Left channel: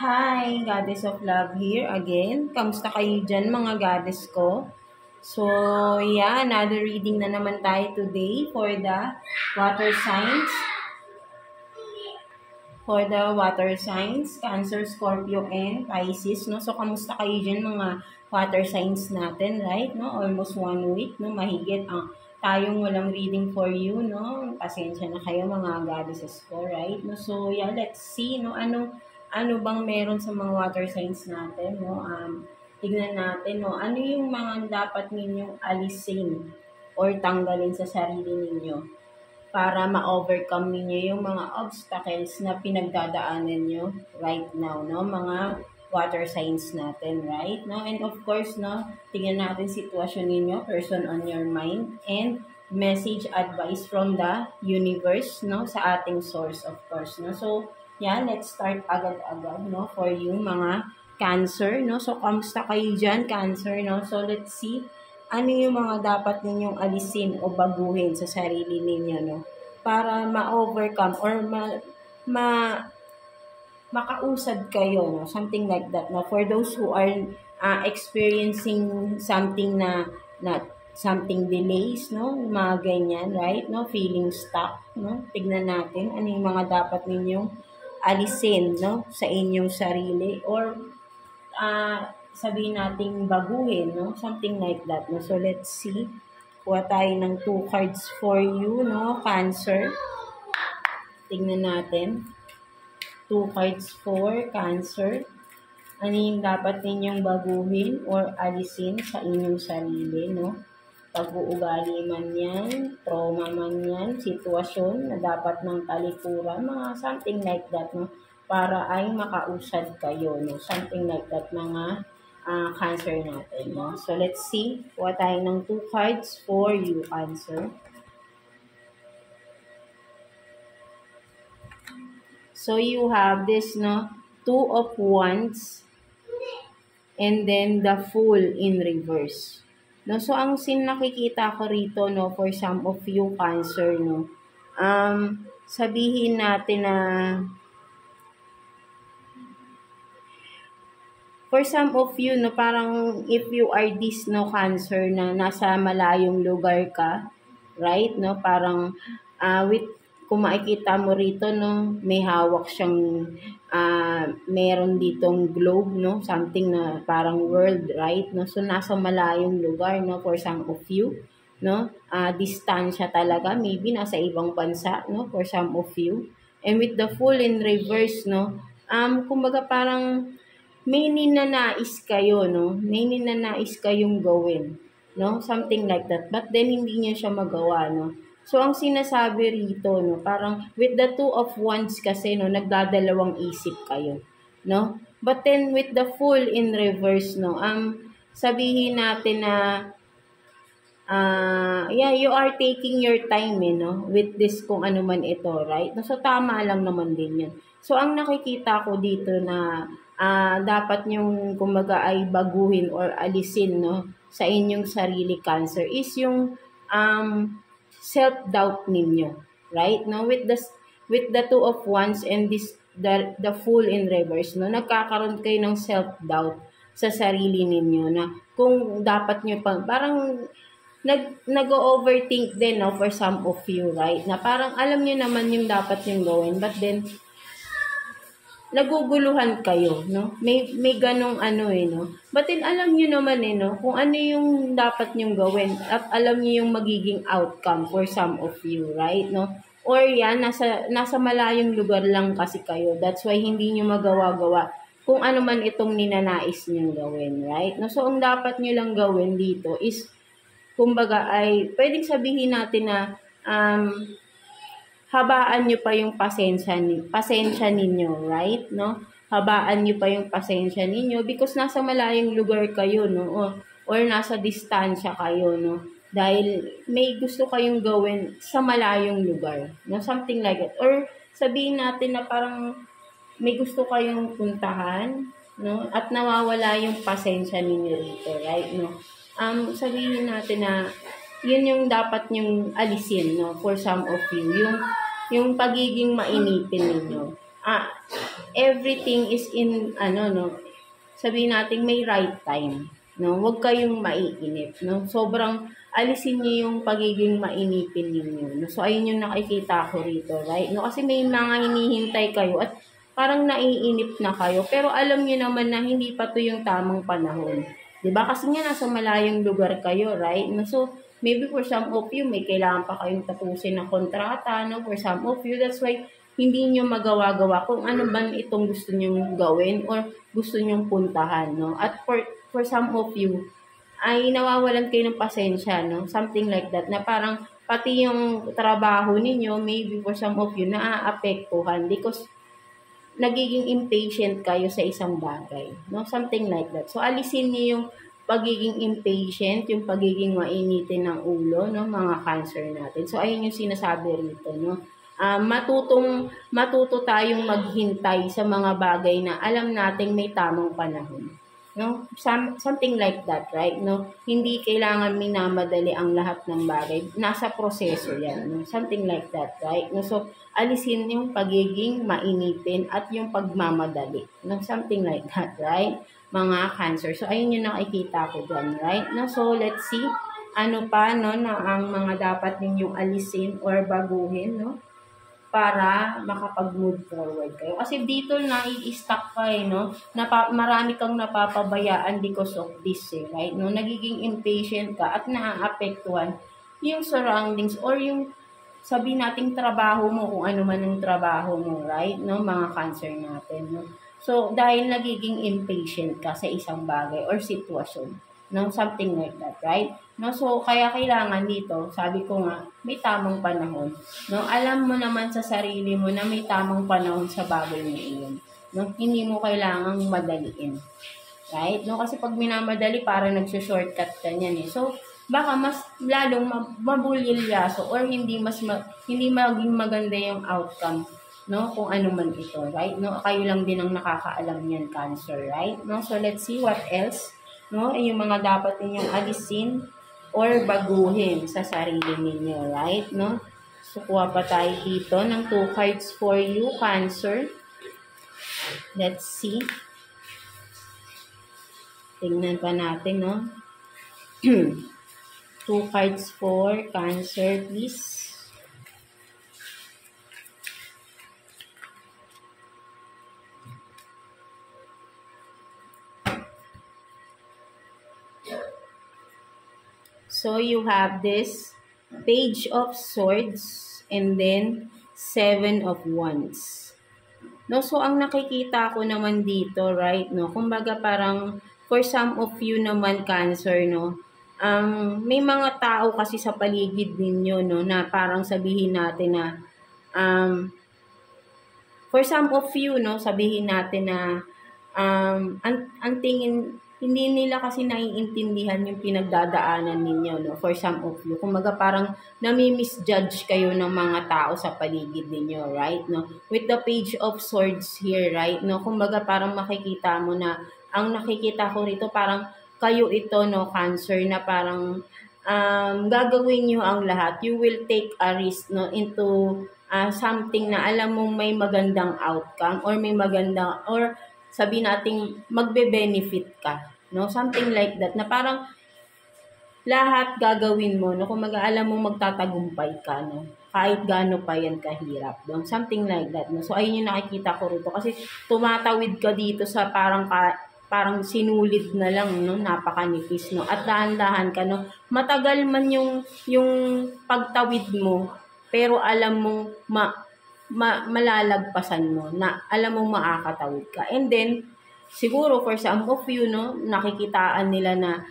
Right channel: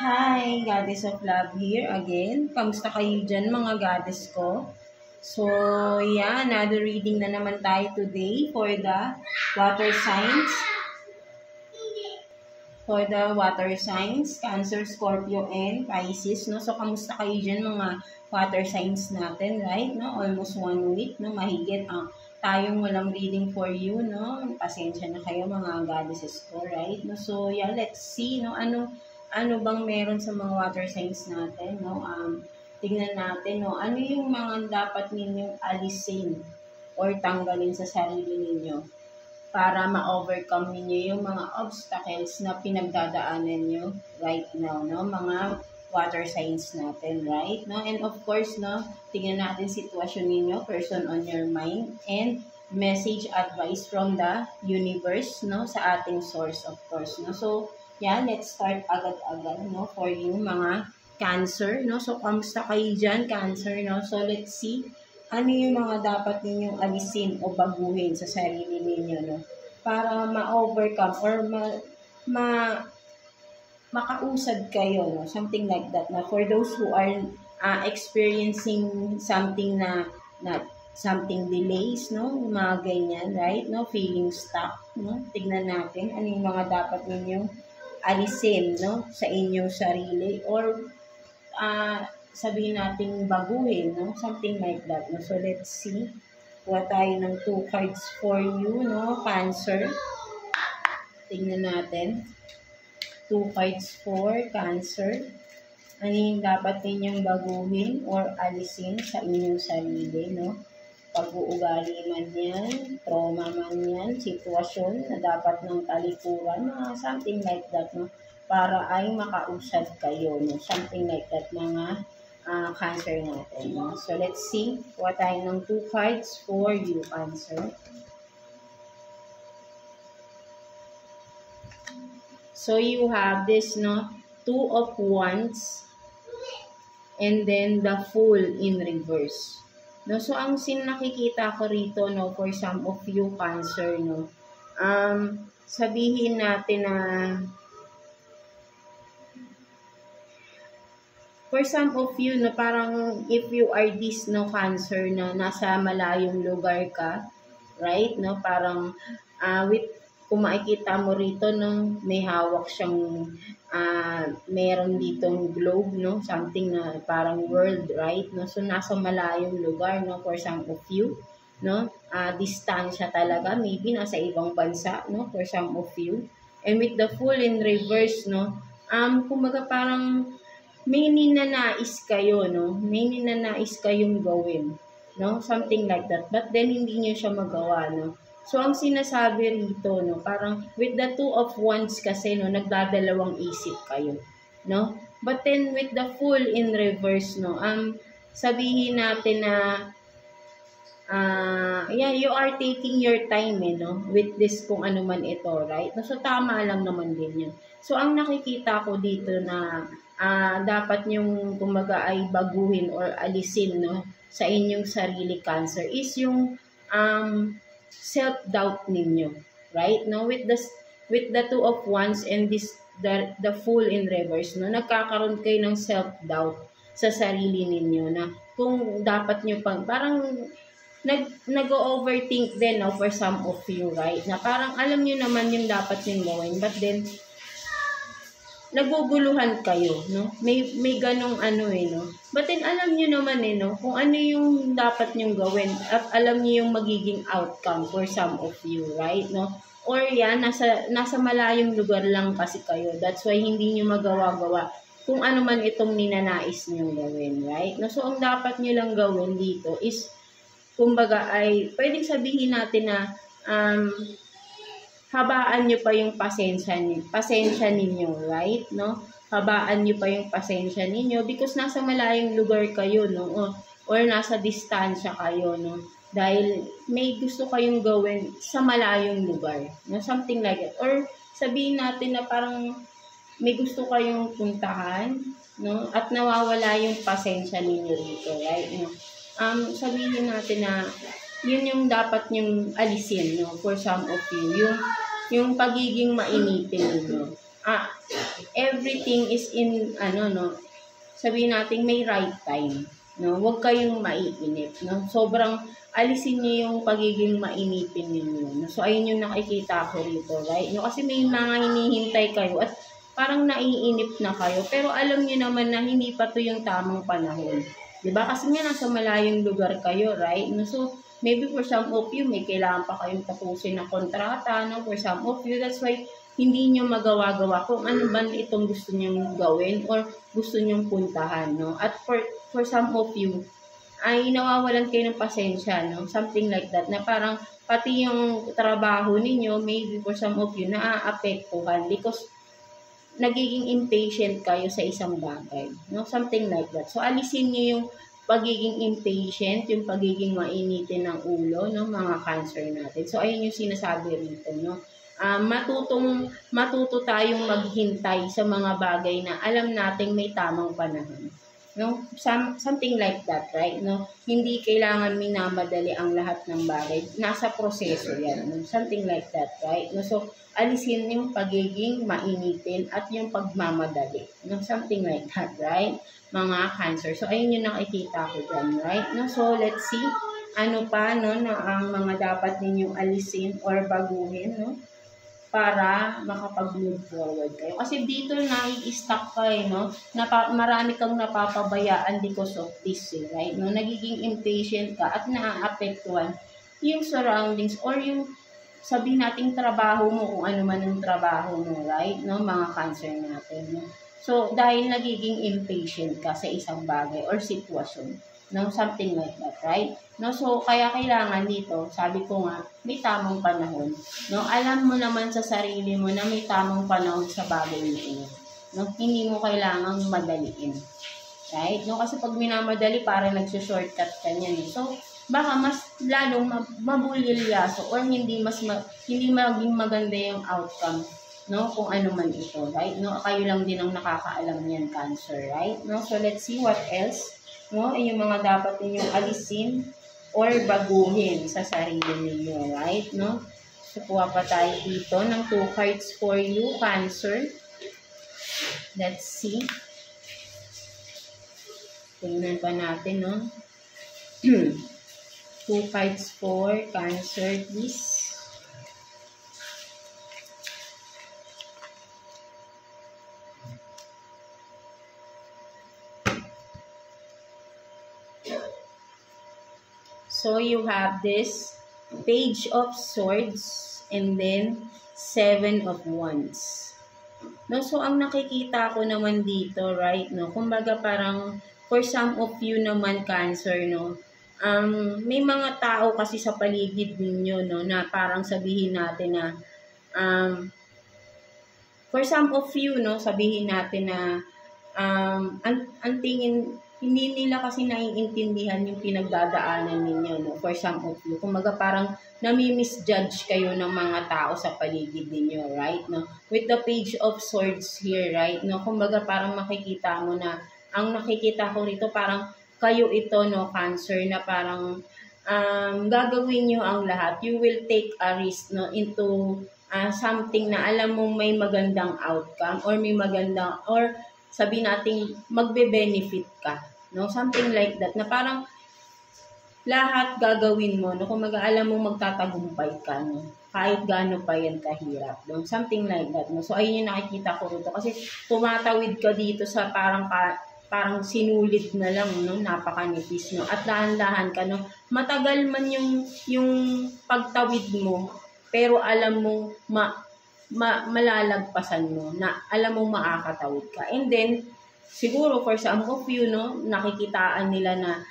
Hi, Goddess of Love here again. Kamusta kayo dyan mga goddess ko? So, yeah, another reading na naman tayo today for the water signs. For the water signs, Cancer, Scorpio, and Pisces. No? So, kamusta kayo dyan mga water signs natin, right? No? Almost 1 week, no? Mahigit tayong walang reading for you, no? Pasensya na kayo mga goddesses ko, right? No? So, yeah, let's see, no? Ano bang meron sa mga water signs natin, no? Tignan natin, no? Ano yung mga dapat ninyong alisin or tanggalin sa sarili ninyo para ma-overcome ninyo yung mga obstacles na pinagdadaanan nyo right now, no? Mga water signs natin, right? No? And of course, no? Tingnan natin sitwasyon ninyo, person on your mind, and message advice from the universe, no? Sa ating source, of course, no? So, yeah, let's start agad-agad, no? For you, mga Cancer, no? So, kamusta kayo dyan, Cancer, no? So, let's see, ano yung mga dapat ninyong alisin o baguhin sa sarili ninyo, no? Para ma-overcome or makausad kayo, no? Something like that, no? For those who are experiencing something na something delays, no? Mga ganyan, right? No? Feeling stuck, no? Tignan natin ano yung mga dapat ninyong alisin, no, sa inyong sarili or sabihin nating baguhin, no, something like that, no. So let's see, kuha tayo ng 2 cards for you, no, Cancer. Tingnan natin 2 cards for Cancer. Ano yung dapat ninyong baguhin or alisin sa inyong sarili, no? Pag-uugali man yan, trauma man yan, sitwasyon na dapat ng talikuran, mga something like that, no? Para ay makausad kayo, no? Something like that, mga Cancer natin, no? So, let's see. Kuha tayo ng 2 cards for you, Cancer. So, you have this, no? 2 of Wands and then the Fool in reverse. No, so ang nakikita ko rito, no, for some of you Cancer, no, sabihin natin na for some of you, no, parang if you are this, no, Cancer, na nasa malayong lugar ka, right, no, parang kung makikita mo rito, no, may hawak siyang meron ditong globe, no, something na parang world, right, no, so nasa malayong lugar, no, for some of you, no, distansya talaga, maybe nasa ibang bansa, no, for some of you, and with the Fool in reverse, no, kumbaga parang may ninanais kayo, no, may ninanais kayong gawin, no, something like that, but then hindi niyo siya magawa, no. So, ang sinasabi rito, no, parang with the 2 of Wands kasi, no, nagdadalawang isip kayo, no? But then, with the Fool in reverse, no, sabihin natin na, yeah, you are taking your time, no, with this kung ano man ito, right? So, tama lang naman din yan. So, ang nakikita ko dito na dapat nyong, kumbaga, ay baguhin or alisin, no, sa inyong sarili, Cancer, is yung, self-doubt ninyo, right? Now, with the 2 of Wands and the Fool in reverse, no, nagkakaroon kayo ng self-doubt sa sarili ninyo na kung dapat nyo parang nag-overthink din, no, for some of you, right? Na parang alam nyo naman yung dapat nyo gawin, but then naguguluhan kayo, no? May ganong no? But then, alam nyo naman, no? Kung ano yung dapat nyong gawin at alam nyo yung magiging outcome for some of you, right, no? Or yan, nasa malayong lugar lang kasi kayo. That's why hindi nyo magawa-gawa kung ano man itong ninanais nyong gawin, right? No? So, ang dapat nyo lang gawin dito is, kumbaga ay, pwedeng sabihin natin na, habaan nyo pa yung pasensya ninyo, right, no? Habaan nyo pa yung pasensya ninyo because nasa malayong lugar kayo, no? Or nasa distansya kayo, no? Dahil may gusto kayong gawin sa malayong lugar, no? Something like that. Or sabihin natin na parang may gusto kayong puntahan, no? At nawawala yung pasensya ninyo dito, right, no? Sabihin natin na yun yung dapat nyong alisin, no, for some of you, yung pagiging mainitin ninyo. ah, everything is in, ano, no, sabihin natin may right time. No? Huwag kayong maiinip. No? Sobrang alisin niyo yung pagiging mainipin ninyo. No? So, ayun yung nakikita ko rito, right? No? Kasi may mga hinihintay kayo at parang naiinip na kayo. Pero alam niyo naman na hindi pa to yung tamang panahon. Diba? Kasi nga nasa malayong lugar kayo, right? No? So, maybe for some of you, may kailangan pa kayong tapusin ng kontrata. No? For some of you, that's why hindi nyo magawa-gawa kung ano ba itong gusto nyong gawin or gusto nyong puntahan, no? At for some of you, ay nawawalan kayo ng pasensya, no? Something like that, na parang pati yung trabaho ninyo, maybe for some of you, naaapektuhan because nagiging impatient kayo sa isang bagay, no? Something like that. So, alisin niyo yung pagiging impatient, yung pagiging mainitin ng ulo, no? Mga Cancer natin. So, ayun yung sinasabi rito, no? Matuto tayong maghintay sa mga bagay na alam nating may tamang panahon. No? Something like that, right? No? Hindi kailangan minamadali ang lahat ng bagay. Nasa proseso yan. No? Something like that, right? No? So, alisin yung pagiging mainipin at yung pagmamadali. No? Something like that, right? Mga Cancer. So, ayun yung nakikita ko dyan, right? No? So, let's see. Ano pa, no, na ang mga dapat ninyong alisin or baguhin, no? Para makapag-move forward kayo. Kasi dito nai-stuck ka no? Marami kang napapabayaan because of this, right? No? Nagiging impatient ka at naaapektuhan yung surroundings or yung sabihin nating trabaho mo kung ano man ang trabaho mo, right? No? Mga Cancer natin, no? So, dahil nagiging impatient ka sa isang bagay or sitwasyon, no? Something like that, right? No, so kaya kailangan dito, sabi ko nga, may tamang panahon. No, alam mo naman sa sarili mo na may tamang panahon sa bagay na iyon. No, hindi mo kailangang madaliin. Right? No, kasi pag minamadali, para nagsi-shortcut ka niyan eh. So, baka mas lalong mabulilyaso or hindi maging maganda yung outcome, no, kung ano man ito, right? No, kayo lang din ang nakakaalam niyan, Cancer, right? No, so let's see what else, no, yung mga dapat ninyong alisin or baguhin sa sarili ninyo, right? No? So, kuha pa tayo dito ng 2 cards for you, Cancer. Let's see. Tingnan pa natin, no? 2 cards for Cancer, please. So, you have this Page of Swords and then 7 of Wands. No, so, ang nakikita ko naman dito, right, no, kumbaga parang for some of you naman, Cancer, no, may mga tao kasi sa paligid ninyo, no, na parang sabihin natin na, for some of you, no, sabihin natin na, ang tingin, hindi nila kasi naiintindihan yung pinagdadaanan ninyo, no? For some of you. Kumaga parang nami-misjudge kayo ng mga tao sa paligid ninyo, right? No? With the Page of Swords here, right? No? Kumaga parang makikita mo na, ang nakikita ko rito parang kayo ito, no, Cancer, na parang gagawin nyo ang lahat. You will take a risk, no, into something na alam mong may magandang outcome or may magandang, or sabi nating magbe-benefit ka, no? Something like that, na parang lahat gagawin mo, no? Kung mag-aalam mo magtatagumpay ka, no? Kahit gaano pa yan kahirap, no? Something like that, no? So, ayun yung nakikita ko rito. Kasi tumatawid ka dito sa parang sinulid na lang, no? Napakanipis, no? At dahan-dahan ka, no? Matagal man yung pagtawid mo, pero alam mong malalagpasan mo, na alam mo makakatawid ka. And then, siguro for some of you, no, nakikitaan nila na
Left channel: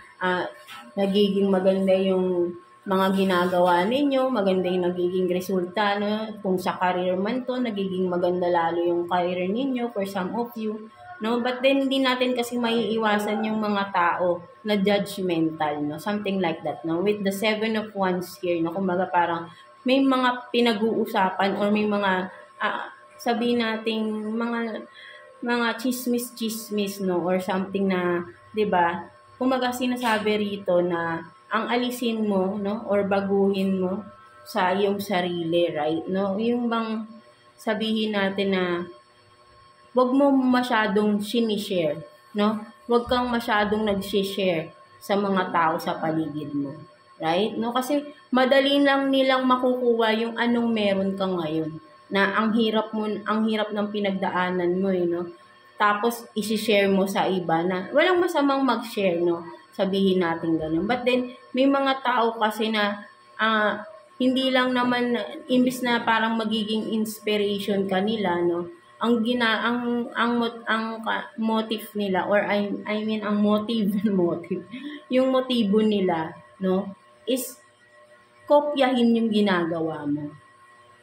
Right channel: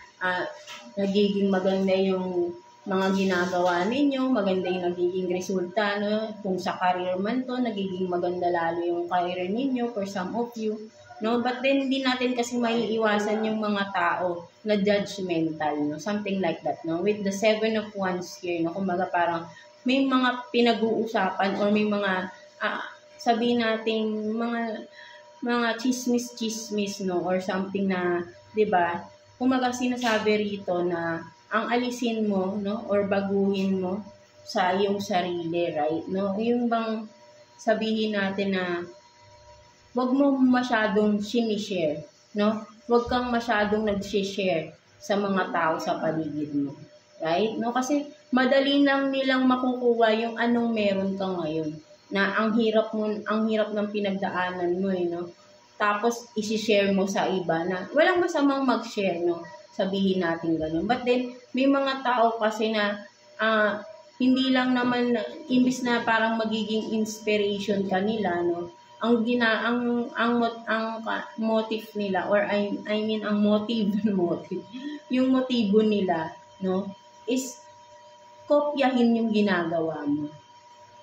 nagiging maganda yung mga ginagawa ninyo, maganda yung nagiging resulta, no? Kung sa career man to, nagiging maganda lalo yung career ninyo for some of you, no? But then, hindi natin kasi maiiwasan yung mga tao na judgmental, no? Something like that, no? With the 7 of Wands here, no? Kumbaga parang may mga pinag-uusapan or may mga sabihin nating mga chismis, no, or something na, 'di ba? Kumaga sinasabi rito na ang alisin mo, no, or baguhin mo sa iyong sarili, right? No, yung bang sabihin natin na wag mo masyadong sinishare, no? Wag kang masyadong nag-share sa mga tao sa paligid mo. Right? No? Kasi madali lang nilang makukuha yung anong meron ka ngayon. Na ang hirap ng pinagdaanan mo, no? Tapos i-share mo sa iba na walang masamang mag-share, no? Sabihin natin ganun. But then may mga tao kasi na hindi lang naman imbis na parang magiging inspiration kanila, no? Ang motive nila, or I mean ang motive yung motibo nila, no, is kopyahin yung ginagawa mo,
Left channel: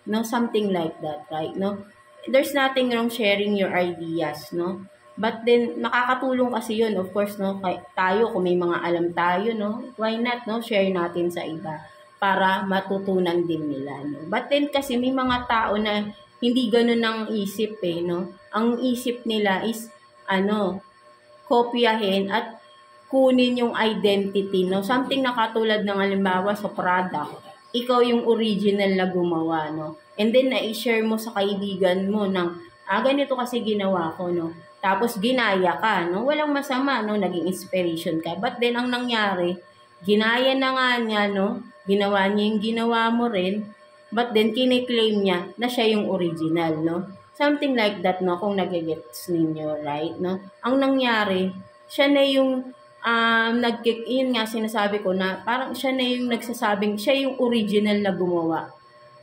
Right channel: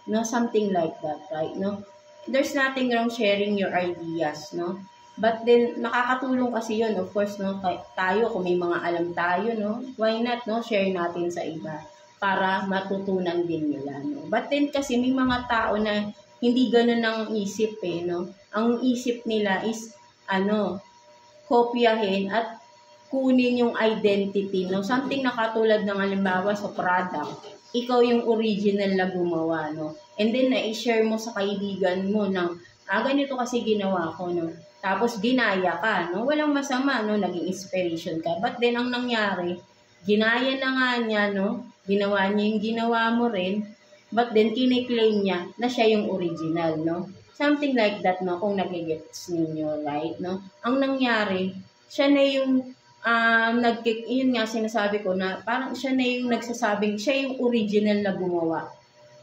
no, something like that, right? No, there's nothing wrong sharing your ideas, no, but then nakakatulong kasi yun, of course, no, tayo kung may mga alam tayo, no, why not, no, share natin sa iba para matutunan din nila, no. But then kasi may mga tao na hindi ganoon ang isip, no? Ang isip nila is, kopyahin at kunin yung identity, no? Something na katulad ng halimbawa sa product. Ikaw yung original na gumawa, no? And then, na-share mo sa kaibigan mo ng, ganito kasi ginawa ko, no? Tapos, ginaya ka, no? Walang masama, no? Naging inspiration ka. But then, ang nangyari, ginaya na nga niya, no? Ginawa niya yung ginawa mo rin. But then, kiniklaim niya na siya yung original, no? Something like that, no? Kung nagigets ninyo, right, no? Ang nangyari, siya na yung, yun nga sinasabi ko na parang siya na yung nagsasabing, siya yung original na gumawa.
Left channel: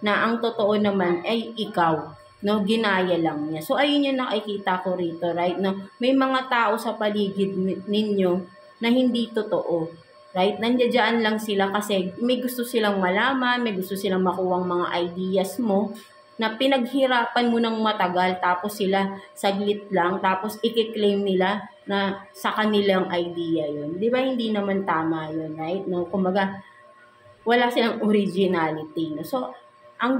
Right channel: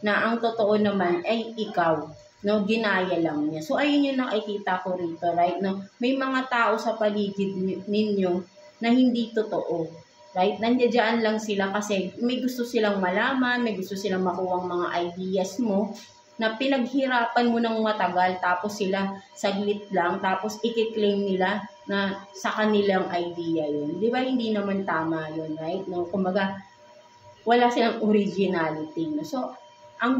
Na ang totoo naman ay ikaw, no? Ginaya lang niya. So, ayun yung nakikita ko rito, right, no? May mga tao sa paligid ninyo na hindi totoo. Right? Nandiyan lang sila kasi may gusto silang malaman, may gusto silang makuha mga ideas mo na pinaghirapan mo ng matagal tapos sila saglit lang tapos i-claim nila na sa kanilang idea yun. Di ba hindi naman tama yun, right? No? Kumbaga, wala silang originality. No? So, ang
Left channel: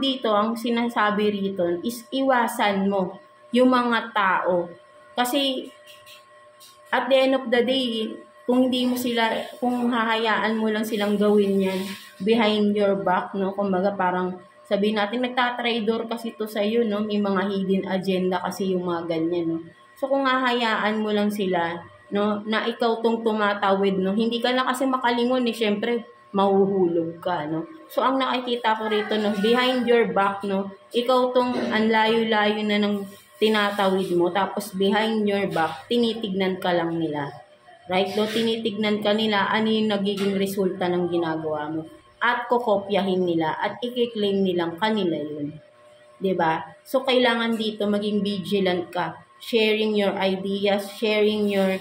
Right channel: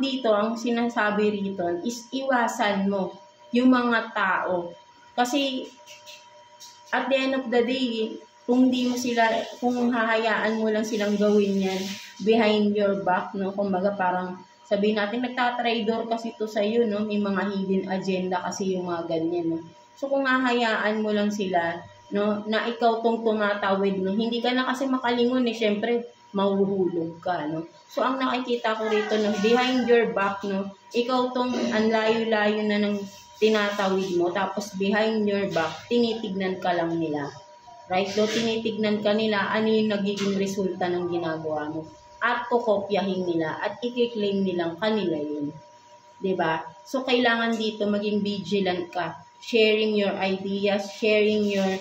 sinasabi rito is iwasan mo yung mga tao. Kasi at the end of the day, kung hahayaan mo lang silang gawin yan behind your back, no? Kumbaga parang sabihin natin, nagtatraidor kasi to sa'yo, no? May mga hidden agenda kasi yung mga ganyan, no? So kung hahayaan mo lang sila, no? Na ikaw tong tumatawid, no? Hindi ka na kasi makalingon, syempre, mahuhulog ka, no? So ang nakikita ko rito, no? Behind your back, no? Ikaw tong ang layo-layo na ng tinatawid mo, tapos behind your back, tinitignan ka lang nila. Right? Do tinitignan ka nila ano yung nagiging resulta ng ginagawa mo. At kokopyahin nila at i-claim nilang kanila yun. 'Di ba? So, kailangan dito maging vigilant ka. Sharing your ideas, sharing your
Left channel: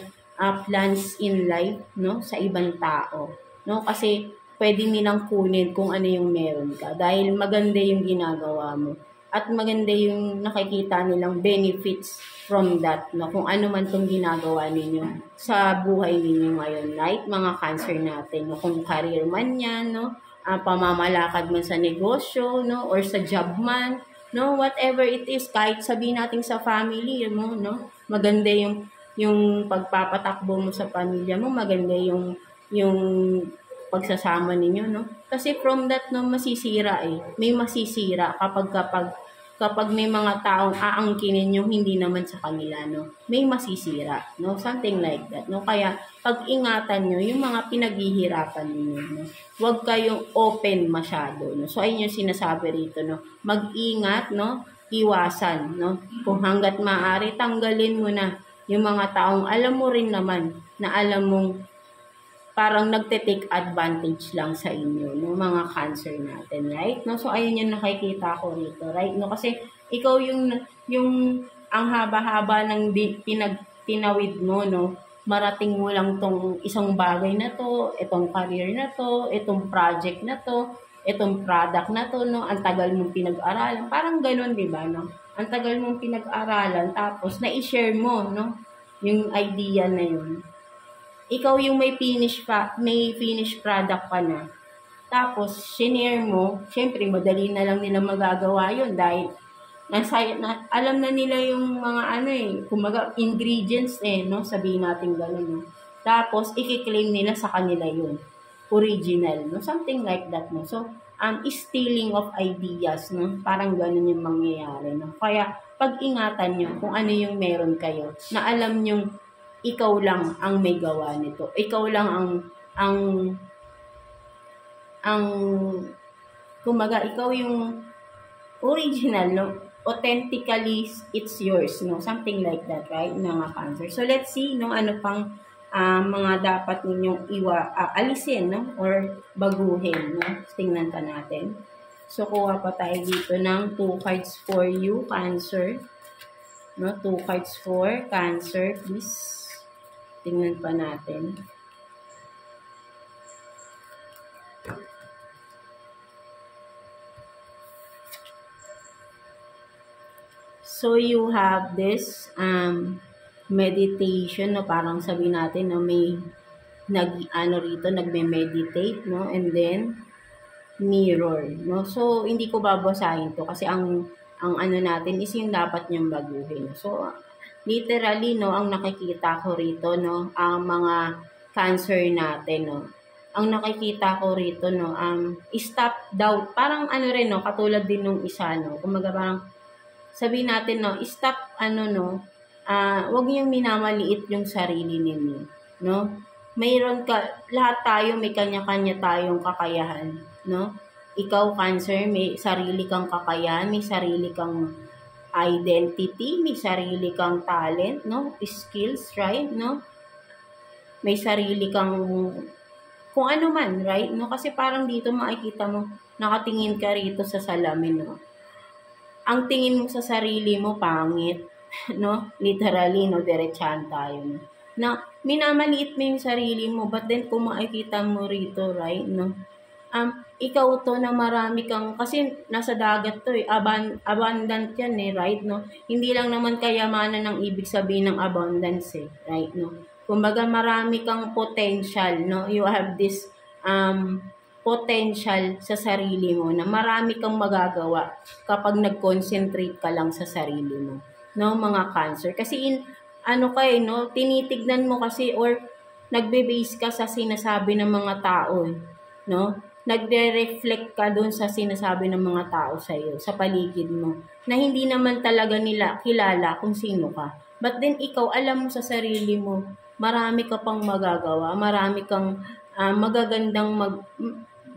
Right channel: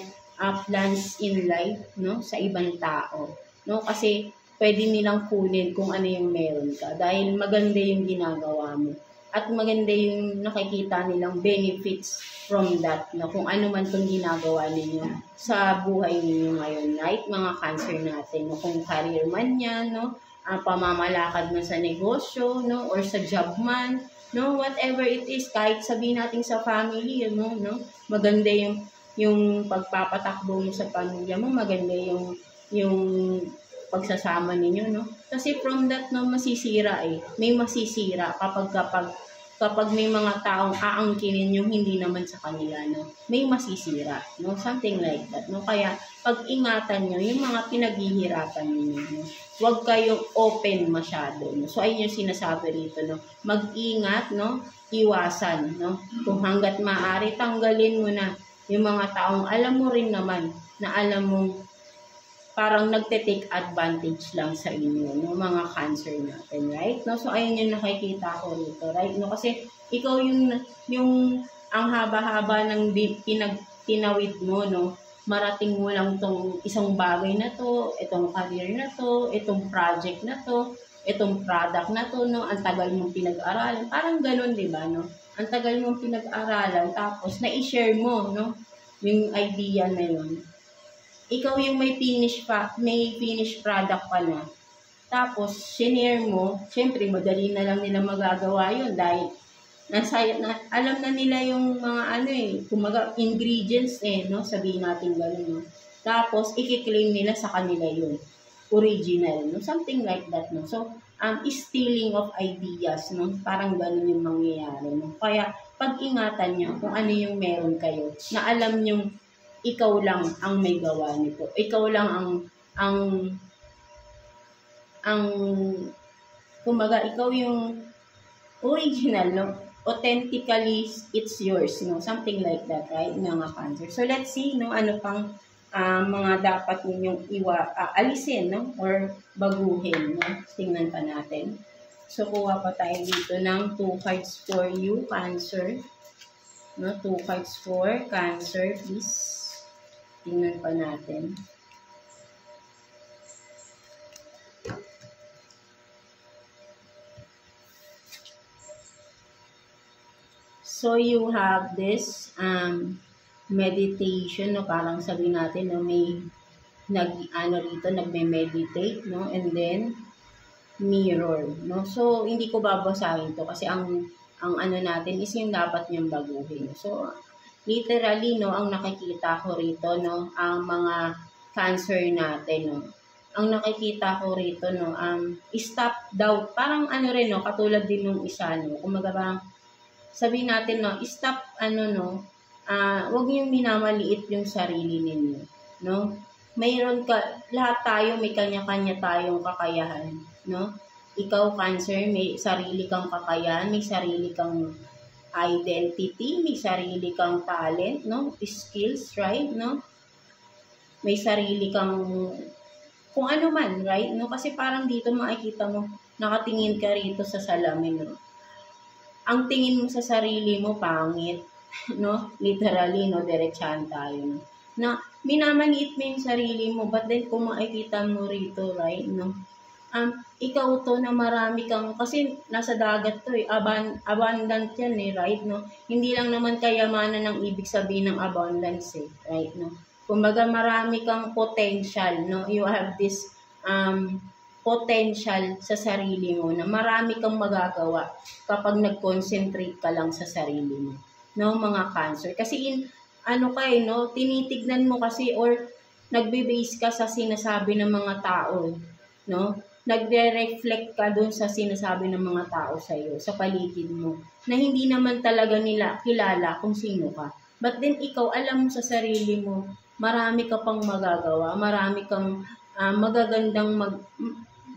plans in life, no? Sa ibang tao. No? Kasi, pwede nilang kunin kung ano yung meron ka. Dahil maganda yung ginagawa mo. At maganda yung nakikita nilang benefits from that, no? Kung ano man itong ginagawa ninyo sa buhay ninyo ngayon, right? Mga Cancer natin, no? Kung career man yan, no? Pamamalakad mo sa negosyo, no? Or sa job man, no? Whatever it is, kahit sabihin natin sa family mo, no? Maganda yung pagpapatakbo mo sa pamilya mo, maganda yung pagsasama ninyo, no? Kasi from that, no, masisira may masisira kapag may mga taong aangkinin yung hindi naman sa kanila, no? May masisira, no? Something like that, no? Kaya, pag-ingatan nyo yung mga pinaghihirapan ninyo, no? Huwag kayong open masyado, no? So, ayun yung sinasabi rito, no? Mag-ingat, no? Iwasan, no? Kung hanggat maaari, tanggalin mo na yung mga taong alam mo rin naman na alam mong parang nagte-take advantage lang sa inyo, no, mga Cancer natin, right? No, so ayun yung nakikita ko rito, right? No, kasi ikaw yung ang haba-haba ng tinawid mo, no, marating mo lang tong isang bagay na to, itong career na to, itong project na to, itong product na to, no, ang tagal mong pinag-aralan, parang ganun, di ba, no? Ang tagal mong pinag-aralan, tapos na-i-share mo, no, yung idea na yun. Ikaw yung may finished product pa na. Tapos, sinare mo, syempre, madali na lang nila magagawa yun dahil alam na nila yung mga kumaga, ingredients no? Sabihin natin gano'n, no? Tapos, i-claim nila sa kanila yun. Original, no? Something like that, no? So, stealing of ideas, no? Parang ganun yung mangyayari, no? Kaya, pag-ingatan nyo kung ano yung meron kayo, na alam nyo ikaw lang ang may gawa nito. Ikaw lang ang kumbaga, ikaw yung original, no? Authentically, it's yours, no? Something like that, right? Mga Cancer. So, let's see, no? Ano pang mga dapat ninyong alisin, no? Or baguhin, no? Tingnan pa natin. So, kuha pa tayo dito ng 2 cards for you, Cancer. No? 2 cards for Cancer, please. Tingnan pa natin. So, you have this meditation, no? Parang sabi natin, no? May nagme-meditate, no? And then, mirror, no? So, hindi ko babasahin to kasi ang ano natin is yung dapat niyang baguhin. So, literally, no? Ang nakikita ko rito, no? Ang mga Cancer natin, no? Ang nakikita ko rito, no? Stop doubt. Parang ano rin, no? Katulad din nung isa, no? Kumaga parang sabihin natin, no, stop, huwag niyong minamaliit yung sarili ninyo, no? Mayroon lahat tayo, may kanya-kanya tayong kakayahan, no? Ikaw, Cancer, may sarili kang kakayahan, may sarili kang identity, may sarili kang talent, no? Skills, right, no? May sarili kang kung ano man, right, no? Kasi parang dito makikita mo, nakatingin ka rito sa salamin, no? Ang tingin mo sa sarili mo, pangit, no? Literally, no? Diretsahan tayo, no? Na minamaliit mo yung sarili mo, but then kung makikita mo rito, right, no? Ikaw to na marami kang, kasi nasa dagat to eh, abundant yan eh, right, no? Hindi lang naman kayamanan ang ibig sabihin ng abundance eh, right, no? Kumbaga marami kang potential, no? You have this, potential sa sarili mo na marami kang magagawa kapag nag-concentrate ka lang sa sarili mo, no, mga Cancer. Kasi no, tinitignan mo kasi or nagbe-base ka sa sinasabi ng mga tao, no? Nagre-reflect ka doon sa sinasabi ng mga tao sa iyo, sa paligid mo, na hindi naman talaga nila kilala kung sino ka. But then ikaw, alam mo sa sarili mo, marami ka pang magagawa, marami kang magagandang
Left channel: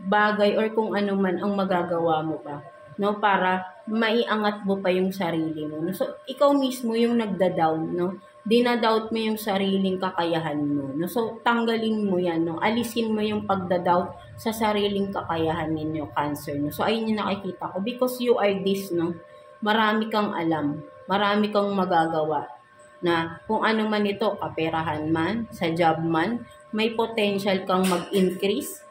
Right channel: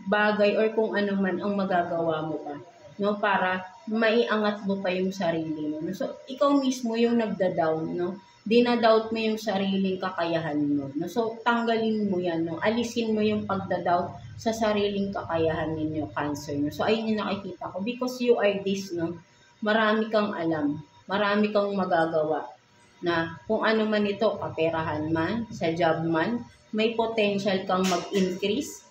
bagay or kung ano man ang magagawa mo pa, no, para maiangat mo pa yung sarili mo, no? So ikaw mismo yung nagda-down, no, dinadoubt mo yung sariling kakayahan mo, no? So tanggalin mo yan, no, alisin mo yung pagda-doubt sa sariling kakayahan ninyo, Cancer, no? So ayun yung nakikita ko, because you are this, no, marami kang alam, marami kang magagawa, na kung ano man ito, kaperahan man, sa job man, may potential kang mag-increase.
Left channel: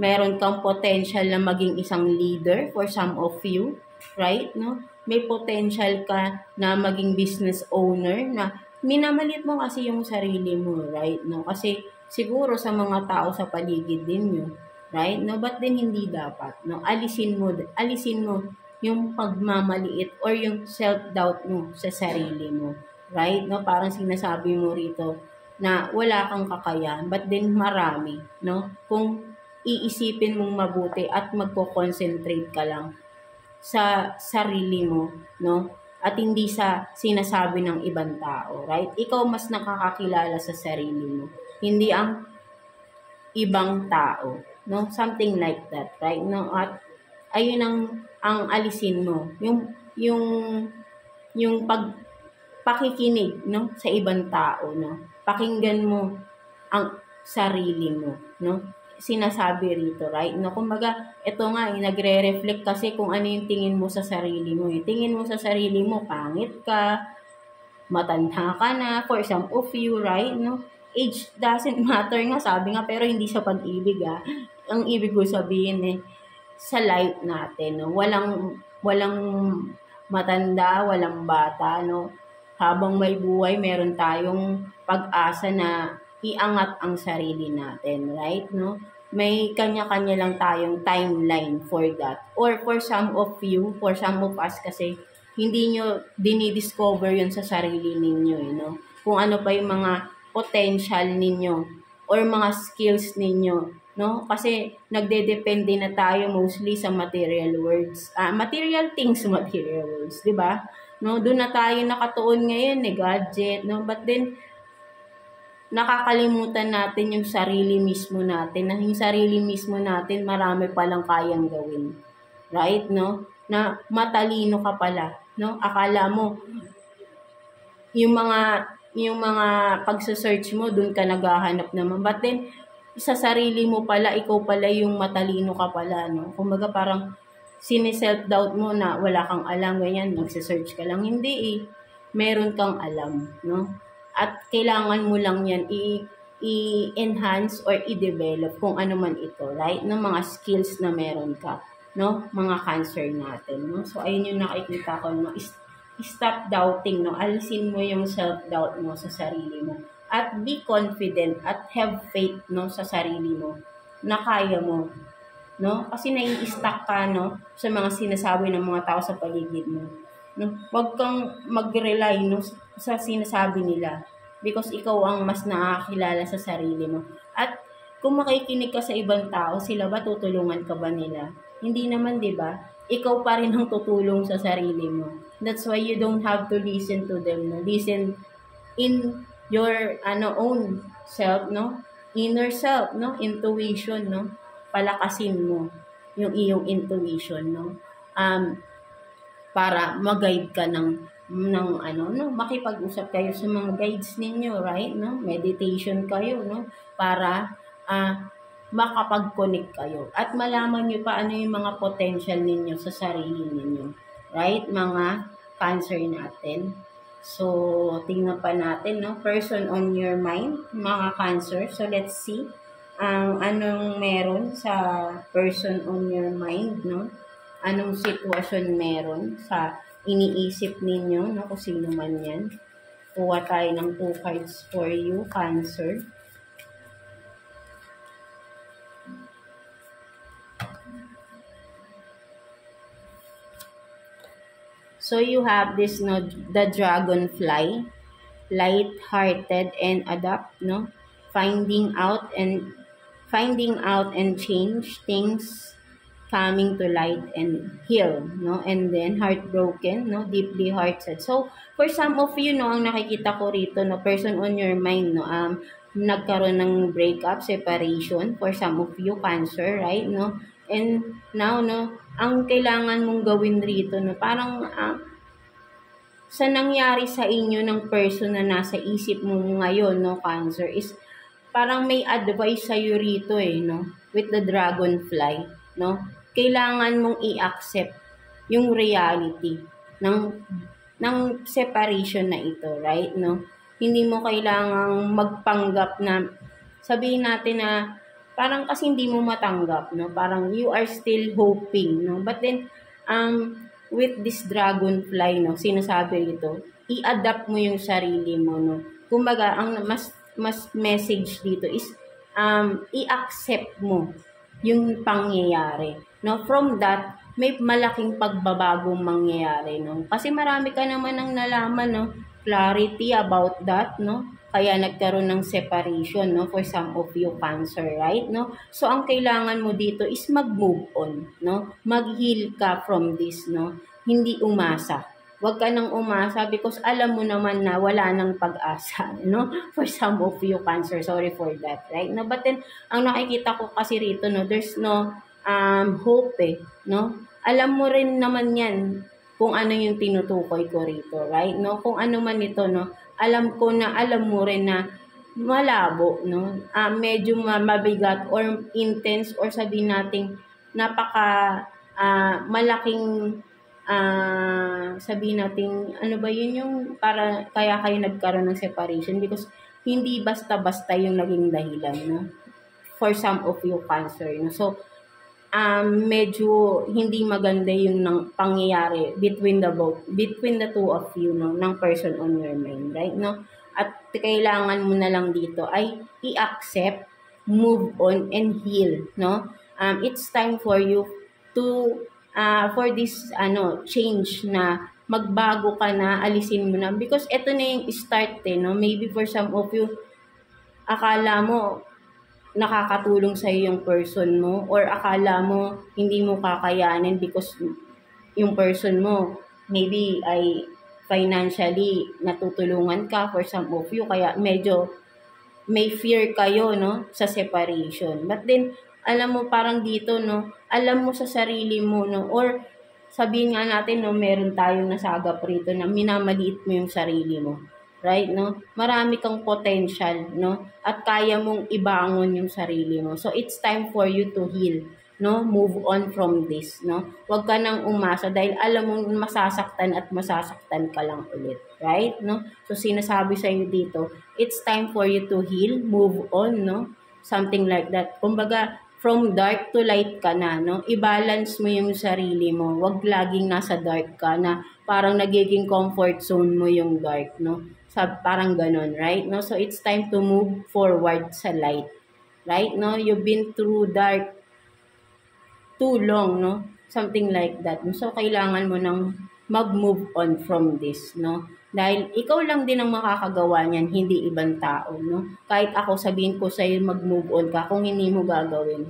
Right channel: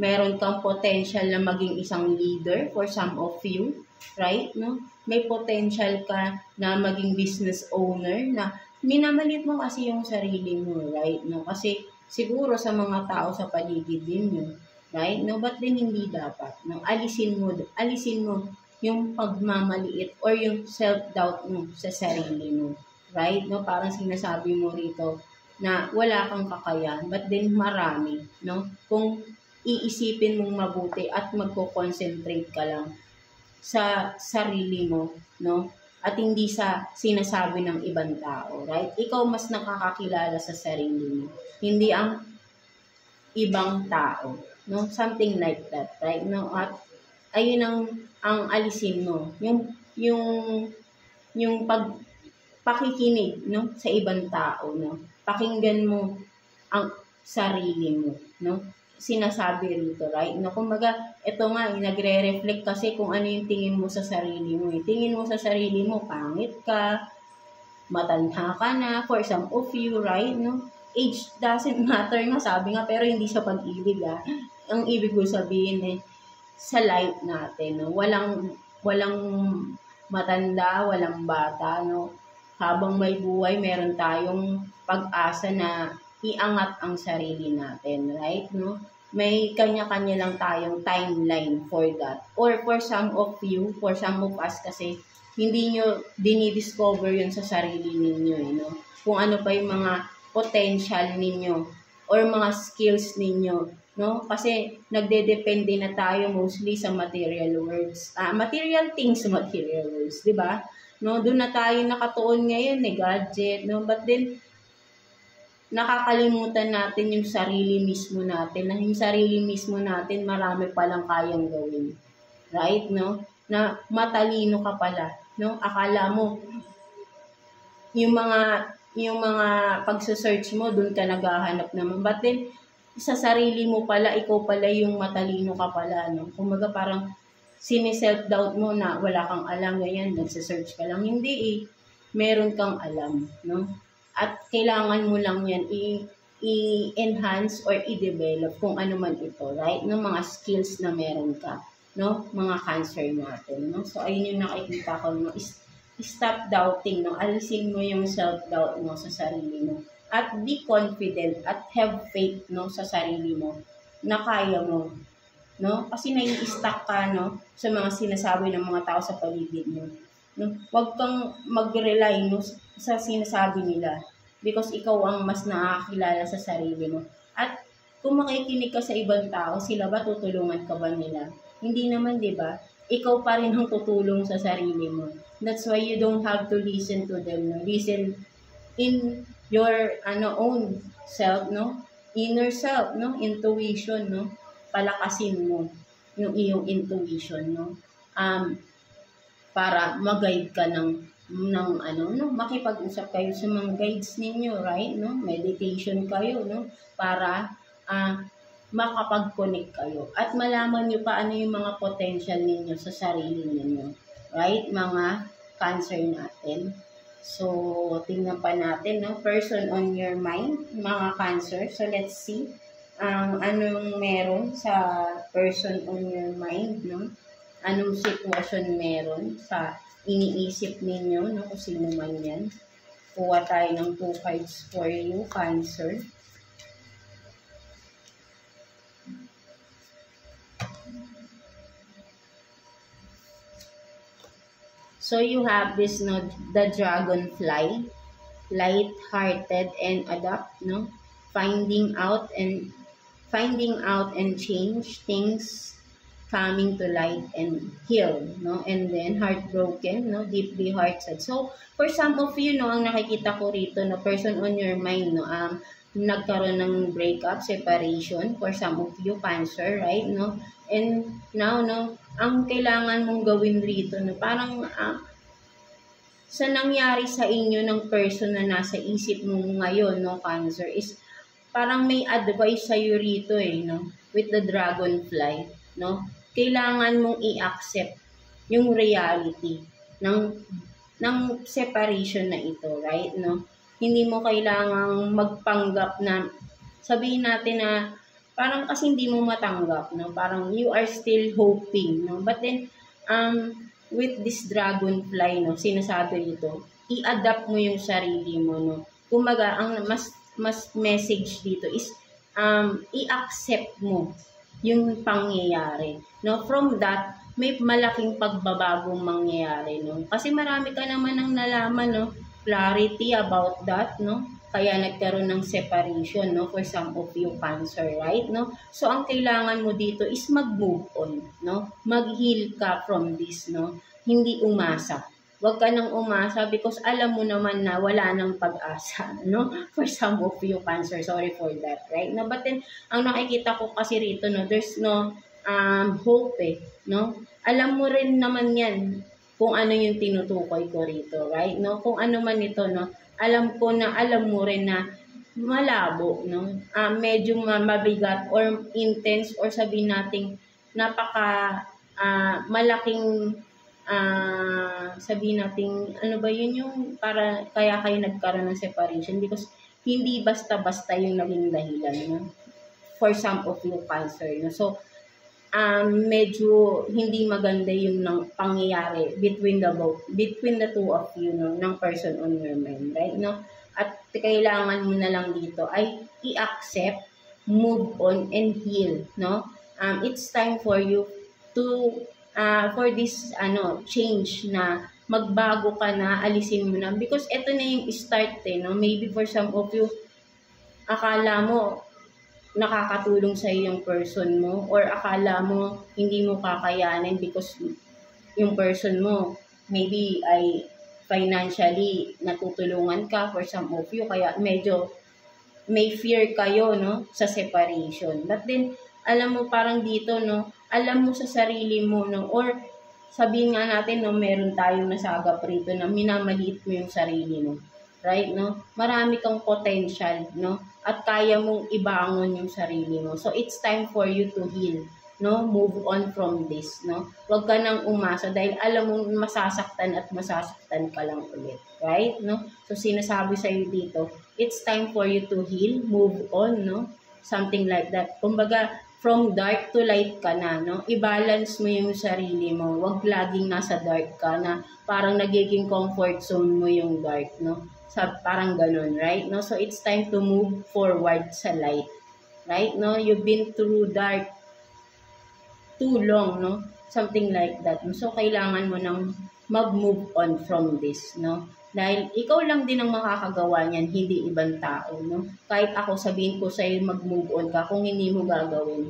Meron kang potential na maging isang leader for some of you, right, no? May potential ka na maging business owner, na minamalit mo kasi yung sarili mo, right, no? Kasi siguro sa mga tao sa paligid din nyo, right, no? But then hindi dapat, no? Alisin mo yung pagmamaliit or yung self-doubt mo sa sarili mo, right, no? Parang sinasabi mo rito na wala kang kakayahan, but then marami, no? Kung iisipin mong mabuti at magko-concentrate ka lang sa sarili mo, no? At hindi sa sinasabi ng ibang tao, right? Ikaw mas nakakakilala sa sarili mo, hindi ang ibang tao, no? Something like that, right? No? At ayun ang alisin mo, yung pakikinig, no, sa ibang tao, no? Pakinggan mo ang sarili mo, no? Sinasabi rito, right? No, kumbaga, ito nga, nagre-reflect kasi kung ano yung tingin mo sa sarili mo. Tingin mo sa sarili mo, pangit ka, matanda ka na, for some of you, right? No? Age doesn't matter nga, sabi nga, pero hindi sa pag-ibig, ah. Ang ibig ko sabihin, sa life natin, no? Walang matanda, walang bata, no? Habang may buhay, meron tayong pag-asa na iangat ang sarili natin, right, no? May kanya-kanya lang tayong timeline for that. Or for some of you, for some of us kasi, hindi nyo dinidiscover yun sa sarili ninyo, no? Kung ano pa yung mga potential ninyo or mga skills ninyo no? Kasi nagdedepende na tayo mostly sa material words. Material things, material words, 'di ba? No, doon na tayo nakatuon ngayon, gadget, no? But then nakakalimutan natin yung sarili mismo natin. Na yung sarili mismo natin, marami palang kayang gawin. Right, no? Na matalino ka pala, no? Akala mo yung mga pagse-search mo, doon ka naghahanap naman. But then sa sarili mo pala, ikaw pala yung matalino ka pala, no? Kumbaga parang sine-self-doubt mo na wala kang alam, ganyan, magse-search ka lang. Hindi eh. Meron kang alam, no? At kailangan mo lang yan i-enhance or i-develop kung ano man ito, right? No, mga skills na meron ka, no? Mga cancer natin, no? So, ayun yung nakikita ko, no? Stop doubting, no? Alisin mo yung self-doubt mo sa sarili mo. At be confident at have faith, no? Sa sarili mo na kaya mo, no? Kasi nai-stuck ka, no? Sa mga sinasabi ng mga tao sa paligid mo. No? Huwag kang mag-rely, no, sa sinasabi nila because ikaw ang mas nakakilala sa sarili mo. At kung makikinig ka sa ibang tao, sila ba tutulungan ka ba nila? Hindi naman, 'di ba? Ikaw pa rin ang tutulong sa sarili mo. That's why you don't have to listen to them. No? Listen in your own self, no? Inner self, no? Intuition, no? Palakasin mo yung iyong intuition, no? Para mag-guide ka ng makipag-usap kayo sa mga guides ninyo, right? No? Meditation kayo, no? Para makapag-connect kayo at malaman nyo pa ano yung mga potential ninyo sa sarili ninyo, right? Mga cancer natin. So, tingnan pa natin, no? Person on your mind, mga cancer. So, let's see anong meron sa person on your mind, no? Anong sitwasyon meron sa iniisip ninyo, no? Kung sino man yan. Kuha tayo ng 2 cards for you, Cancer. So you have this, no, the dragonfly, light-hearted and adapt, no? Finding out and change things, coming to light and heal, no? And then heartbroken, no? Deeply heart-sad. So for some of you, no, ang nakikita ko rito, no, person on your mind, no, nagkaroon ng breakup, separation for some of you, Cancer, right, no? And now, no, ang kailangan mong gawin rito, no, parang sa nangyari sa inyo ng person na nasa isip mo ngayon, no, Cancer, is parang may advice sa'yo rito no, with the dragonfly, no? Kailangan mong i-accept yung reality ng separation na ito, right, no? Hindi mo kailangang magpanggap na sabihin natin na parang kasi hindi mo matanggap, no? Parang you are still hoping, no? But then with this dragonfly, no, sinasabi ito, i-adapt mo yung sarili mo, no? Kumbaga, ang mas message dito is i-accept mo yung pangyayari, no? From that, may malaking pagbabagong mangyayari, no? Kasi marami ka naman ang nalaman, no? Clarity about that, no? Kaya nagkaroon ng separation, no? For some of you, Cancer, right, no? So ang kailangan mo dito is mag-move on, no? Mag-heal ka from this, no? Hindi umasa. Huwag ka nang umasa because alam mo naman na wala nang pag-asa, no? For some of you, Cancer, sorry for that, right? No, but then ang nakikita ko kasi rito, no, there's no hope, no? Alam mo rin naman 'yan kung ano yung tinutukoy ko rito, right? No, kung ano man ito, no. Alam ko na alam mo rin na malabo, no? Medyo mabigat or intense or sabihin nating napaka malaking sabihin natin, ano ba yun yung para kaya kayo nagkaroon ng separation because hindi basta-basta yung naging dahilan, no? For some of you, Cancer, no? So, medyo hindi maganda yung pangyayari between the two of you, no? Ng person on your mind, right, no? At kailangan mo na lang dito ay i-accept, move on, and heal, no? It's time for you to for this change na magbago ka na, alisin mo na because ito na yung start, no? Maybe for some of you akala mo nakakatulong sa yung person mo, or akala mo hindi mo kakayanin because yung person mo maybe ay financially natutulungan ka for some of you, kaya medyo may fear kayo, no, sa separation. But then, alam mo, parang dito, no, alam mo sa sarili mo, no, or sabihin nga natin, no, meron tayong nasagap rito na minamaliit mo yung sarili mo. Right, no? Marami kang potential, no? At kaya mong ibangon yung sarili mo. So, it's time for you to heal, no? Move on from this, no? Huwag ka nang umasa dahil alam mo masasaktan at masasaktan ka lang ulit. Right, no? So, sinasabi sa'yo dito, it's time for you to heal, move on, no? Something like that. Kumbaga, from dark to light ka na, no? I-balance mo yung sarili mo. Huwag laging nasa dark ka na parang nagiging comfort zone mo yung dark, no? Parang ganun, right? No? So, it's time to move forward sa light. Right? No? You've been through dark too long, no? Something like that. So, kailangan mo nang mag-move on from this, no? Dahil ikaw lang din ang makakagawa niyan, hindi ibang tao, no? Kahit ako sabihin ko sa'yo mag-move on ka, kung hindi mo gagawin,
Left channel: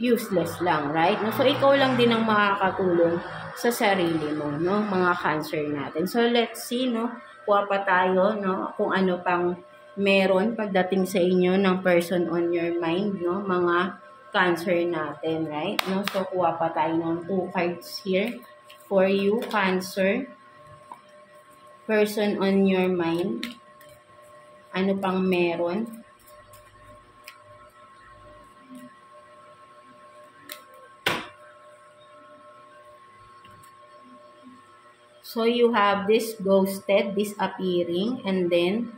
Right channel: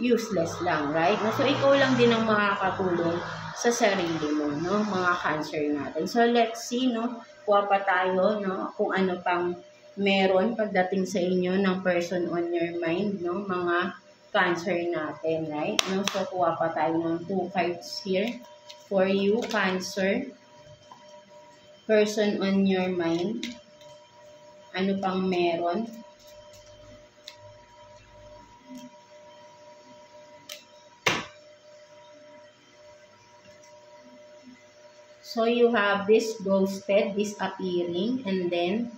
useless lang, right? No? So, ikaw lang din ang makakatulong sa sarili mo, no? Mga Cancer natin. So, let's see, no? Kuha pa tayo, no? Kung ano pang meron pagdating sa inyo ng person on your mind, no? Mga Cancer natin, right? No? So, kuha pa tayo ng 2 cards here for you, Cancer. Person on your mind. Ano pang meron? So, you have this ghosted, disappearing, and then,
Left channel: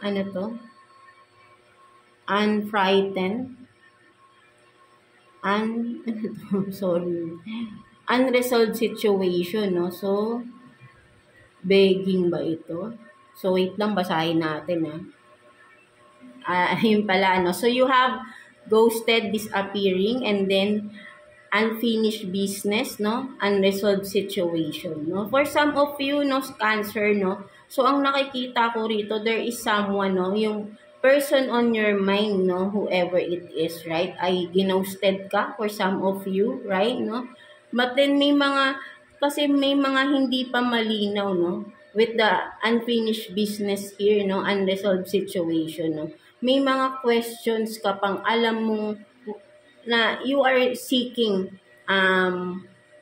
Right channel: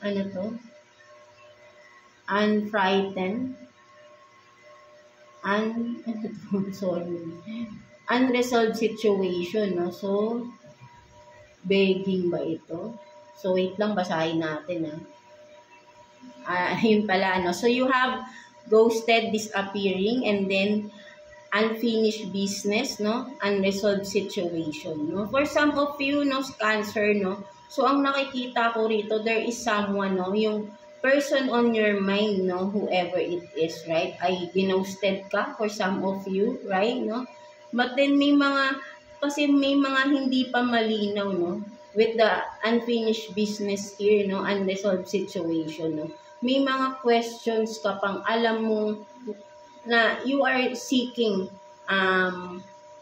ano to? Unfrightened. Sorry. Unresolved situation, no? So, begging ba ito? So, wait lang, basahin natin, ayun pala, no? So, you have ghosted, disappearing, and then, unfinished business, no? Unresolved situation, no? For some of you, no, Cancer, no? So, ang nakikita ko rito, there is someone, no? Yung person on your mind, no? Whoever it is, right? Ay ginosted ka for some of you, right, no? But then, kasi may mga hindi pa malinaw, no? With the unfinished business here, no? Unresolved situation, no? May mga questions ka pang alam mo na you are seeking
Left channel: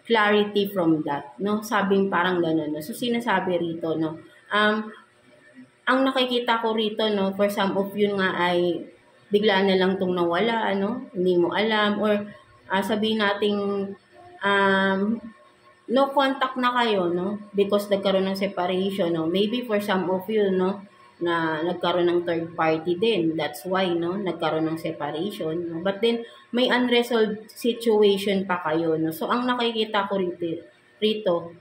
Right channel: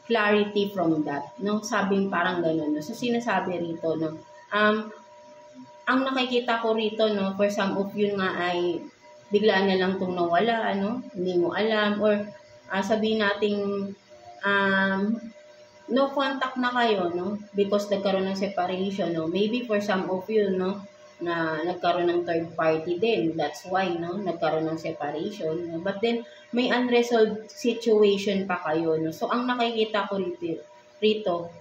clarity from that, no? Sabing parang gano'n, no? So, sinasabi rito, no? Ang nakikita ko rito, no, for some of you nga ay bigla na lang itong nawala, no? Hindi mo alam, or sabihin nating no contact na kayo, no? Because nagkaroon ng separation, no? Maybe for some of you, no, na nagkaroon ng third party din. That's why, no, nagkaroon ng separation, no? But then, may unresolved situation pa kayo, no? So, ang nakikita ko rito,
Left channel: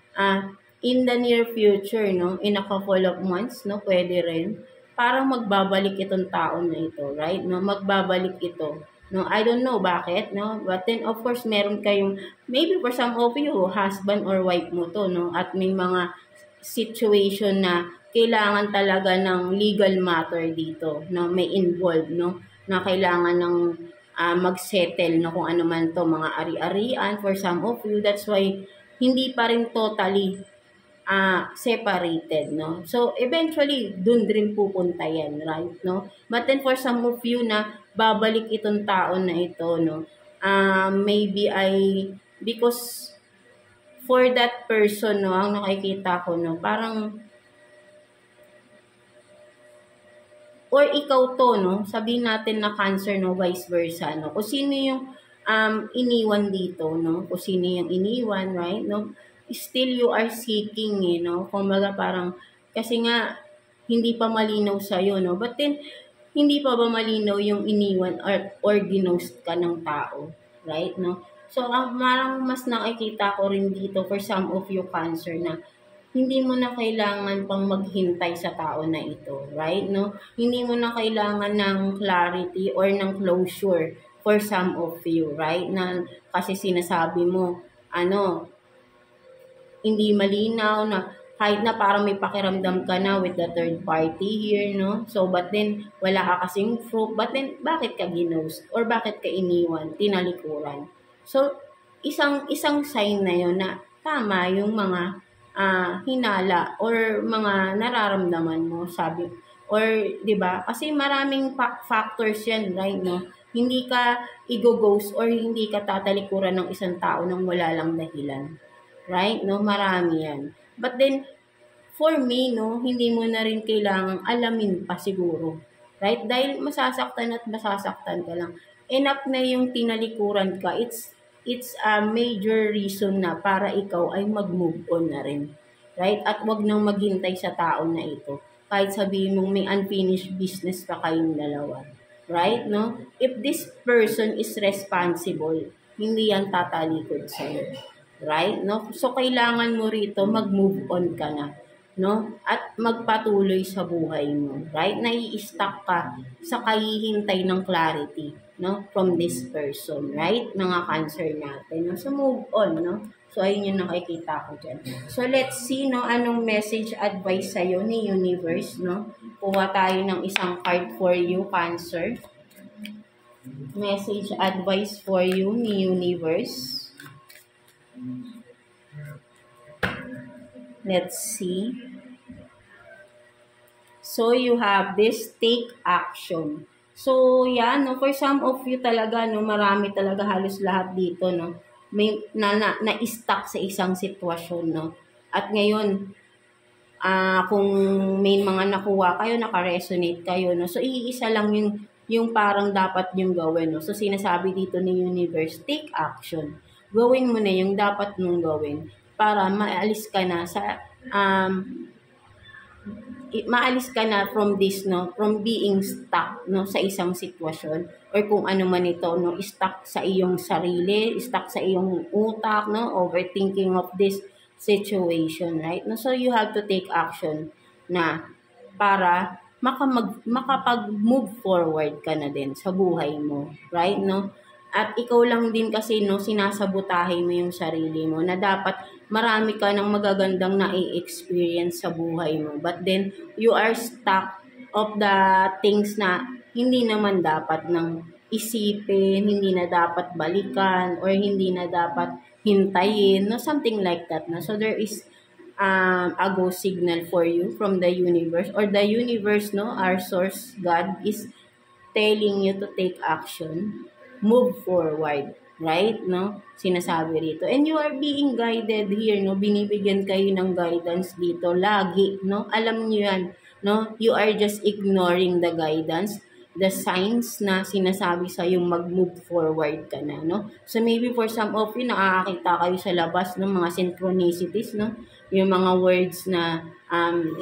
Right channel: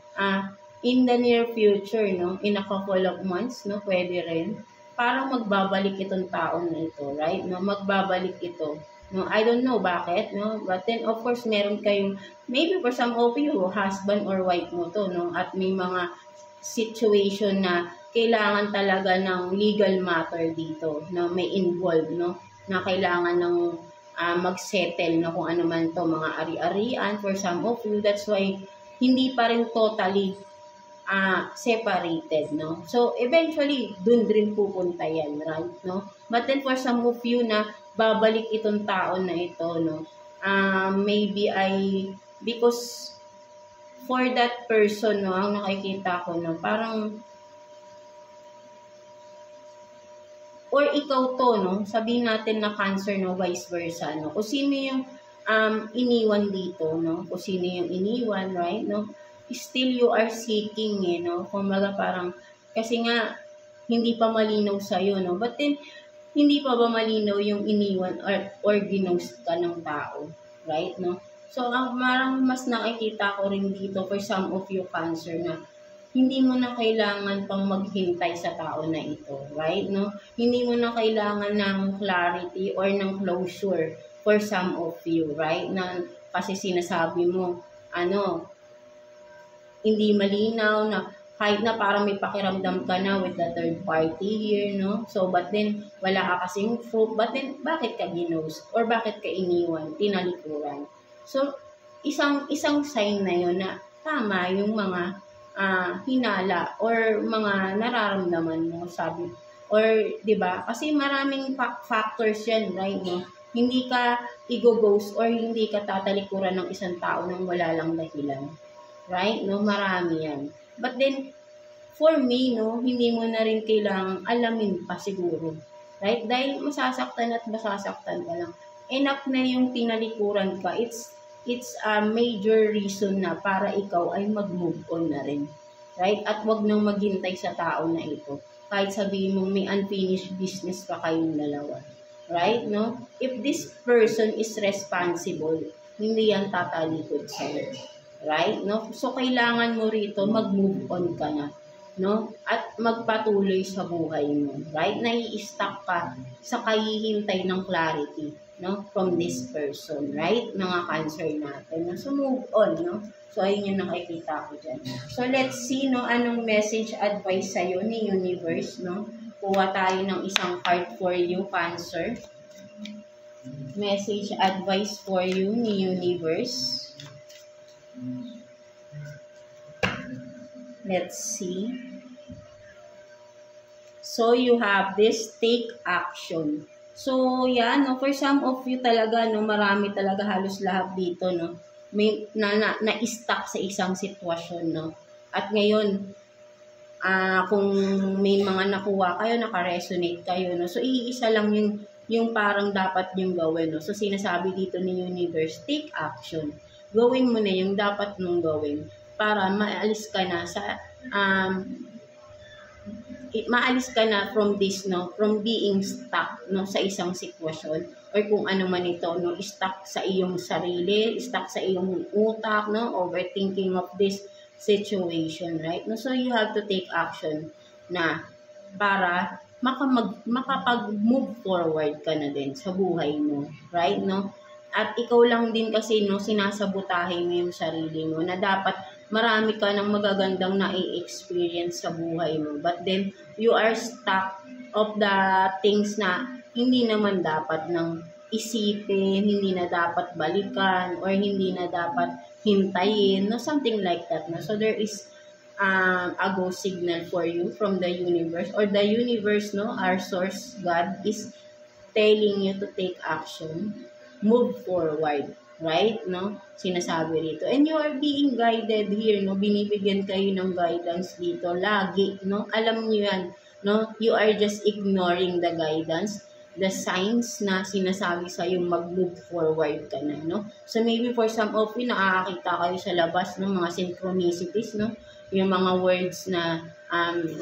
in the near future, no, in a couple of months, no, pwede rin, parang magbabalik itong taon na ito, right? No, magbabalik ito. No, I don't know bakit, no? But then, of course, meron kayong, maybe for some of you, husband or wife mo to, no? At may mga situation na kailangan talaga ng legal matter dito, no? May involved, no? Na kailangan ng mag-settle, no? Kung ano man to, mga ari-arian for some of you. That's why, hindi pa rin totally separated, no? So, eventually, dun rin pupunta yan, right, no? But then, for some of you na babalik itong taon na ito, no? Maybe because for that person, no, ang nakikita ko, no, parang, or ikaw to, no, sabihin natin na Cancer, no, vice versa, no, kung sino yung iniwan dito, no, kung sino yung iniwan, right, no, still you are seeking, no, kumbaga parang, kasi nga, hindi pa malinaw sa'yo, no, but then, hindi pa ba malinaw yung iniwan or ginost ka ng tao, right, no, so, parang mas nakikita ko rin dito for some of you Cancer na, hindi mo na kailangan pang maghintay sa tao na ito, right, no? Hindi mo na kailangan ng clarity or ng closure for some of you, right? Na kasi sinasabi mo, hindi malinaw na kahit na parang may pakiramdam ka na with the third party here, no? So, but then, wala ka kasing proof. But then, bakit ka ginost? Or bakit ka iniwan? Tinalikuran. So, isang sign na yun na tama yung mga hinala or mga nararamdaman mo, sabi. Or, di ba? Kasi maraming factors yan, right, no? Hindi ka i-ghost or hindi ka tatalikuran ng isang tao nang wala lang dahilan. Right? No? Marami yan. But then, for me, no, hindi mo na rin kailangang alamin pa siguro. Right? Dahil masasaktan at masasaktan ka lang. Enough na yung tinalikuran ka. It's a major reason na para ikaw ay mag-move on na rin. Right? At wag nang maghintay sa tao na ito. Kahit sabihin mong may unfinished business pa kayong dalawa. Right? No? If this person is responsible, hindi yan tatalikod sa'yo. Right? No? So, kailangan mo rito mag-move on ka na. No? At magpatuloy sa buhay mo. Right? Nai-stuck ka sa kahihintay ng clarity, no? From this person. Right? Mga Cancer natin. No? So, move on, no? So, ayun yung nakikita ko dyan. So, let's see, no? Anong message advice sa'yo ni Universe, no? Kuha tayo ng isang card for you, Cancer. Message advice for you ni Universe. Let's see. So, you have this, take action. So, yan, no, for some of you talaga, no, marami talaga halos lahat dito, no, may na-stuck sa isang sitwasyon, no. At ngayon, kung may mga nakuha kayo, naka-resonate kayo, no, so iisa lang yung parang dapat yung gawin, no. So, sinasabi dito ni Universe, take action. Gawin mo na yung dapat mong gawin para maalis ka na sa maalis ka na from this, no, from being stuck, no, sa isang sitwasyon or kung ano man ito, no, stuck sa iyong sarili, stuck sa iyong utak, no, overthinking of this situation, right? No, so you have to take action na para makapag-move forward ka na din sa buhay mo, right? No? At ikaw lang din kasi, no, sinasabotahe mo yung sarili mo na dapat marami ka ng magagandang na-experience sa buhay mo. But then, you are stuck of the things na hindi naman dapat nang isipin, hindi na dapat balikan, or hindi na dapat hintayin, no? Something like that. No? So, there is a go signal for you from the universe, or the universe, no, our source, God, is telling you to take action, move forward, right, no, sinasabi rito. And you are being guided here, no, binibigyan kayo ng guidance dito, lagi, no, alam nyo yan, no, you are just ignoring the guidance, the signs na sinasabi sa yung mag-move forward ka na, no. So maybe for some of you, nakakakita kayo sa labas ng mga synchronicities, no, yung mga words na,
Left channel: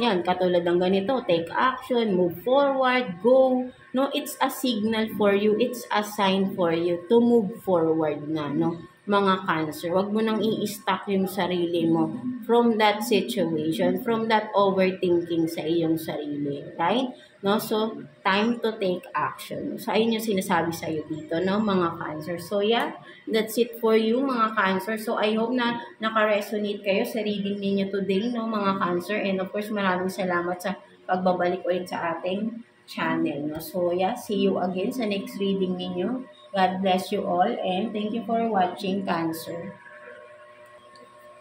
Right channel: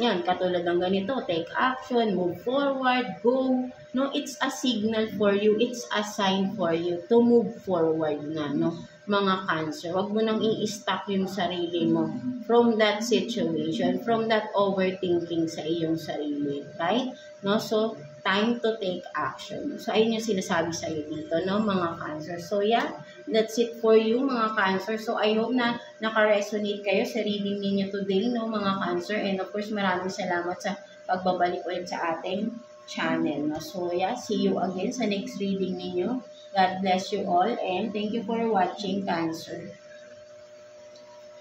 yan, katulad ng ganito, take action, move forward, go, no, it's a signal for you, it's a sign for you to move forward na, no, mga Cancer. Huwag mo nang i-stuck yung sarili mo from that situation, from that overthinking sa iyong sarili, right? No, so, time to take action. So, ayun yung sinasabi sa'yo dito, no, mga Cancer. So, yeah, that's it for you, mga Cancer. So, I hope na naka-resonate kayo sa reading ninyo today, no, mga Cancer. And of course, maraming salamat sa pagbabalik ulit sa ating channel, no. So, yeah, see you again sa next reading ninyo. God bless you all and thank you for watching, Cancer.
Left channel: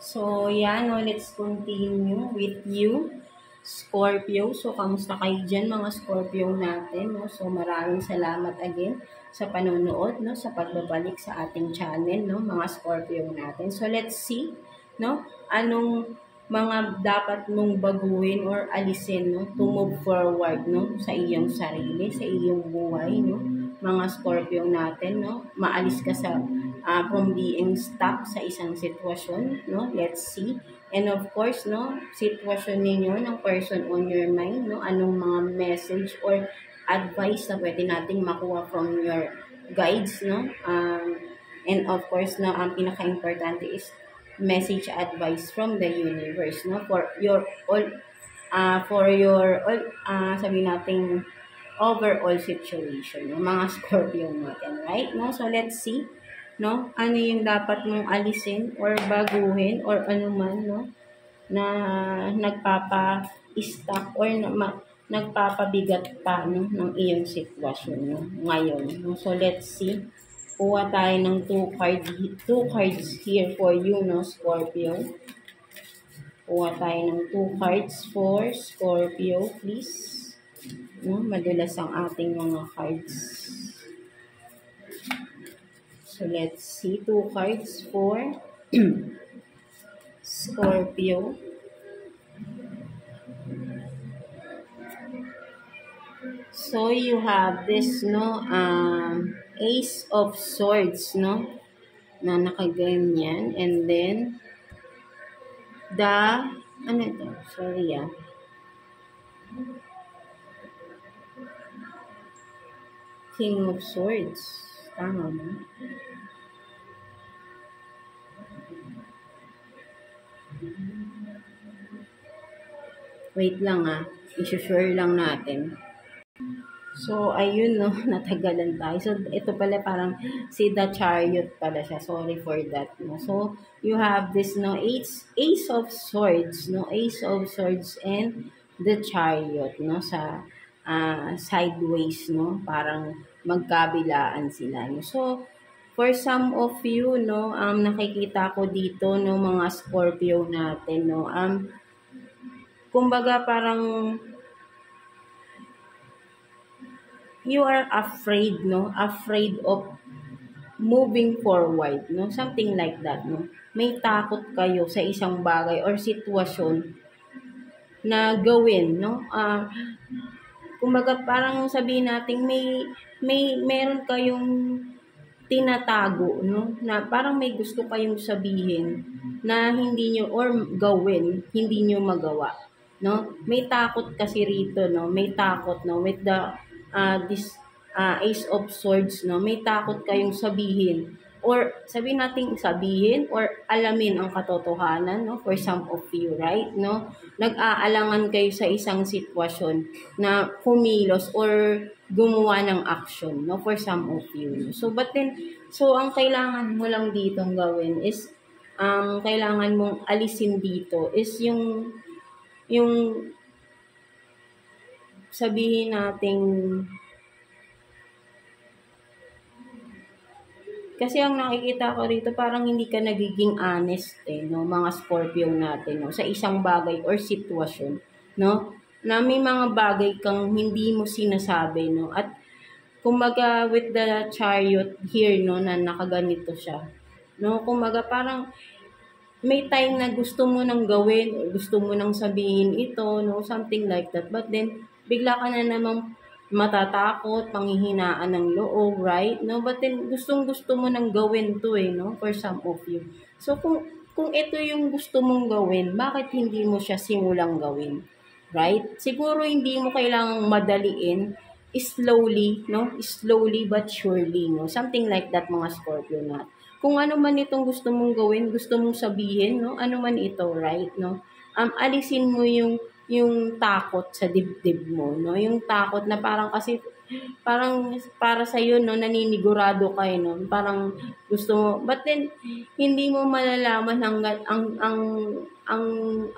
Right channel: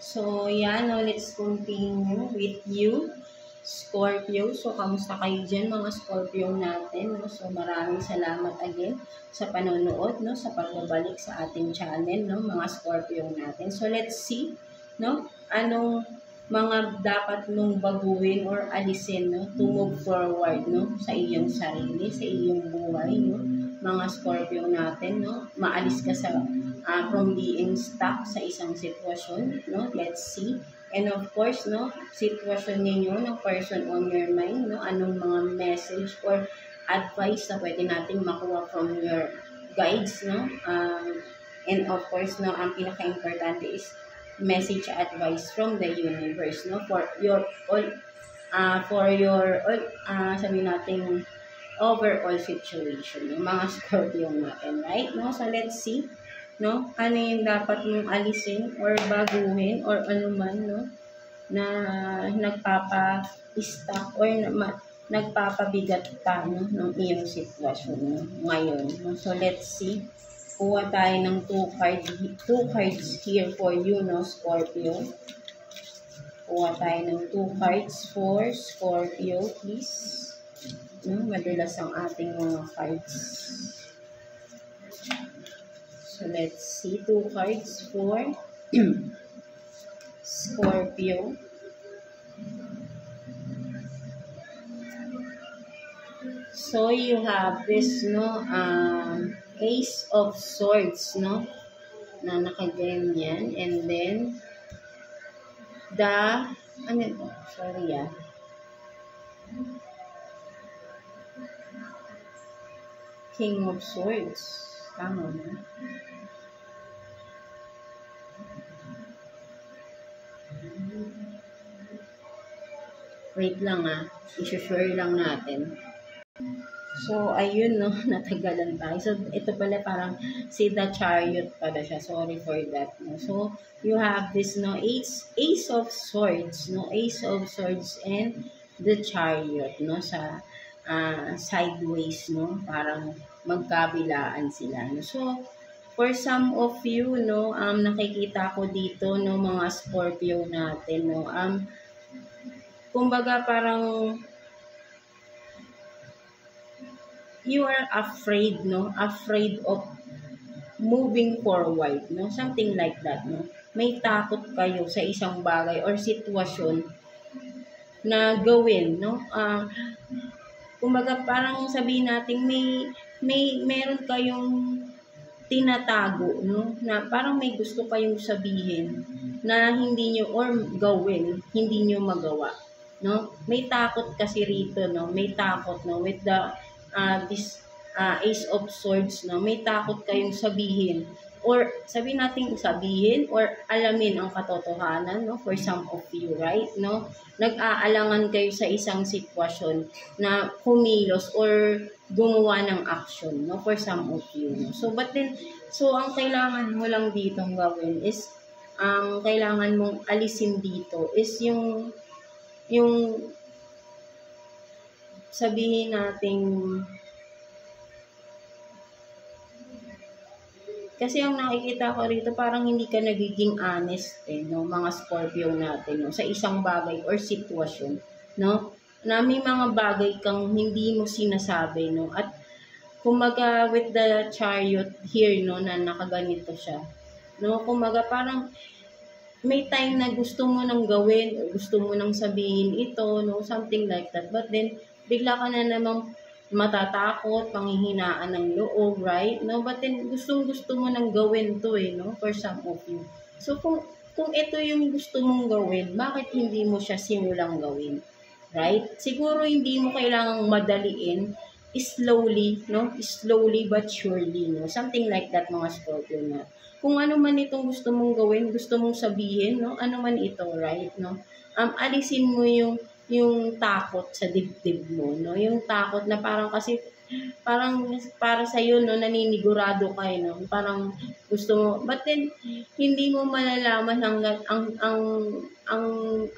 So, yeah, no, let's continue with you, Scorpio. So, kamusta kayo dyan, mga Scorpio natin, no? So, maraming salamat again sa panonood, no, sa pagbabalik sa ating channel, no, mga Scorpio natin. So, let's see, no, anong mga dapat mong baguhin or alisin, no, to move forward, no, sa iyong sarili, sa iyong buhay, no, mga Scorpio natin, no, maalis ka sa from being stuck sa isang sitwasyon, no, let's see. And of course, no, sitwasyon ninyo ng person on your mind, no, anong mga message or advice na pwede nating makuha from your guides, no, and of course, no, ang pinaka-importante is message advice from the universe, no, for your all, sabi nating overall situation, no, mga Scorpio natin, right, no, so let's see, no, ano yung dapat mong alisin or baguhin or ano man, no, na nagpapa-stuck or nagpapabigat pa, no, ng iyong sitwasyon, no, ngayon. No? So, let's see. Kuha tayo ng two cards here for you, no, Scorpio. Kuha tayo ng 2 cards for Scorpio, please. No, madulas ang ating mga cards. So, let's see. 2 cards for Scorpio. So, you have this, no, Ace of Swords, no, na nakaganyan. And then, ano ito? Sorry, King of Swords. Tama ba? Wait lang, i-sure lang natin. So, ayun, no, natagalan tayo. So, ito pala parang si The Chariot pala siya. Sorry for that, no. So, you have this, no, Ace of Swords, no, Ace of Swords and The Chariot, no, sa sideways, no, parang magkabilaan sila, no. So, for some of you, no, nakikita ko dito, no, mga Scorpio natin, no, kumbaga parang you are afraid, no? Afraid of moving forward, no? Something like that, no? May takot kayo sa isang bagay or sitwasyon na gawin, no? Kumbaga parang sabihin natin meron kayong tinatago, no? Na parang may gusto kayong sabihin na hindi nyo or gawin, hindi nyo magawa, no? May takot kasi rito, no? May takot, no? With the this Ace of Swords, no, may takot kayong sabihin or sabihin natin sabihin or alamin ang katotohanan, no, for some of you, right, no, nag-aalangan kayo sa isang sitwasyon na kumilos or gumawa ng action, no, for some of you, no? So but then ang kailangan mo lang ditong gawin is kailangan mong alisin dito is yung sabihin nating kasi ang nakikita ko rito parang hindi ka nagiging honest, no, mga Scorpio natin, no, sa isang bagay or sitwasyon, no, na may mga bagay kang hindi mo sinasabi, no, at kumaga with the Chariot here, no, na nakaganito siya, no, kumaga parang may time na gusto mo nang gawin or gusto mo nang sabihin ito, no, something like that, but then bigla ka na namang matatakot, panghihinaan ng loob, right? No, but then gustong-gusto mo nang gawin to, no, for some of you. So kung ito yung gusto mong gawin, bakit hindi mo siya simulang gawin? Right? Siguro hindi mo kailangang madaliin, slowly, no? Slowly but surely, no? Something like that, mga Scorpio na. Kung ano man itong gusto mong gawin, gusto mong sabihin, no? Ano man ito, right? No? Alisin mo yung takot sa dibdib mo, no? Yung takot na parang kasi parang para sa iyo, no, naninigurado ka, no? Parang gusto mo, but then hindi mo malalaman hangga't ang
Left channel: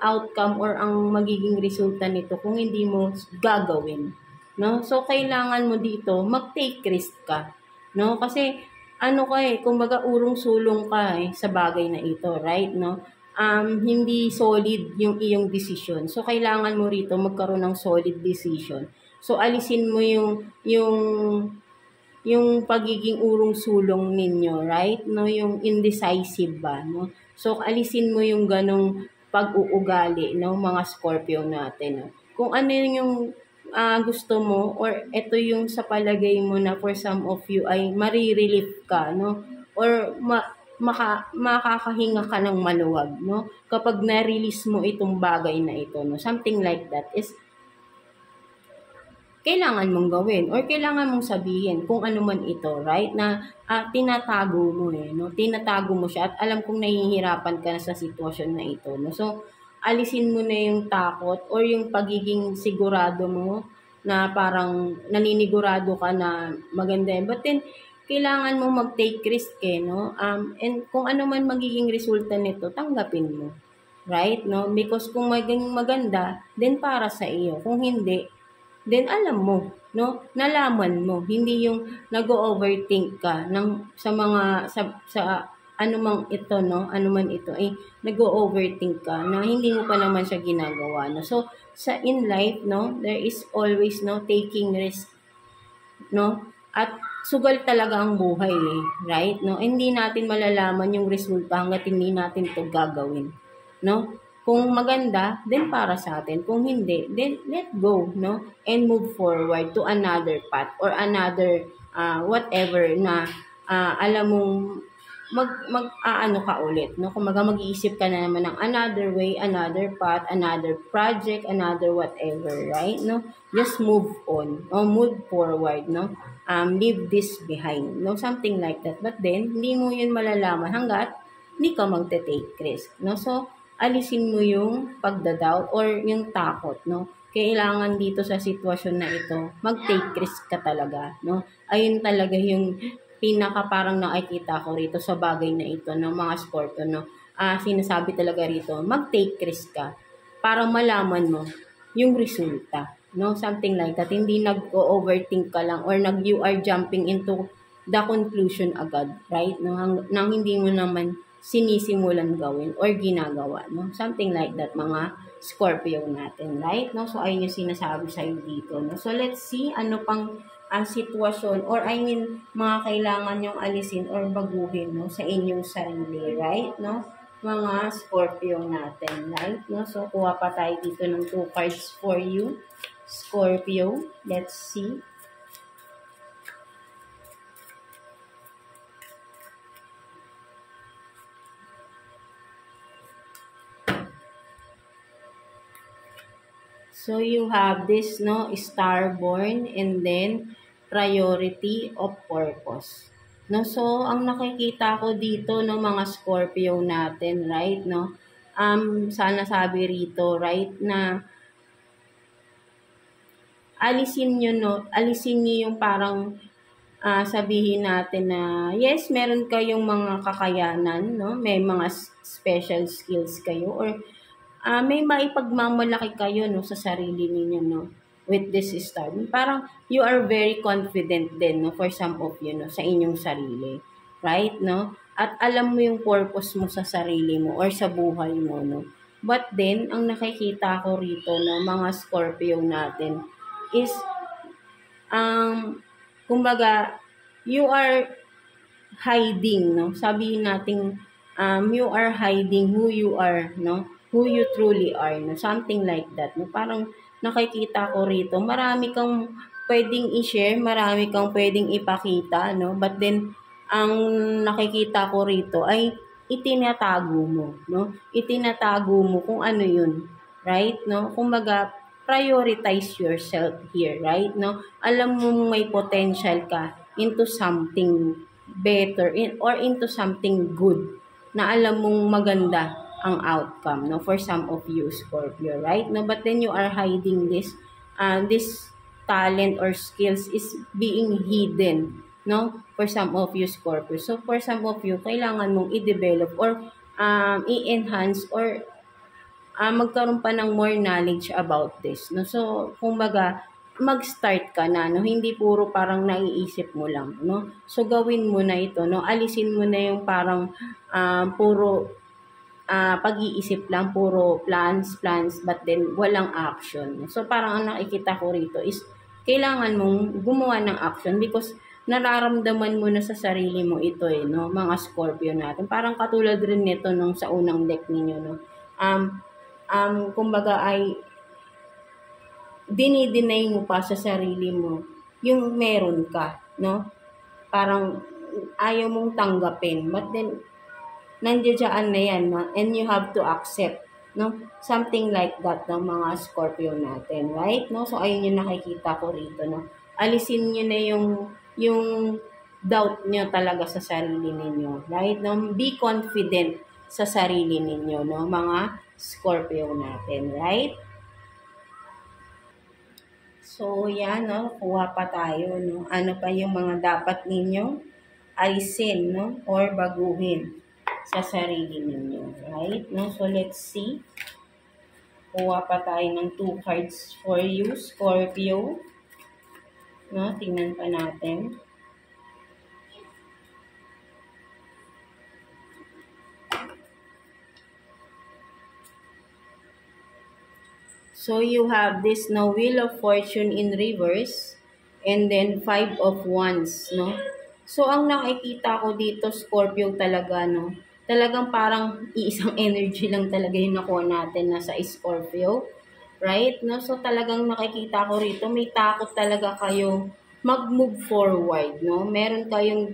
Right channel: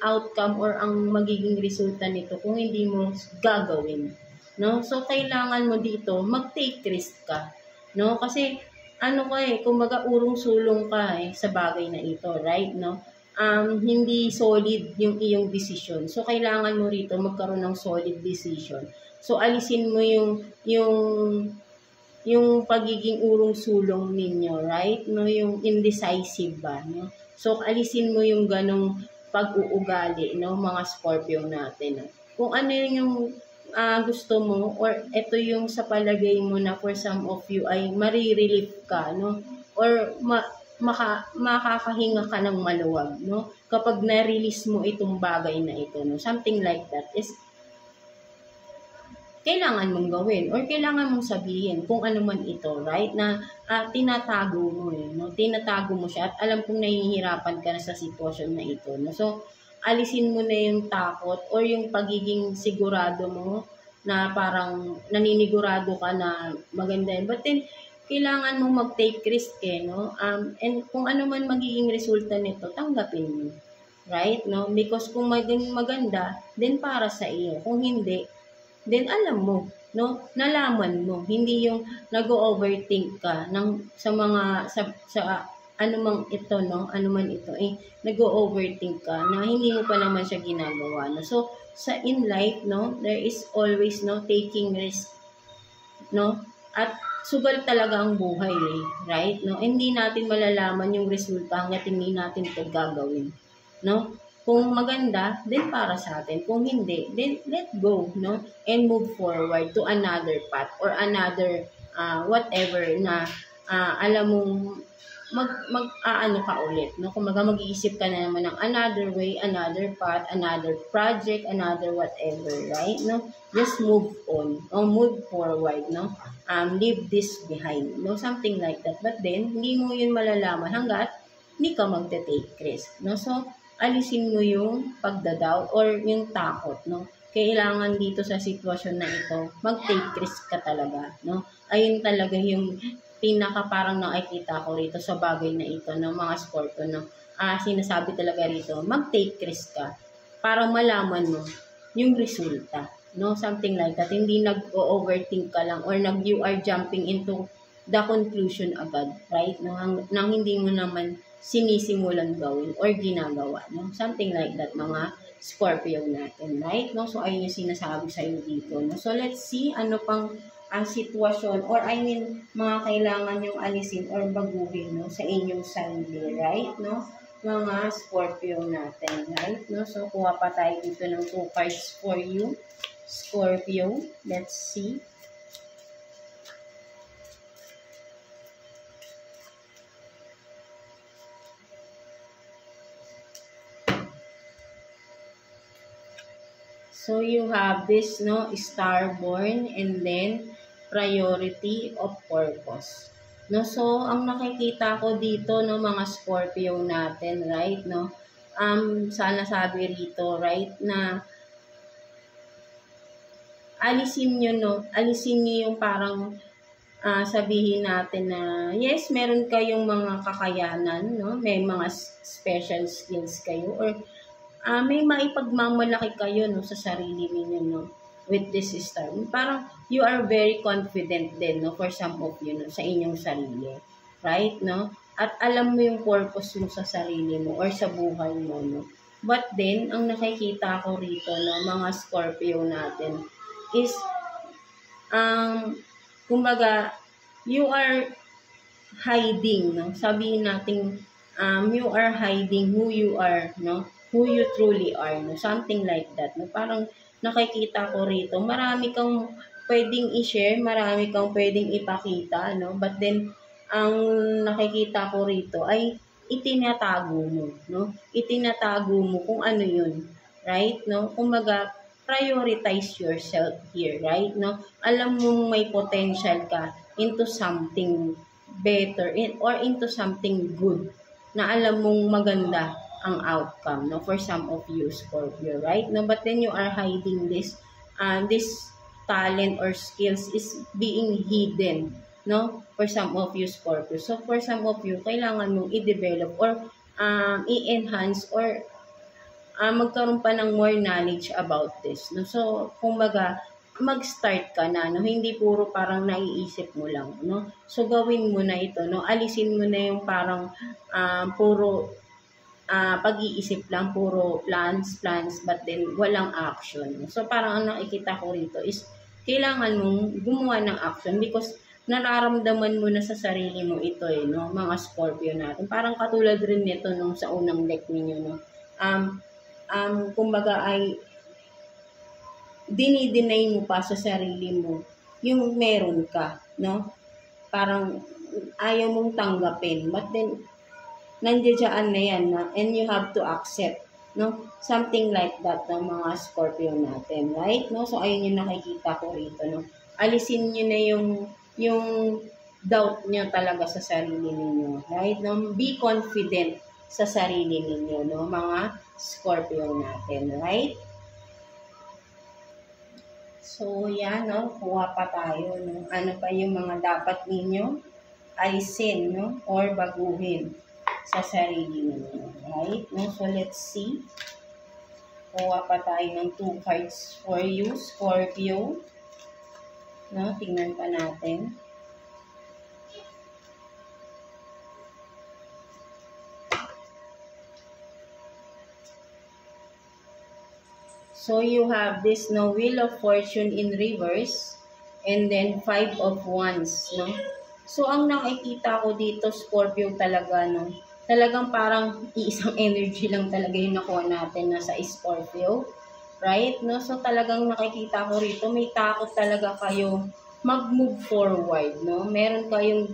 outcome or ang magiging resulta nito kung hindi mo gagawin, no? So kailangan mo dito mag-take risk ka, no? Kasi ano ka kumbaga urong-sulong ka sa bagay na ito, right, no? Hindi solid yung iyong decision. So, kailangan mo rito magkaroon ng solid decision. So, alisin mo yung pagiging urong-sulong ninyo, right? No, yung indecisive ba, no? So, alisin mo yung ganong pag-uugali, no, mga Scorpio natin, no? Kung ano yung gusto mo or ito yung sa palagay mo na for some of you ay marirelief ka, no? Or makakahinga ka ng maluwag, no? Kapag na-release mo itong bagay na ito, no? Something like that is kailangan mong gawin or kailangan mong sabihin kung ano man ito, right? Na tinatago mo, no? Tinatago mo siya at alam kong nahihirapan ka na sa sitwasyon na ito, no? So, alisin mo na yung takot or yung pagiging sigurado mo na parang naninigurado ka na maganda yun. But then, kailangan mo mag-take risk, no? And kung ano man magiging resulta nito, tanggapin mo. Right? No? Because kung maging maganda, then para sa iyo. Kung hindi, then alam mo, no? Nalaman mo. Hindi yung nag-overthink ka sa mga, sa ano mang ito, no? Ano man ito, nag-overthink ka na hindi mo pa naman siya ginagawa, no? So, in life, no? There is always, no? Taking risk, no? At sugal talaga ang buhay, right? No? Hindi natin malalaman yung resulta hangga't hindi natin ito gagawin, no? Kung maganda, then para sa atin. Kung hindi, then let go, no? And move forward to another path or another whatever na alam mong ano ka ulit, no? Kung mag-iisip ka na naman ng another way, another path, another project, another whatever, right? No? Just move on, or move forward, no? Leave this behind, no? Something like that. But then, hindi mo yun malalaman hanggat hindi ka magte-take risk, no? So, alisin mo yung pagdadoubt or yung takot, no? Kailangan dito sa sitwasyon na ito, mag-take risk ka talaga, no? Ayun talaga yung pinaka parang nakikita ko rito sa bagay na ito ng mga Scorpio, no? Sinasabi talaga rito, mag-take risk ka para malaman mo yung resulta, no? Something like that. Hindi nag-overthink ka lang or you are jumping into the conclusion agad, right? Nang hindi mo naman sinisimulan gawin or ginagawa, no? Something like that, mga Scorpio natin, right? No? So, ayun yung sinasabi sa'yo dito, no? So, let's see ano pang ang sitwasyon or mga kailangan yung alisin or baguhin, no, sa inyong sarili, right? No? Mga Scorpio natin, right? No? So, kuha pa tayo dito ng 2 cards for you, Scorpio. Let's see. So, you have this, no, Starborn, and then priority of purpose. No, so ang nakikita ko dito no mga Scorpio natin, right, no? Sana sabi rito, right, na alisin niyo yung parang sabihin natin na yes, meron kayong mga kakayanan, no? May mga special skills kayo or may maipagmamalaki kayo no sa sarili ninyo, no, with this star. Parang you are very confident din, no, for some of you, no, sa inyong sarili, right, no? At alam mo yung purpose mo sa sarili mo or sa buhay mo, no? But then, ang nakikita ko rito na mga Scorpio natin is kumbaga you are hiding, no? Sabihin natin you are hiding who you are, no? Who you truly are, no? Something like that, no? Parang nakikita ko rito, marami kang pwedeng i-share, marami kang pwedeng ipakita, no? But then, ang nakikita ko rito ay itinatago mo, no? Itinatago mo kung ano yun, right? No? Kumbaga, prioritize yourself here, right? No? Alam mo may potential ka into something better or into something good na alam mong maganda ang outcome, no, for some of you Scorpio, right? No, but then you are hiding this talent or skills is being hidden, no, for some of you Scorpio. So for some of you, kailangan mong i-develop or i-enhance or magkaroon pa ng more knowledge about this, no. So kumbaga mag-start ka na, no, hindi puro parang naiisip mo lang, no. So gawin mo na ito, no, alisin mo na yung parang puro pag-iisip lang, puro plans, but then walang action. So parang ang nakikita ko rito is kailangan mong gumawa ng action because nararamdaman mo na sa sarili mo ito no, mga Scorpio natin. Parang katulad rin nito nung sa unang deck ninyo, no. Kumbaga ay dinideny mo pa sa sarili mo yung meron ka, no. Parang ayaw mong tanggapin. But then nandiyan na yan, no? And you have to accept, no? Something like that, no, mga Scorpio natin, right? No? So, ayun yung nakikita ko rito, no? Alisin nyo na yung doubt nyo talaga sa sarili ninyo, right? No? Be confident sa sarili ninyo, no? Mga Scorpio natin, right? So, yan, no? Kuha pa tayo, no? Ano pa yung mga dapat ninyo alisin, no? Or baguhin sa sarili ninyo, right? No? So, let's see. Kuha pa tayo ng 2 cards for you, Scorpio. No? Tingnan pa natin. So, you have this no Wheel of Fortune in reverse and then 5 of Wands, no? So, ang nakikita ko dito, Scorpio talaga, no? Talagang parang iisang energy lang talaga yung nakuha natin na sa Scorpio, right? No? So, talagang nakikita ko rito, may takot talaga kayo mag-move forward, no? Meron kayong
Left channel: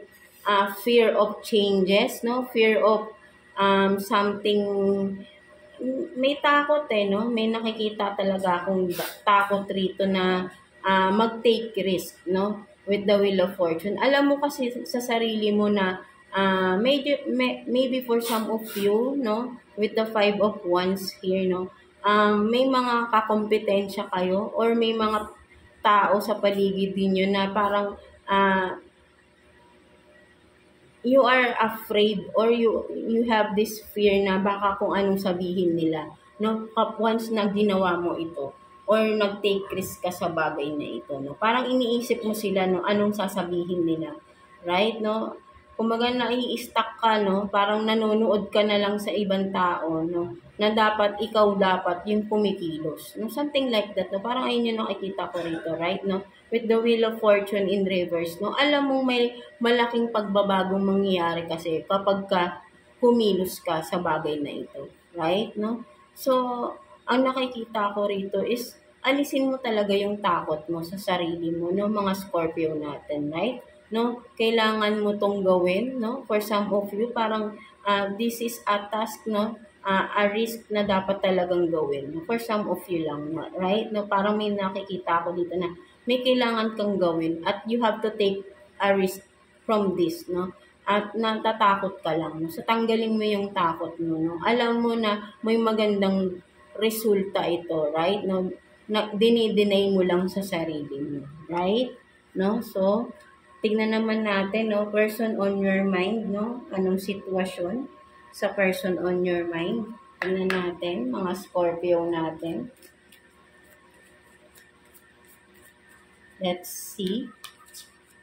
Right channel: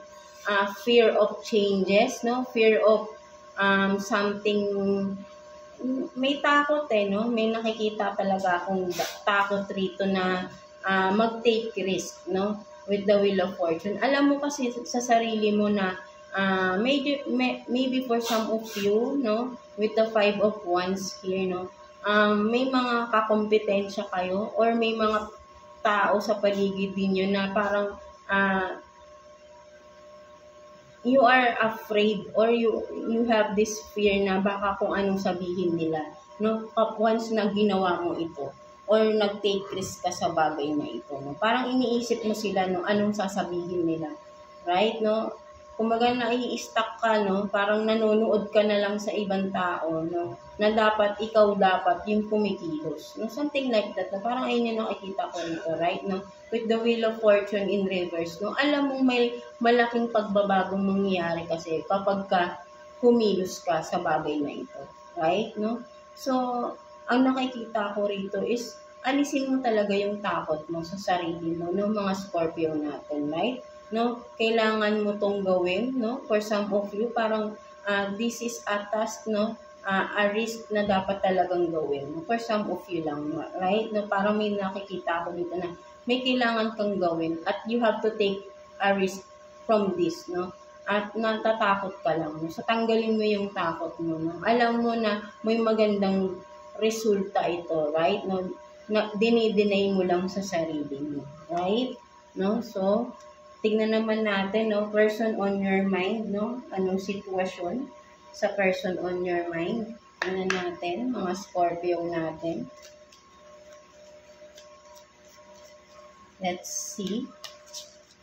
fear of changes, no? Fear of something. May takot no? May nakikita talaga akong takot rito na mag-take risk, no? With the Wheel of Fortune. Alam mo kasi sa sarili mo na maybe for some of you, no? With the 5 of Wands here, no? May mga kakompetensya kayo or may mga tao sa paligid niyo na parang you are afraid or you have this fear na baka kung anong sabihin nila, no? Once na ginawa mo ito or nag-take risk ka sa bagay na ito, no? Parang iniisip mo sila, no? Anong sasabihin nila, right? No? Kumbaga nai-stuck ka, no? Parang nanonood ka na lang sa ibang tao, no? Na dapat ikaw dapat yung pumikilos, no? Something like that, no? Parang ayun yung nakikita ko rito, right? No? With the Wheel of Fortune in reverse, no? Alam mo may malaking pagbabagong mangyayari kasi kapag ka kumilos ka sa bagay na ito, right? No? So, ang nakikita ko rito is alisin mo talaga yung takot mo sa sarili mo, no? Mga Scorpio natin, right? No? Kailangan mo tong gawin, no? For some of you, parang this is a task, no? A risk na dapat talagang gawin. For some of you lang, right? No? Parang may nakikita ako dito na may kailangan kang gawin at you have to take a risk from this, no? At natatakot ka lang, no? So, tanggalin mo yung takot mo, no? Alam mo na may magandang resulta ito, right? No? Na, dinideny mo lang sa sarili mo, right? No? So, tignan naman natin, no? Person on your mind, no? Anong sitwasyon sa person on your mind? Tignan natin, mga Scorpio natin. Let's see.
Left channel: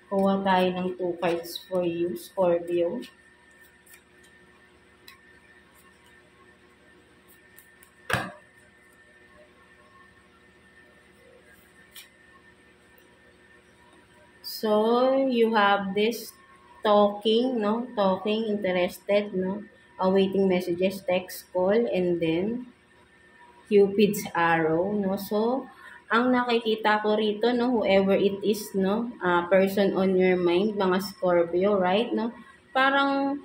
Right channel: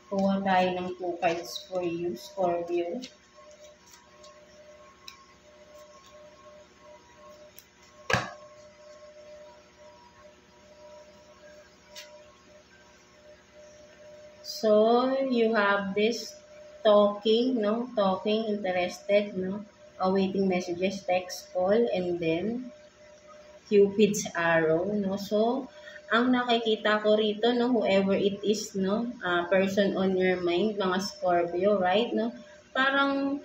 Kuha tayo ng 2 cards for you, Scorpio. So, you have this talking, no? Talking, interested, no? Awaiting messages, text, call, and then Cupid's arrow, no? So, ang nakikita ko rito, no, whoever it is, no, person on your mind, mga Scorpio, right, no, parang,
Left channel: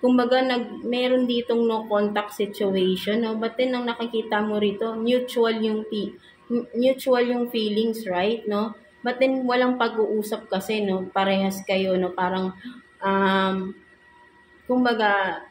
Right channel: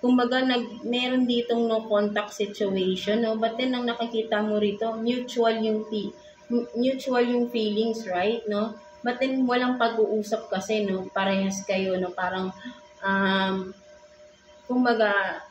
kumbaga, meron ditong no contact situation, no, but then, ang nakikita mo rito, mutual yung feelings, right, no, but then, walang pag-uusap kasi, no, parehas kayo, no, parang, kumbaga,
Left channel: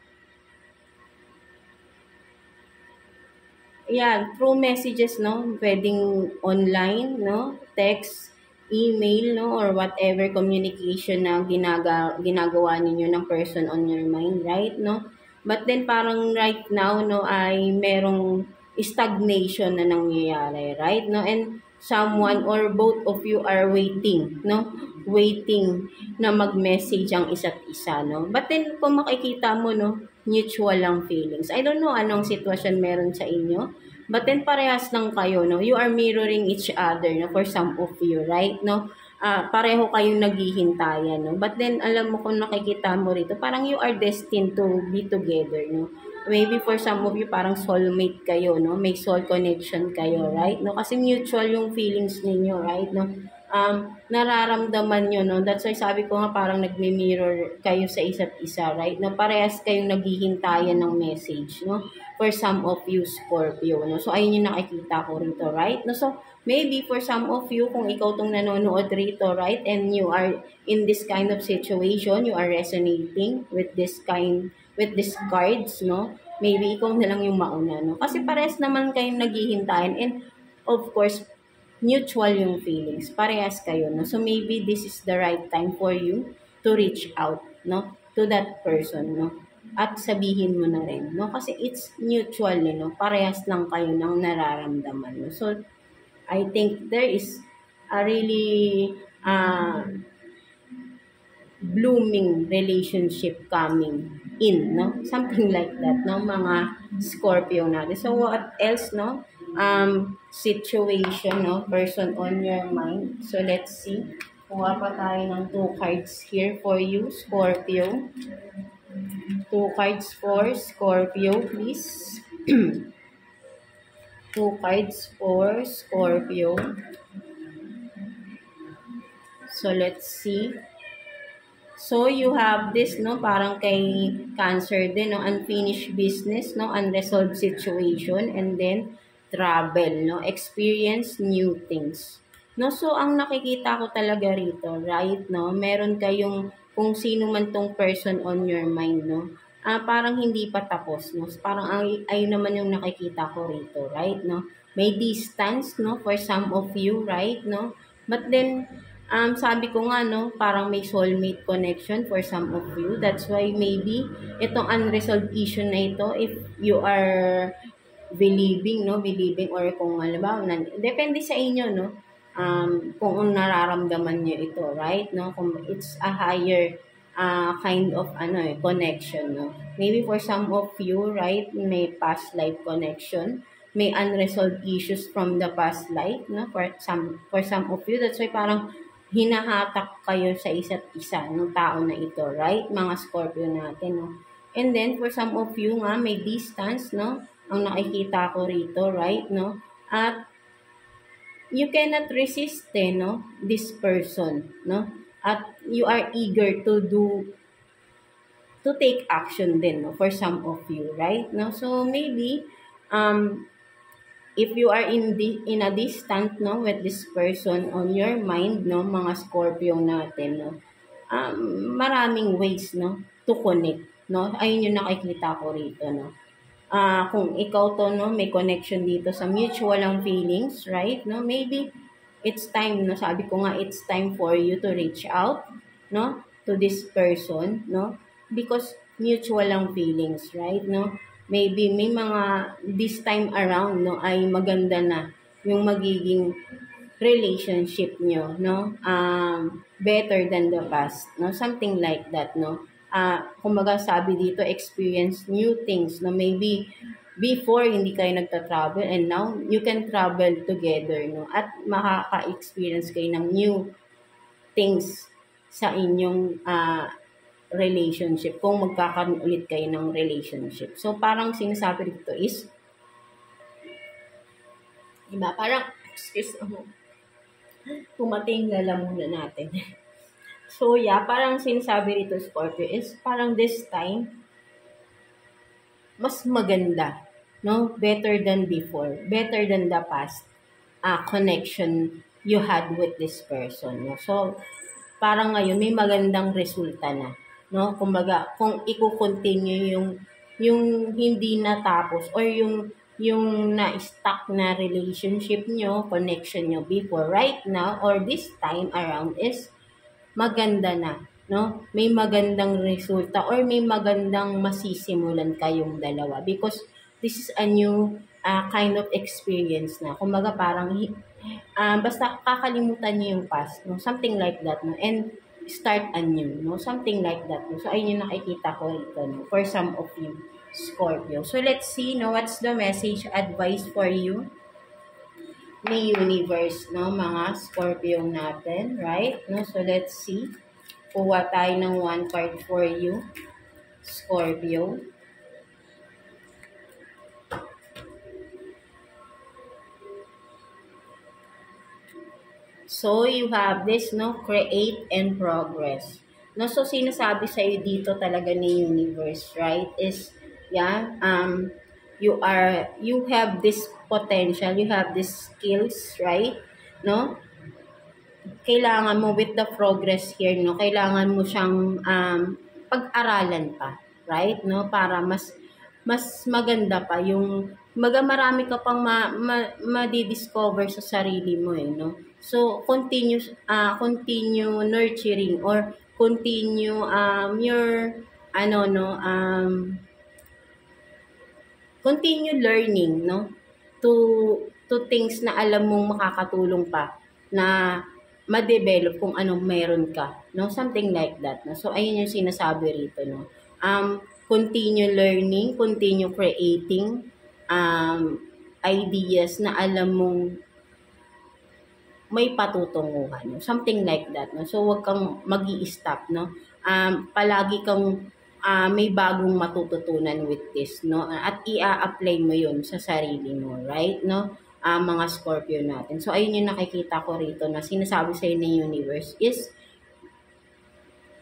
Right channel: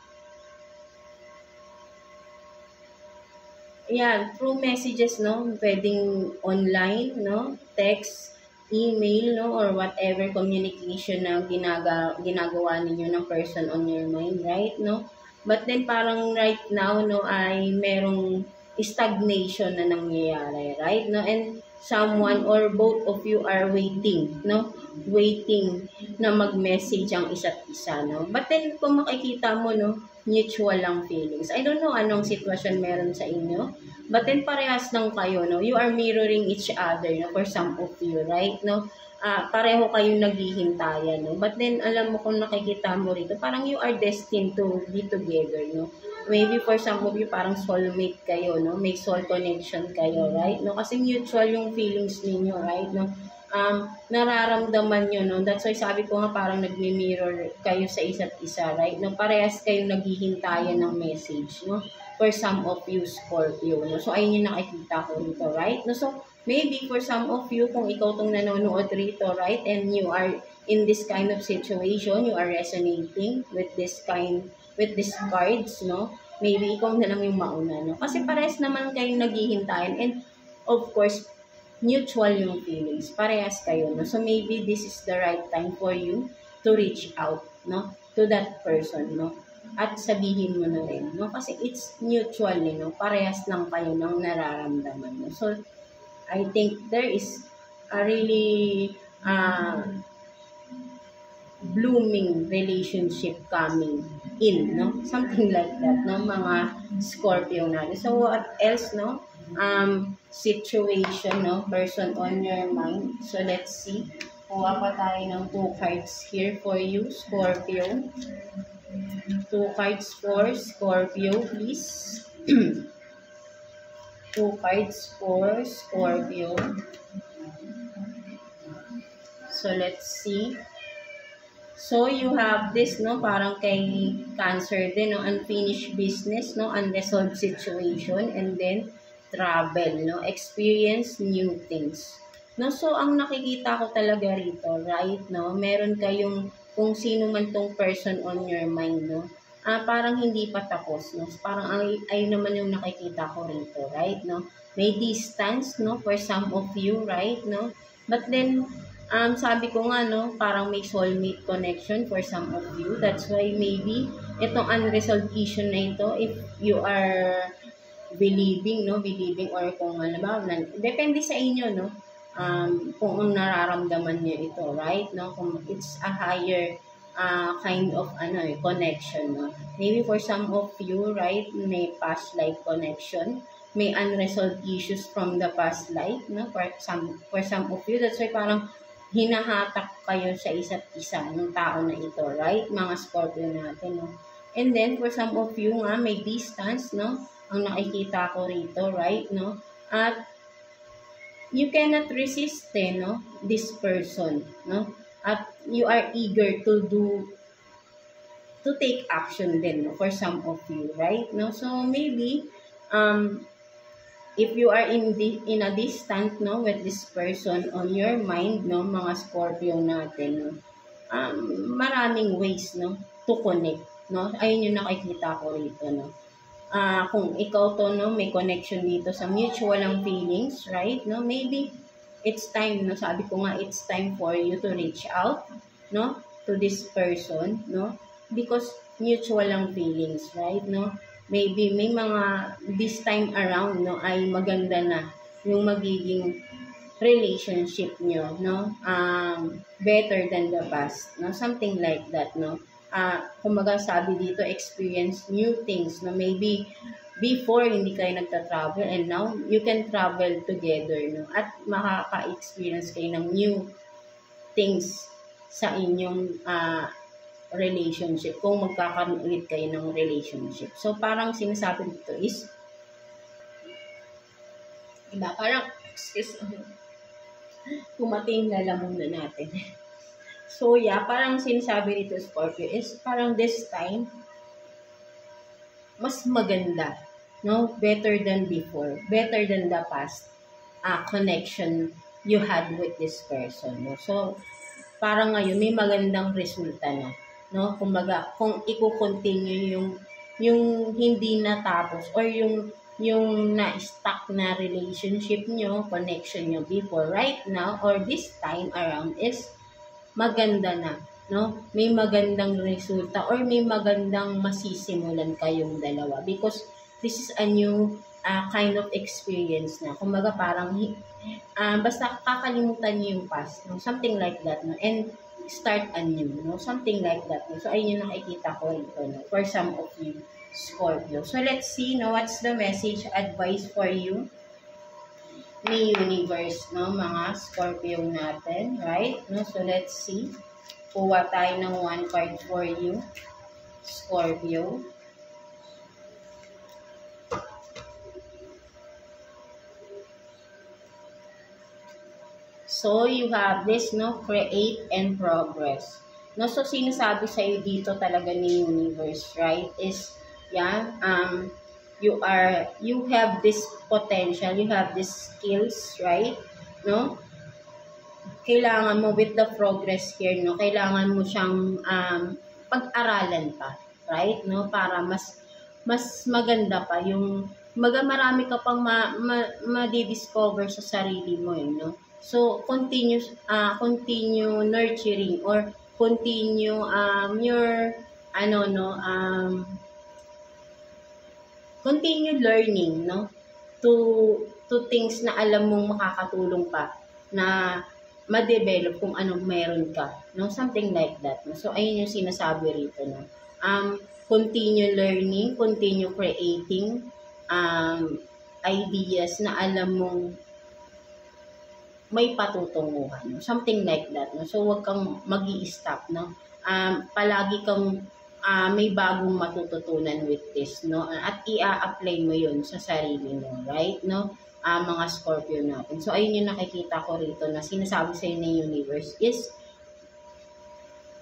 yeah, through messages, no? Pwedeng online, no? Text, email, no? Or whatever communication na ginagawa ninyo ng person on your mind, right? No? But then parang right now, no, ay merong stagnation na nangyayari, right? No? And someone or both of you are waiting, no? Waiting na mag-message ang isa't isa, no? But then kung makikita mo, no, mutual lang feelings. I don't know anong sitwasyon meron sa inyo, but then parehas lang kayo, no? You are mirroring each other, no? For some of you, right? No? Pareho kayong naghihintayan, no? But then, alam mo kung nakikita mo rito, parang you are destined to be together, no? Maybe for some of you, parang soulmate kayo, no? May soul connection kayo, right? No? Kasi mutual yung feelings ninyo, right? No? Nararamdaman nyo, no? That's why sabi ko nga parang nagmi-mirror kayo sa isa't isa, right? No? Parehas kayong naghihintayan ng message, no? For some of you, Scorpio, no? So, ayun yung nakikita ko rito, right? No? So, maybe for some of you, kung ikaw tong nanonood rito, right? And you are in this kind of situation, you are resonating with this cards, no? Maybe ikaw na lang yung mauna, no? Kasi parehas naman kayong naghihintayan and of course, mutual yung feelings. Parehas kayo, no? So, maybe this is the right time for you to reach out, no? To that person, no? at sabihin mo na rin, no? Kasi it's mutual, no? Parehas lang kayo ng nararamdaman, no? So, I think there is a really blooming relationship coming in, no? Something like that, no? Mga Scorpio natin. So, what else, no? Situation, no? Person on your mind. So, let's see. Kuha pa tayo ng 2 cards here for you, Scorpio. 2 cards for Scorpio, please. 2 cards for Scorpio. So, let's see. So, you have this, no? Parang kay Cancer din, no? Unfinished business, no? Unresolved situation, and then travel, no? Experience new things. No? So, ang nakikita ko talaga rito, right, no? Meron kayong kung sino man tong person on your mind, no? Parang hindi pa tapos, no? Parang ay naman yung nakikita ko rito, right, no? May distance, no? For some of you, right, no? But then, sabi ko nga, no, parang may soulmate connection for some of you. That's why maybe itong unresolved issue na ito, if you are believing or kung alam ba, depende sa inyo, no, kung nararamdaman niyo ito, right, no, kung it's a higher kind of connection, no. Maybe for some of you, right, may past life connection, may unresolved issues from the past life, no, for some of you. That's why parang hinahatak kayo sa isa't isa ng tao na ito, right? Mga Scorpio natin, no? And then, for some of you nga, may distance, no? Ang nakikita ko rito, right, no? At you cannot resist, no? This person, no? At you are eager to take action din, no? For some of you, right? No? So, maybe, if you are in a distant, no, with this person on your mind, no, mga Scorpio natin, no, maraming ways, no, to connect, no. Ayun yung nakikita ko rito, no. Kung ikaw to, no, may connection dito sa mutual ang feelings, right, no, maybe it's time, no, sabi ko nga, it's time for you to reach out, no, to this person, no, because mutual ang feelings, right, no. Maybe may mga this time around, no, ay maganda na yung magiging relationship nyo, no, better than the past, no, something like that, no. Kumbaga sabi dito, experience new things, no, maybe before hindi kayo nagta-travel and now you can travel together, no, at makaka-experience kayo ng new things sa inyong relationship, kung magkakaroon ulit kayo ng relationship. So, parang sinasabi dito is, diba, parang, excuse me, pumating lalamunan natin. So, yeah, parang sinasabi dito, Scorpio, is parang this time, mas maganda, no? Better than before, better than the past connection you had with this person, no? So, parang ngayon, may magandang resulta na, no? Kumbaga, kung i-continue yung hindi natapos or yung na-stuck na relationship nyo, connection nyo before, right now, or this time around is maganda na, no? May magandang resulta or may magandang masisimulan kayong dalawa because this is a new kind of experience na. Kumbaga, parang basta kakalimutan nyo yung past, no? Something like that, no? And start anew, no? Something like that, no? So, ayun yung nakikita ko rito, no? For some of you, Scorpio. So, let's see, no? What's the message, advice for you? Ni universe, no? Mga Scorpio natin, right? No? So, let's see. Kuha tayo ng 1 card for you, Scorpio. So, you have this, no, create and progress. No, so, sinasabi sa'yo dito talaga ni universe, right, is, yeah, you have this potential, you have this skills, right, no, kailangan mo with the progress here, no, kailangan mo siyang pag-aralan pa, right, no, para mas maganda pa yung, marami ka pang ma-discover sa sarili mo, no. So, continue nurturing or continue your ano, no, continue learning, no, to things na alam mong makakatulong pa na ma-develop kung anong meron ka, no, something like that, no. So ayun yung sinasabi rito, no. Continue learning, continue creating ideas na alam mong may patutunguhan, no? Something like that, no. So wag kang magi-stop, no. Palagi kang may bagong matututunan with this, no, at i-apply mo yun sa sarili mo, right, no, mga Scorpio natin. So ayun yung nakikita ko rito na sinasabi sa ng universe is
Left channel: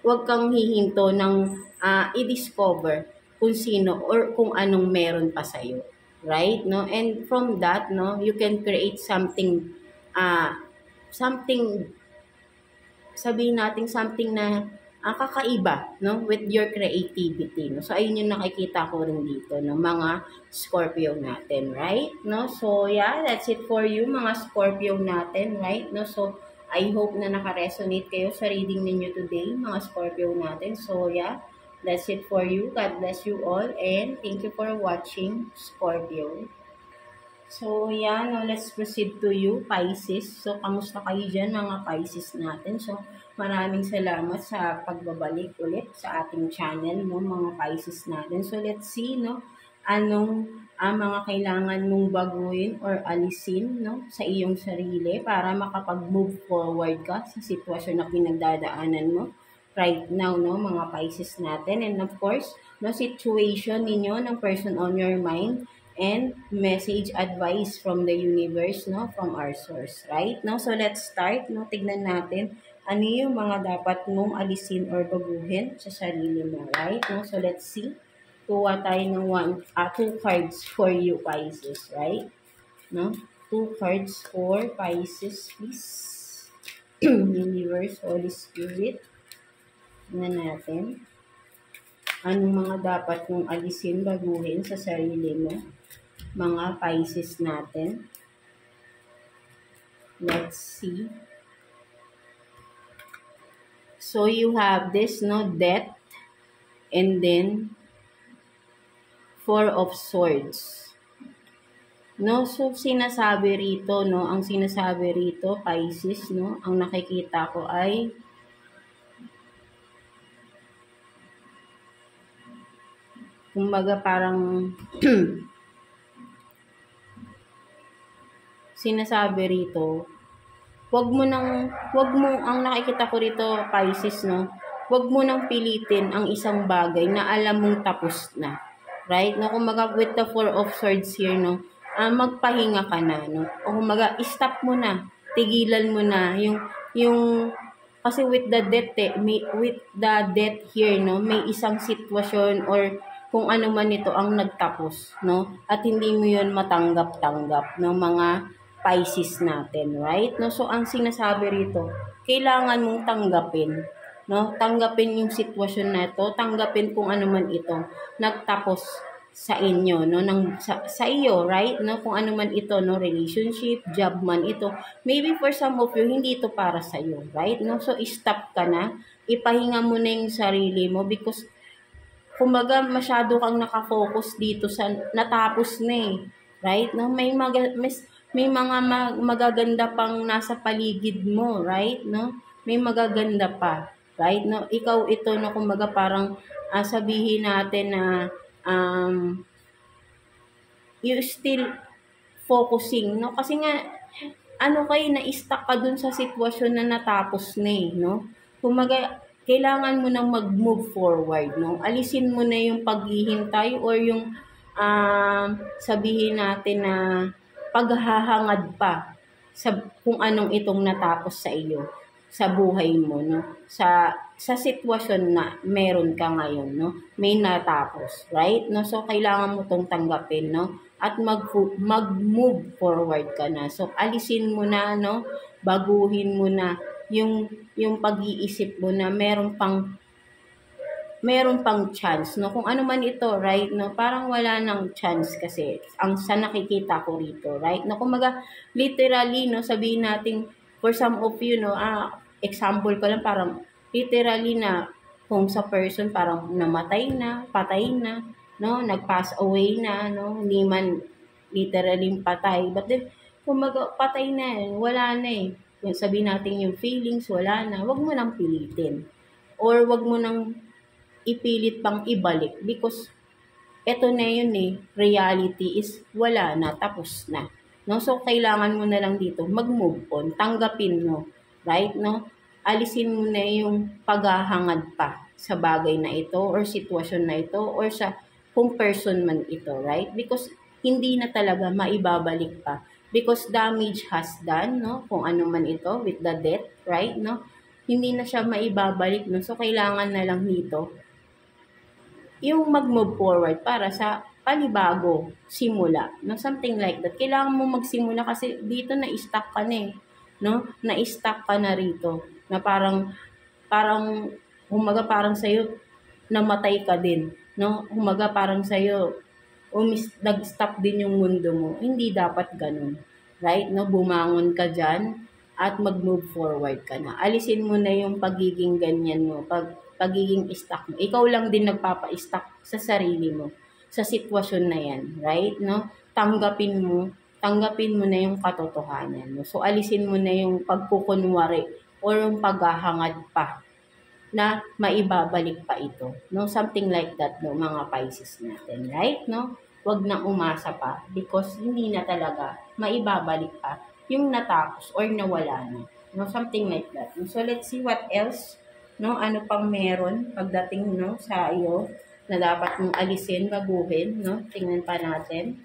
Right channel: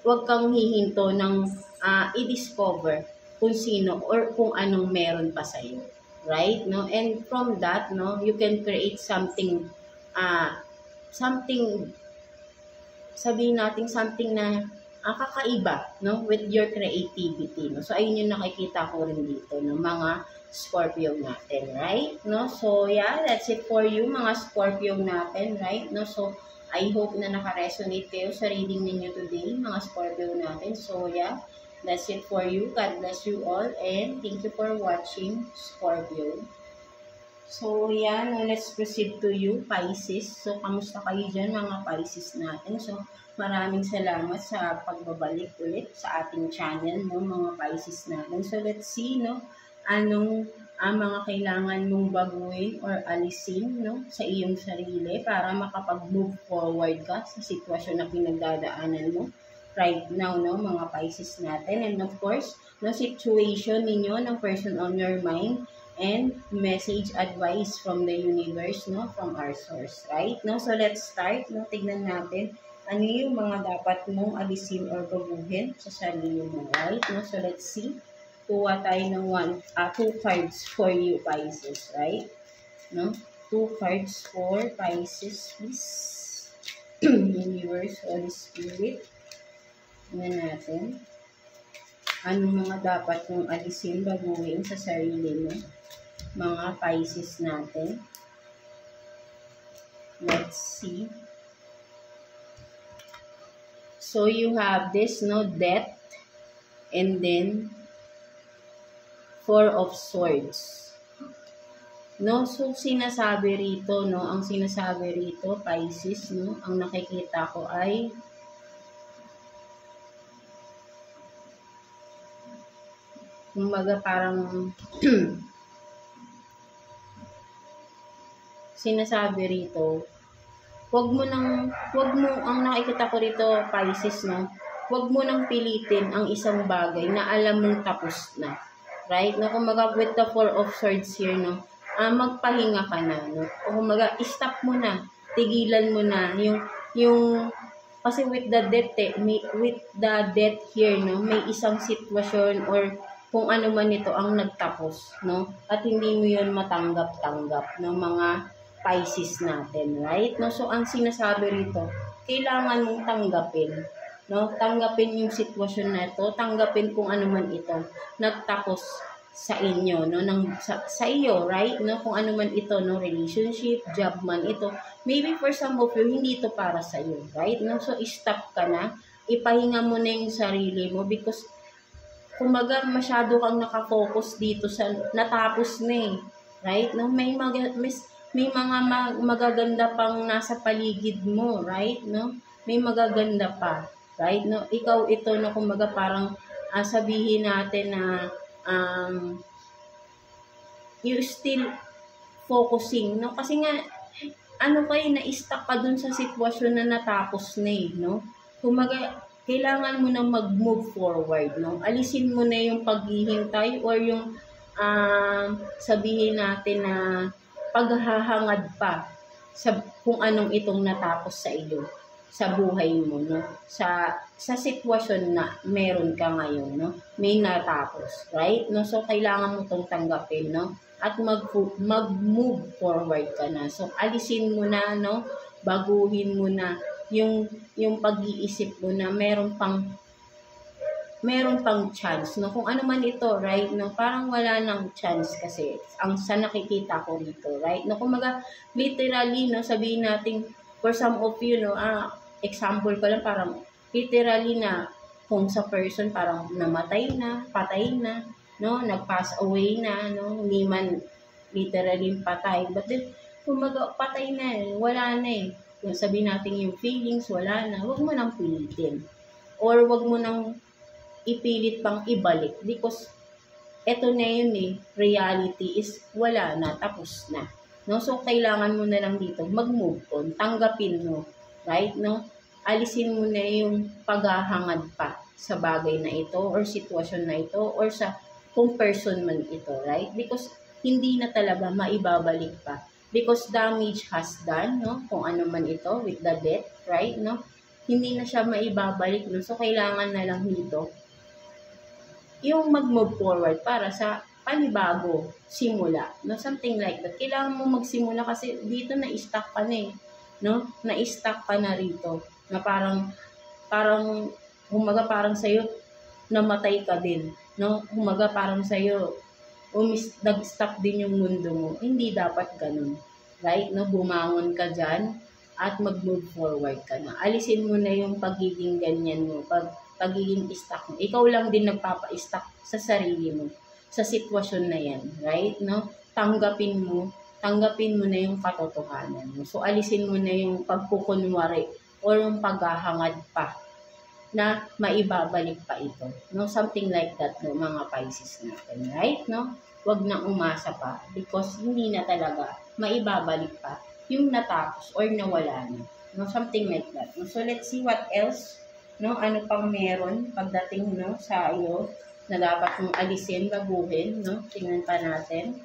wag kang hihinto ng i-discover kung sino or kung anong meron pa sa'yo, right, no, and from that, no, you can create something sabihin natin something na kakaiba, no, with your creativity, no. So ayun yung nakikita ko rin dito, no, mga Scorpio natin, right, no. So yeah, that's it for you mga Scorpio natin, right, no. So I hope na naka-resonate kayo sa reading ninyo today mga Scorpio natin. So yeah, that's it for you. God bless you all and thank you for watching, Scorpio. So, yan. Let's proceed to you, Pisces. So, kamusta kayo dyan, mga Pisces natin? So, maraming salamat sa pagbabalik ulit sa ating channel, no, mga Pisces natin. So, let's see, no, anong mga kailangan mong baguhin or alisin, no, sa iyong sarili para makapag-move forward ka sa sitwasyon na pinagdadaanan mo right now, no, mga Pisces natin. And of course, no, situation ninyo ng person on your mind and message advice from the universe, no, from our source, right? No, so let's start, no, tignan natin ano yung mga dapat mong alisin or baguhin sa sarili mo, right? No, so let's see. Kuha tayo ng 2 cards for you, Pisces, right? No, 2 cards for Pisces, please. Universe, Holy Spirit. Tignan natin. Anong mga dapat mong alisin, baguhin sa sarili mo, mga Pisces natin. Let's see. So you have this, no, Death, and then 4 of Swords. No, so sinasabi rito, no, ang sinasabi rito, Pisces, no, ang nakikita ko ay kumbaga parang sinasabi rito, wag mo ang nakikita ko rito, Pisces, no, wag mo nang pilitin ang isang bagay na alam mong tapos na, right, no, kumbaga with the 4 of Swords here, no, magpahinga ka na, no, o kumbaga stop mo na, tigilan mo na yung kasi with the death here, no, may isang sitwasyon or kung ano man ito ang nagtapos, no, at hindi mo yun matanggap-tanggap, no, mga Pisces natin, right? No, so ang sinasabi rito, kailangan mong tanggapin, no? Tanggapin yung sitwasyon na ito, tanggapin kung ano man ito nagtapos sa inyo, no, sa iyo, right? No, kung ano man ito, no, relationship, job man ito. Maybe for some of you hindi ito para sa iyo, right? No, so stop ka na, ipahinga mo na yung sarili mo because kumbaga masyado kang nakafocus dito sa natapos na eh, right? No, may mga magaganda pang nasa paligid mo, right? No? May magaganda pa, right? No? Ikaw ito, no, kumbaga parang sabihin natin na you still focusing, no? Kasi nga, na-stuck ka dun sa sitwasyon na natapos na eh, no? Kumbaga, kailangan mo nang mag-move forward, no? Alisin mo na yung paghihintay or yung sabihin natin na paghahangad pa sa kung anong itong natapos sa iyo sa buhay mo, no, sa sitwasyon na meron ka ngayon, no, may natapos, right, no. So kailangan mo tong tanggapin, no, at mag-move forward ka na. So alisin mo na, no, baguhin mo na yung pag-iisip mo na meron pang chance, no? Kung ano man ito, right, no? Parang wala nang chance kasi ang sa nakikita ko rito, right? No, kumaga literally, no, sabihin natin for some of you, no, example ko lang, parang literally na Kung sa person parang namatay na, patay na, no? Nag-pass away na, no? Hindi man literally patay. But then, kumaga, patay na, wala na eh. Yung sabihin natin yung feelings, wala na. Huwag mo nang pilitin. Or huwag mo nang ipilit pang ibalik because eto na yun eh, reality is wala na, tapos na. No? So, kailangan mo na lang dito mag-move on, tanggapin mo, right? No? Alisin mo na yung paghahangad pa sa bagay na ito or sitwasyon na ito or sa kung person man ito, right? Because hindi na talaga maibabalik pa. Because damage has done, no? Kung ano man ito with the death, right? No? Hindi na siya maibabalik, no? So, kailangan na lang dito yung mag-move forward para sa panibago, simula, no? Something like that. Kailangan mo magsimula kasi dito na-stuck ka na eh, no? Na-stuck ka na rito. Na humaga parang sa'yo, namatay ka din, no? Humaga parang sa'yo, nag-stop din yung mundo mo. Hindi dapat ganun, right? No? Bumangon ka dyan at mag-move forward ka na. Alisin mo na yung pagiging ganyan mo, pagiging stuck mo. Ikaw lang din nagpapa-stuck sa sarili mo, sa sitwasyon na yan, right? No? Tanggapin mo na yung katotohanan mo. So, alisin mo na yung pagkukunwari or yung paghahangad pa na maibabalik pa ito. No? Something like that, no, mga Pisces natin, right? No? Huwag na umasa pa because hindi na talaga maibabalik pa yung natapos or nawala na. No? Something like that. No? So, let's see what else, no? Ano pang meron pagdating, no, sa iyo na dapat mong alisin, baguhin, no? Tingnan pa natin.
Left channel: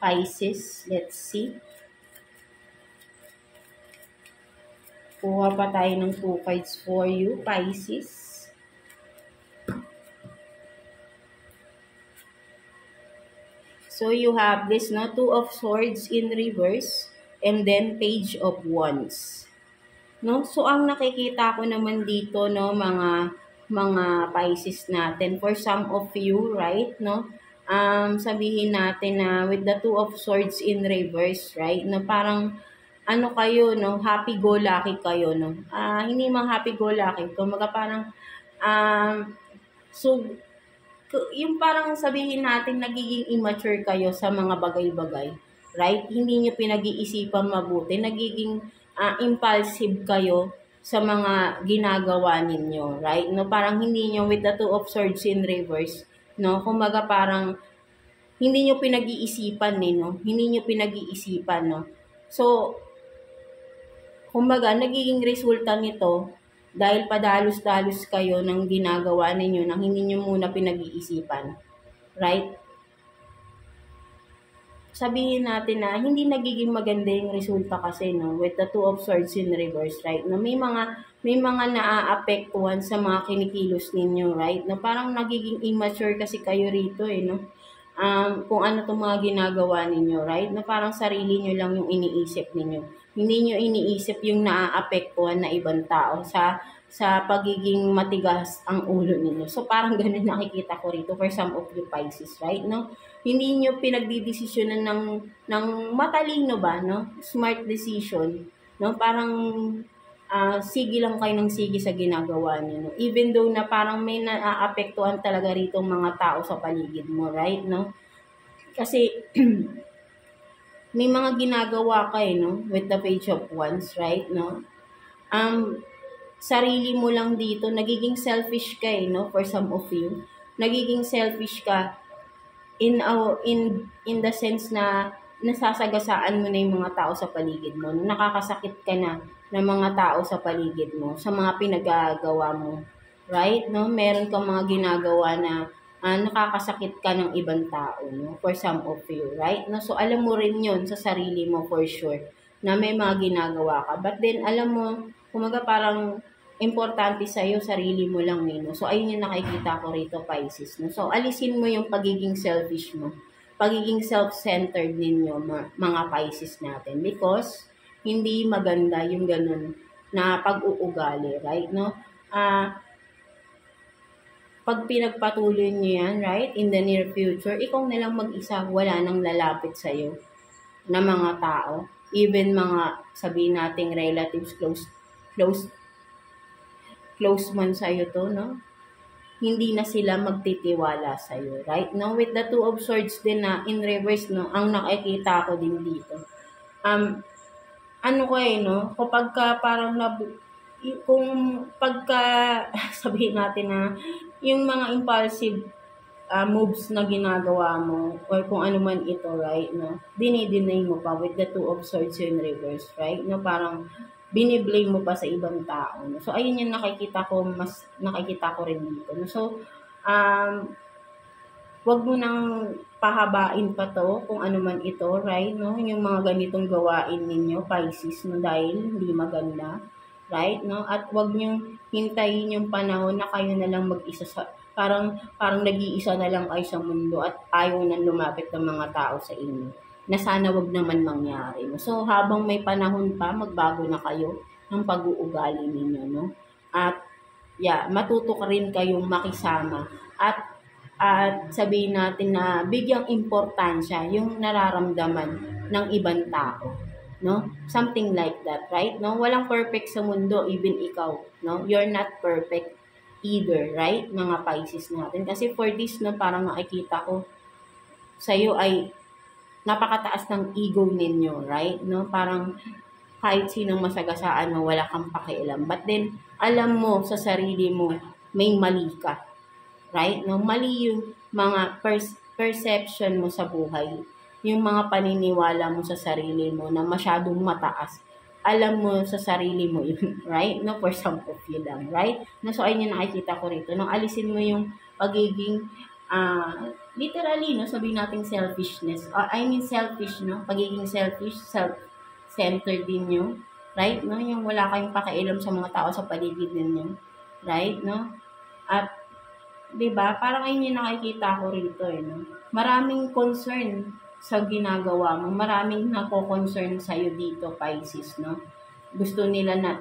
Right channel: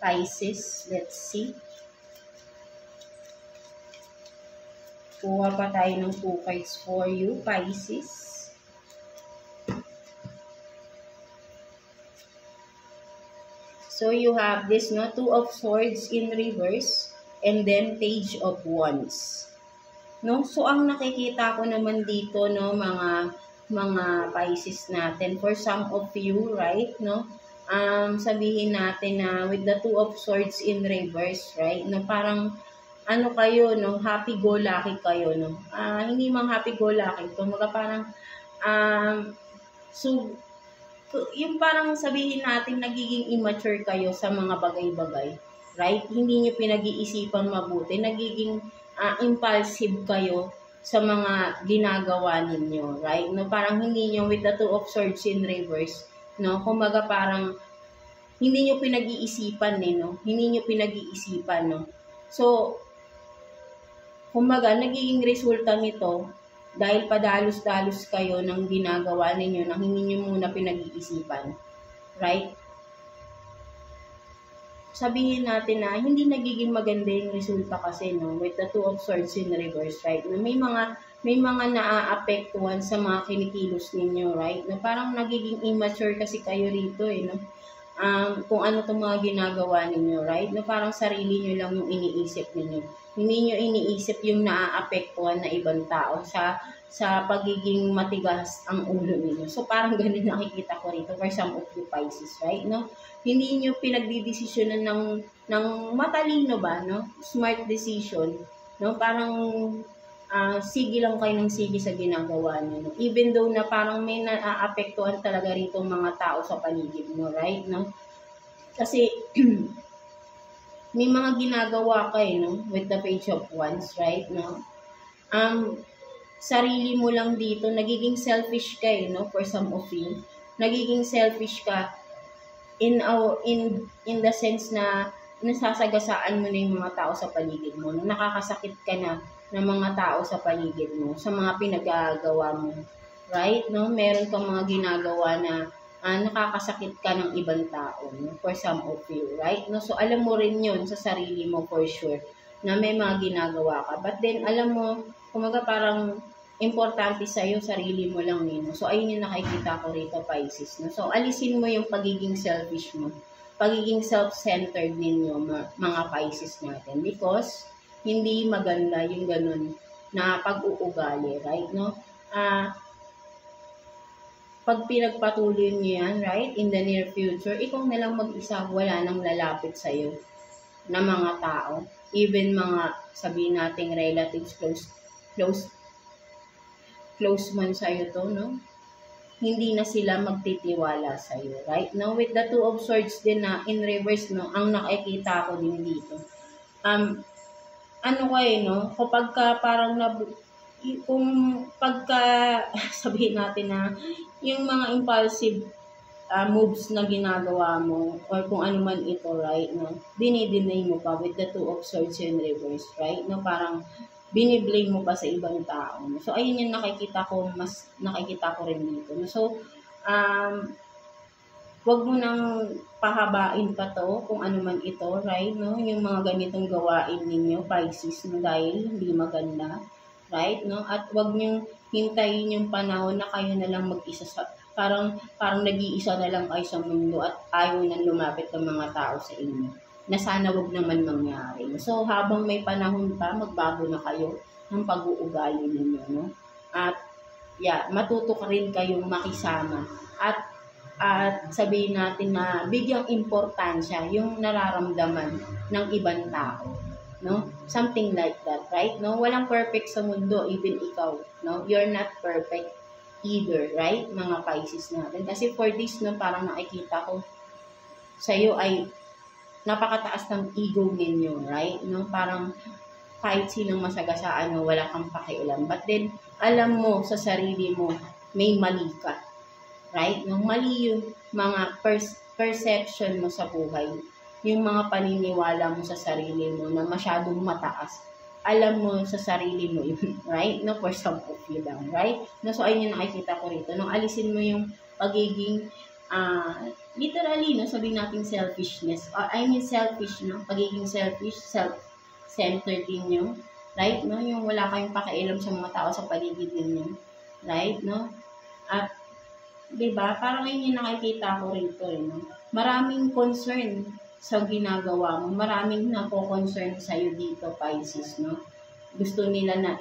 Pisces, let's see. Kuha pa tayo ng 2 cards for you, Pisces. So, you have this, no? 2 of Swords in reverse and then Page of Wands. No? So, ang nakikita ko naman dito, no, mga Pisces natin, for some of you, right, no? Sabihin natin na with the 2 of Swords in reverse, right, no, parang ano kayo, no, happy-go-lucky kayo, no. Hindi mang happy-go-lucky, kumaga parang so yung parang sabihin natin nagiging immature kayo sa mga bagay-bagay, right? Hindi niyo pinag-iisipan mabuti, nagiging impulsive kayo sa mga ginagawa ninyo, right? No, parang hindi niyo with the 2 of Swords in reverse, no? Kumbaga parang hindi niyo pinag-iisipan no? Hindi niyo pinag-iisipan, no? So, kumbaga nagiging resulta nito dahil padalos-dalos kayo ng ginagawa ninyo nang hindi niyo muna pinag-iisipan, right? Sabihin natin na hindi nagiging maganda yung resulta kasi, no, with the 2 of Swords in reverse, right? Na may mga naaapektuhan sa mga kinikilos ninyo, right? Na parang nagiging immature kasi kayo rito no. Kung ano tong mga ginagawa ninyo, right? Na parang sarili nyo lang yung iniisip ninyo. Hindi nyo iniisip yung naaapektuhan na ibang tao sa pagiging matigas ang ulo ninyo. So parang ganun nakikita ko rito for some of you Pisces, right? No? Hindi nyo pinagdidesisyonan ng matalino ba, no? Smart decision, no? Parang sige lang kayo ng sige sa ginagawa nyo, no? Even though na parang may naaapektuhan talaga rito mga tao sa paligid mo, right, no? Kasi may mga ginagawa kayo, no, with the Page of Wands, right, no? Sarili mo lang dito, nagiging selfish ka no, for some of you. Nagiging selfish ka in the sense na nasasagasaan mo na yung mga tao sa paligid mo. Nakakasakit ka na ng mga tao sa paligid mo, sa mga pinagagawa mo. Right? No? Meron kang mga ginagawa na nakakasakit ka ng ibang tao, no? For some of you. Right? No? So, alam mo rin yun sa sarili mo for sure na may mga ginagawa ka. But then, alam mo, kumaga parang importante sa'yo, sarili mo lang no? So, ayun yung nakikita ko rito, Pisces. No? So, alisin mo yung pagiging selfish mo. Pagiging self-centered ninyo, mga Pisces natin. Because, hindi maganda yung ganun na pag-uugali, right? No? Pag pinagpatuloy nyo yan, right? In the near future, ikaw na lang mag-isa, wala nang lalapit sa'yo na mga tao. Even mga, sabihin nating relatives, close man sa'yo to, no? Hindi na sila magtitiwala sa'yo, right? No? With the Two of Swords din na in reverse, no? Ang nakikita ko din dito. Ano kayo, no? Kapag ka parang kung pagka, sabihin natin na, yung mga impulsive moves na ginagawa mo, or kung ano man ito, right, no? Dinideny mo pa with the Two of Swords in reverse, right? No? Parang, biniblame mo pa sa ibang tao. No? So, ayun yung nakikita ko rin dito. No? So, wag mo nang pahabain pa to kung ano man ito, right? No? Yung mga ganitong gawain ninyo, Pisces, no? Dahil hindi maganda, right? No? At wag niyong hintayin yung panahon na kayo na lang mag-isa parang nag-iisa na lang kayo sa mundo at ayaw nang lumapit ng mga tao sa inyo, na sana wag naman mangyari. So, habang may panahon pa, magbago na kayo ng pag-uugali ninyo, no? At, matuto ka rin kayong makisama. At sabihin natin na bigyang importansya yung nararamdaman ng ibang tao, no? Something like that, right? No? Walang perfect sa mundo, even ikaw, no? You're not perfect either, right? Mga Pisces natin. Kasi for this, no, parang nakikita ko sa'yo ay napakataas ng ego ninyo, right? No, parang kahit sinong masagasaan mo, wala kang pakialam. But then, alam mo sa sarili mo, may mali ka. Right? No, mali yung mga perception mo sa buhay. Yung mga paniniwala mo sa sarili mo na masyadong mataas. Alam mo sa sarili mo yun, right? No, for some of you lang, right? No, so ayun yung nakikita ko rito. Nung alisin mo yung pagiging literally, no, sabihin natin selfishness. Selfish, no? Pagiging selfish, self-centered din yung, right? No? Yung wala kayong pakialam sa mga tao sa paligid ninyo. Right? No? At, diba? Parang ayun yung nakikita ko rito, no? Maraming concern sa ginagawa mo. Maraming nako-concern sa'yo dito, Pisces, no? Gusto nila na,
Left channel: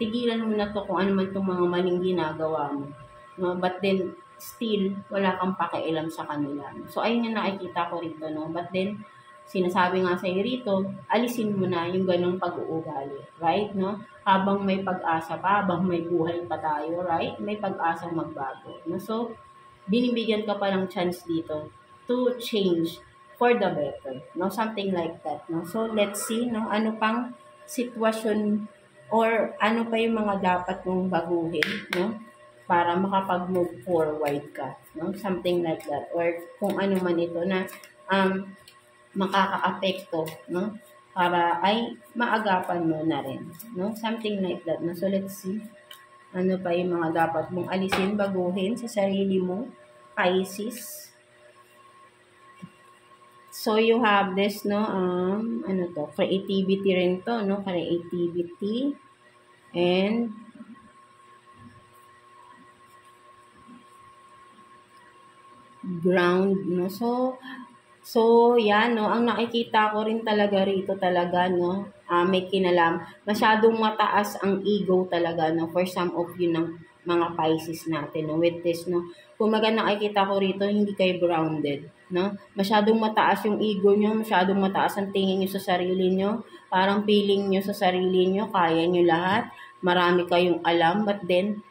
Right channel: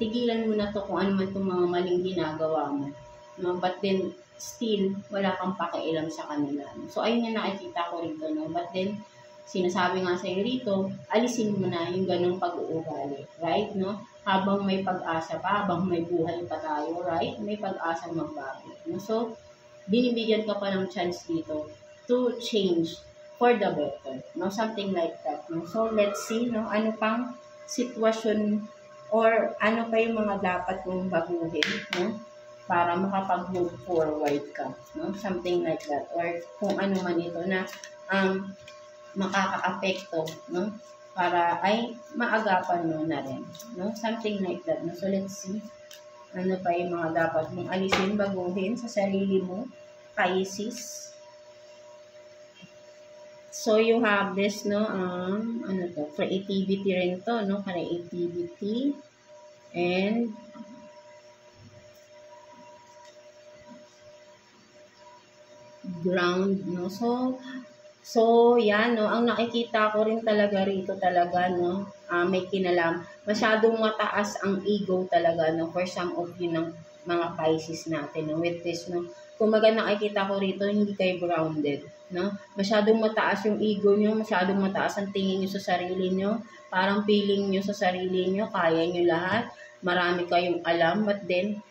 tigilan mo na to kung ano man itong mga maling ginagawa mo. No? But then, still, wala kang pakialam sa kanila. So, ayun yung nakikita ko rito, no? But then, sinasabi nga sa'yo rito, alisin mo na yung ganong pag-uugali, right, no? Habang may pag-asa pa, habang may buhay pa tayo, right? May pag-asa magbago, no? So, binibigyan ka pa ng chance dito to change for the better, no? Something like that, no? So, let's see, no? Ano pang sitwasyon or ano pa yung mga dapat mong baguhin, no? Para makapag-move forward ka, no? Something like that. Or kung ano man ito na makaka-apekto, no? Para ay maagapan mo na rin, no? Something like that, no? So, let's see. Ano pa yung mga dapat mong alisin, baguhin sa sarili mo, Pisces. So, you have this, no? Ano to? Creativity rin to, no? Creativity. And ground, no? So, yan, no? Ang nakikita ko rin talaga rito talaga, no? May kinalam. Masyadong mataas ang ego talaga, no? For some of you ng mga Pisces natin, no? With this, no? Kung nakikita ko rito, hindi kayo grounded, no? Masyadong mataas yung ego nyo, masyadong mataas ang tingin nyo sa sarili nyo. Parang feeling nyo sa sarili nyo, kaya nyo lahat. Marami kayong alam, but then,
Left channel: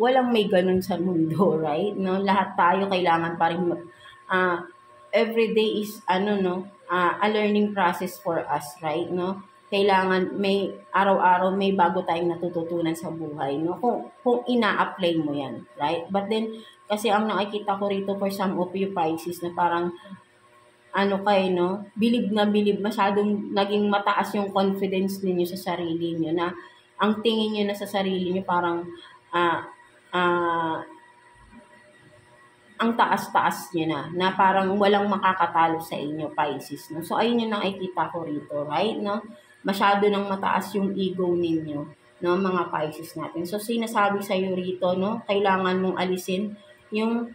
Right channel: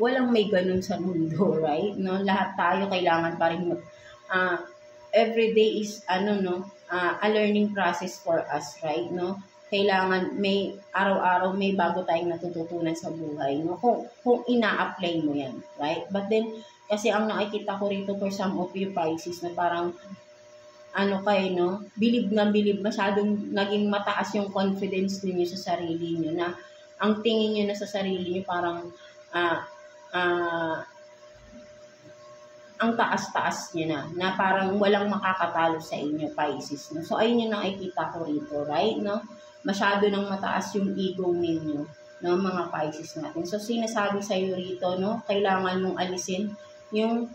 walang may ganun sa mundo, right? No, lahat tayo kailangan pa rin every day is a learning process for us, right? No, kailangan may araw-araw may bago tayong natututunan sa buhay, no? Kung ina-apply mo 'yan, right? But then kasi ang nakikita ko rito for some of you Pisces na parang bilib na bilib, masyadong naging mataas yung confidence ninyo sa sarili niyo na ang tingin niyo na sa sarili niyo parang ang taas-taas niya na parang walang makakatalo sa inyo, Pisces, no? So, ayun yung nakikita ko rito, right, no? Masyado nang mataas yung ego ninyo, no, mga Pisces natin. So, sinasabi sa'yo rito, no, kailangan mong alisin yung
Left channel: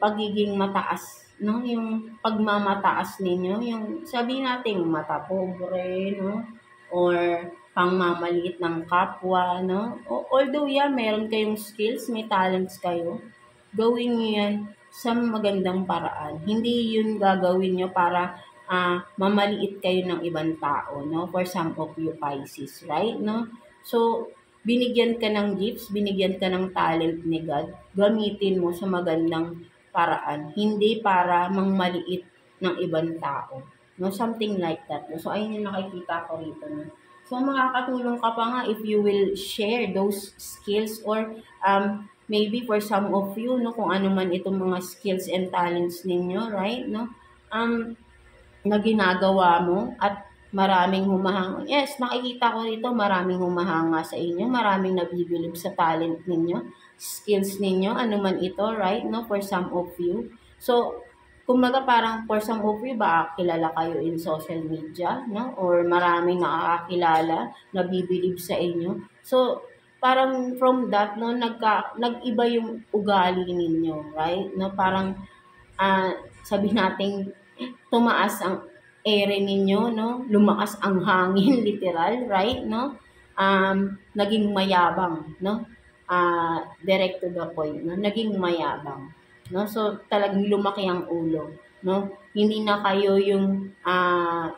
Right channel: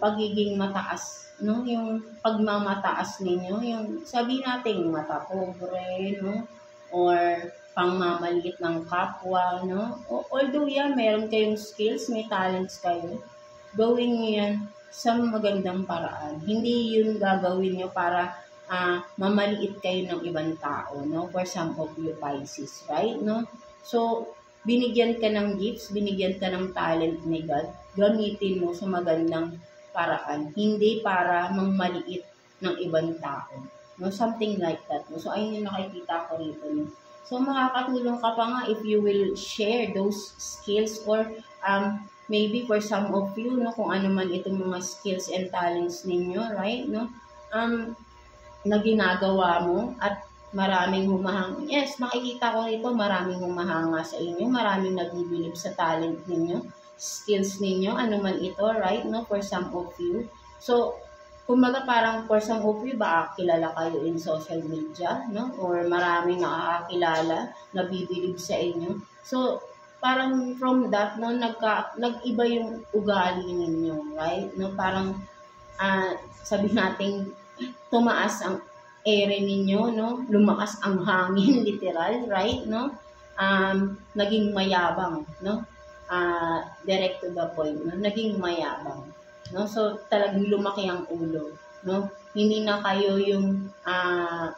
pagiging mataas, no? Yung pagmamataas ninyo, yung sabihin natin mata pobre, no? Or pangmamaliit ng kapwa, no? Although meron kayong skills, may talents kayo, gawin nyo yan sa magandang paraan. Hindi yun gagawin nyo para mamaliit kayo ng ibang tao, no? For some of you Pisces, right, no? So, binigyan ka ng gifts, binigyan ka ng talent ni God, gamitin mo sa magandang paraan, hindi para mangmaliit ng ibang tao. No, something like that. No? So, ayun yung nakikita ko rito. No? So, makakatulong ka pa nga if you will share those skills or maybe for some of you, no, kung ano man itong mga skills and talents ninyo, right? No? Na ginagawa mo at maraming humahanga. Yes, makikita ko rito maraming humahanga sa inyo, maraming nabibilib sa talent ninyo, skills ninyo, ano man ito, right? No, for some of you. So, kumbaga parang for some of you, ba kilala kayo in social media, no? Or maraming nakakakilala, nabibilib sa inyo. So, parang from that, no, nag-iba yung ugali ninyo, right? No, parang sabi natin tumaas ang ere ninyo, no? Lumakas ang hangin, literal, right? No? Naging mayabang, no? Direct to the point, no? Naging mayabang, no? So, talagang lumaki ang ulo, no? Hindi na kayo yung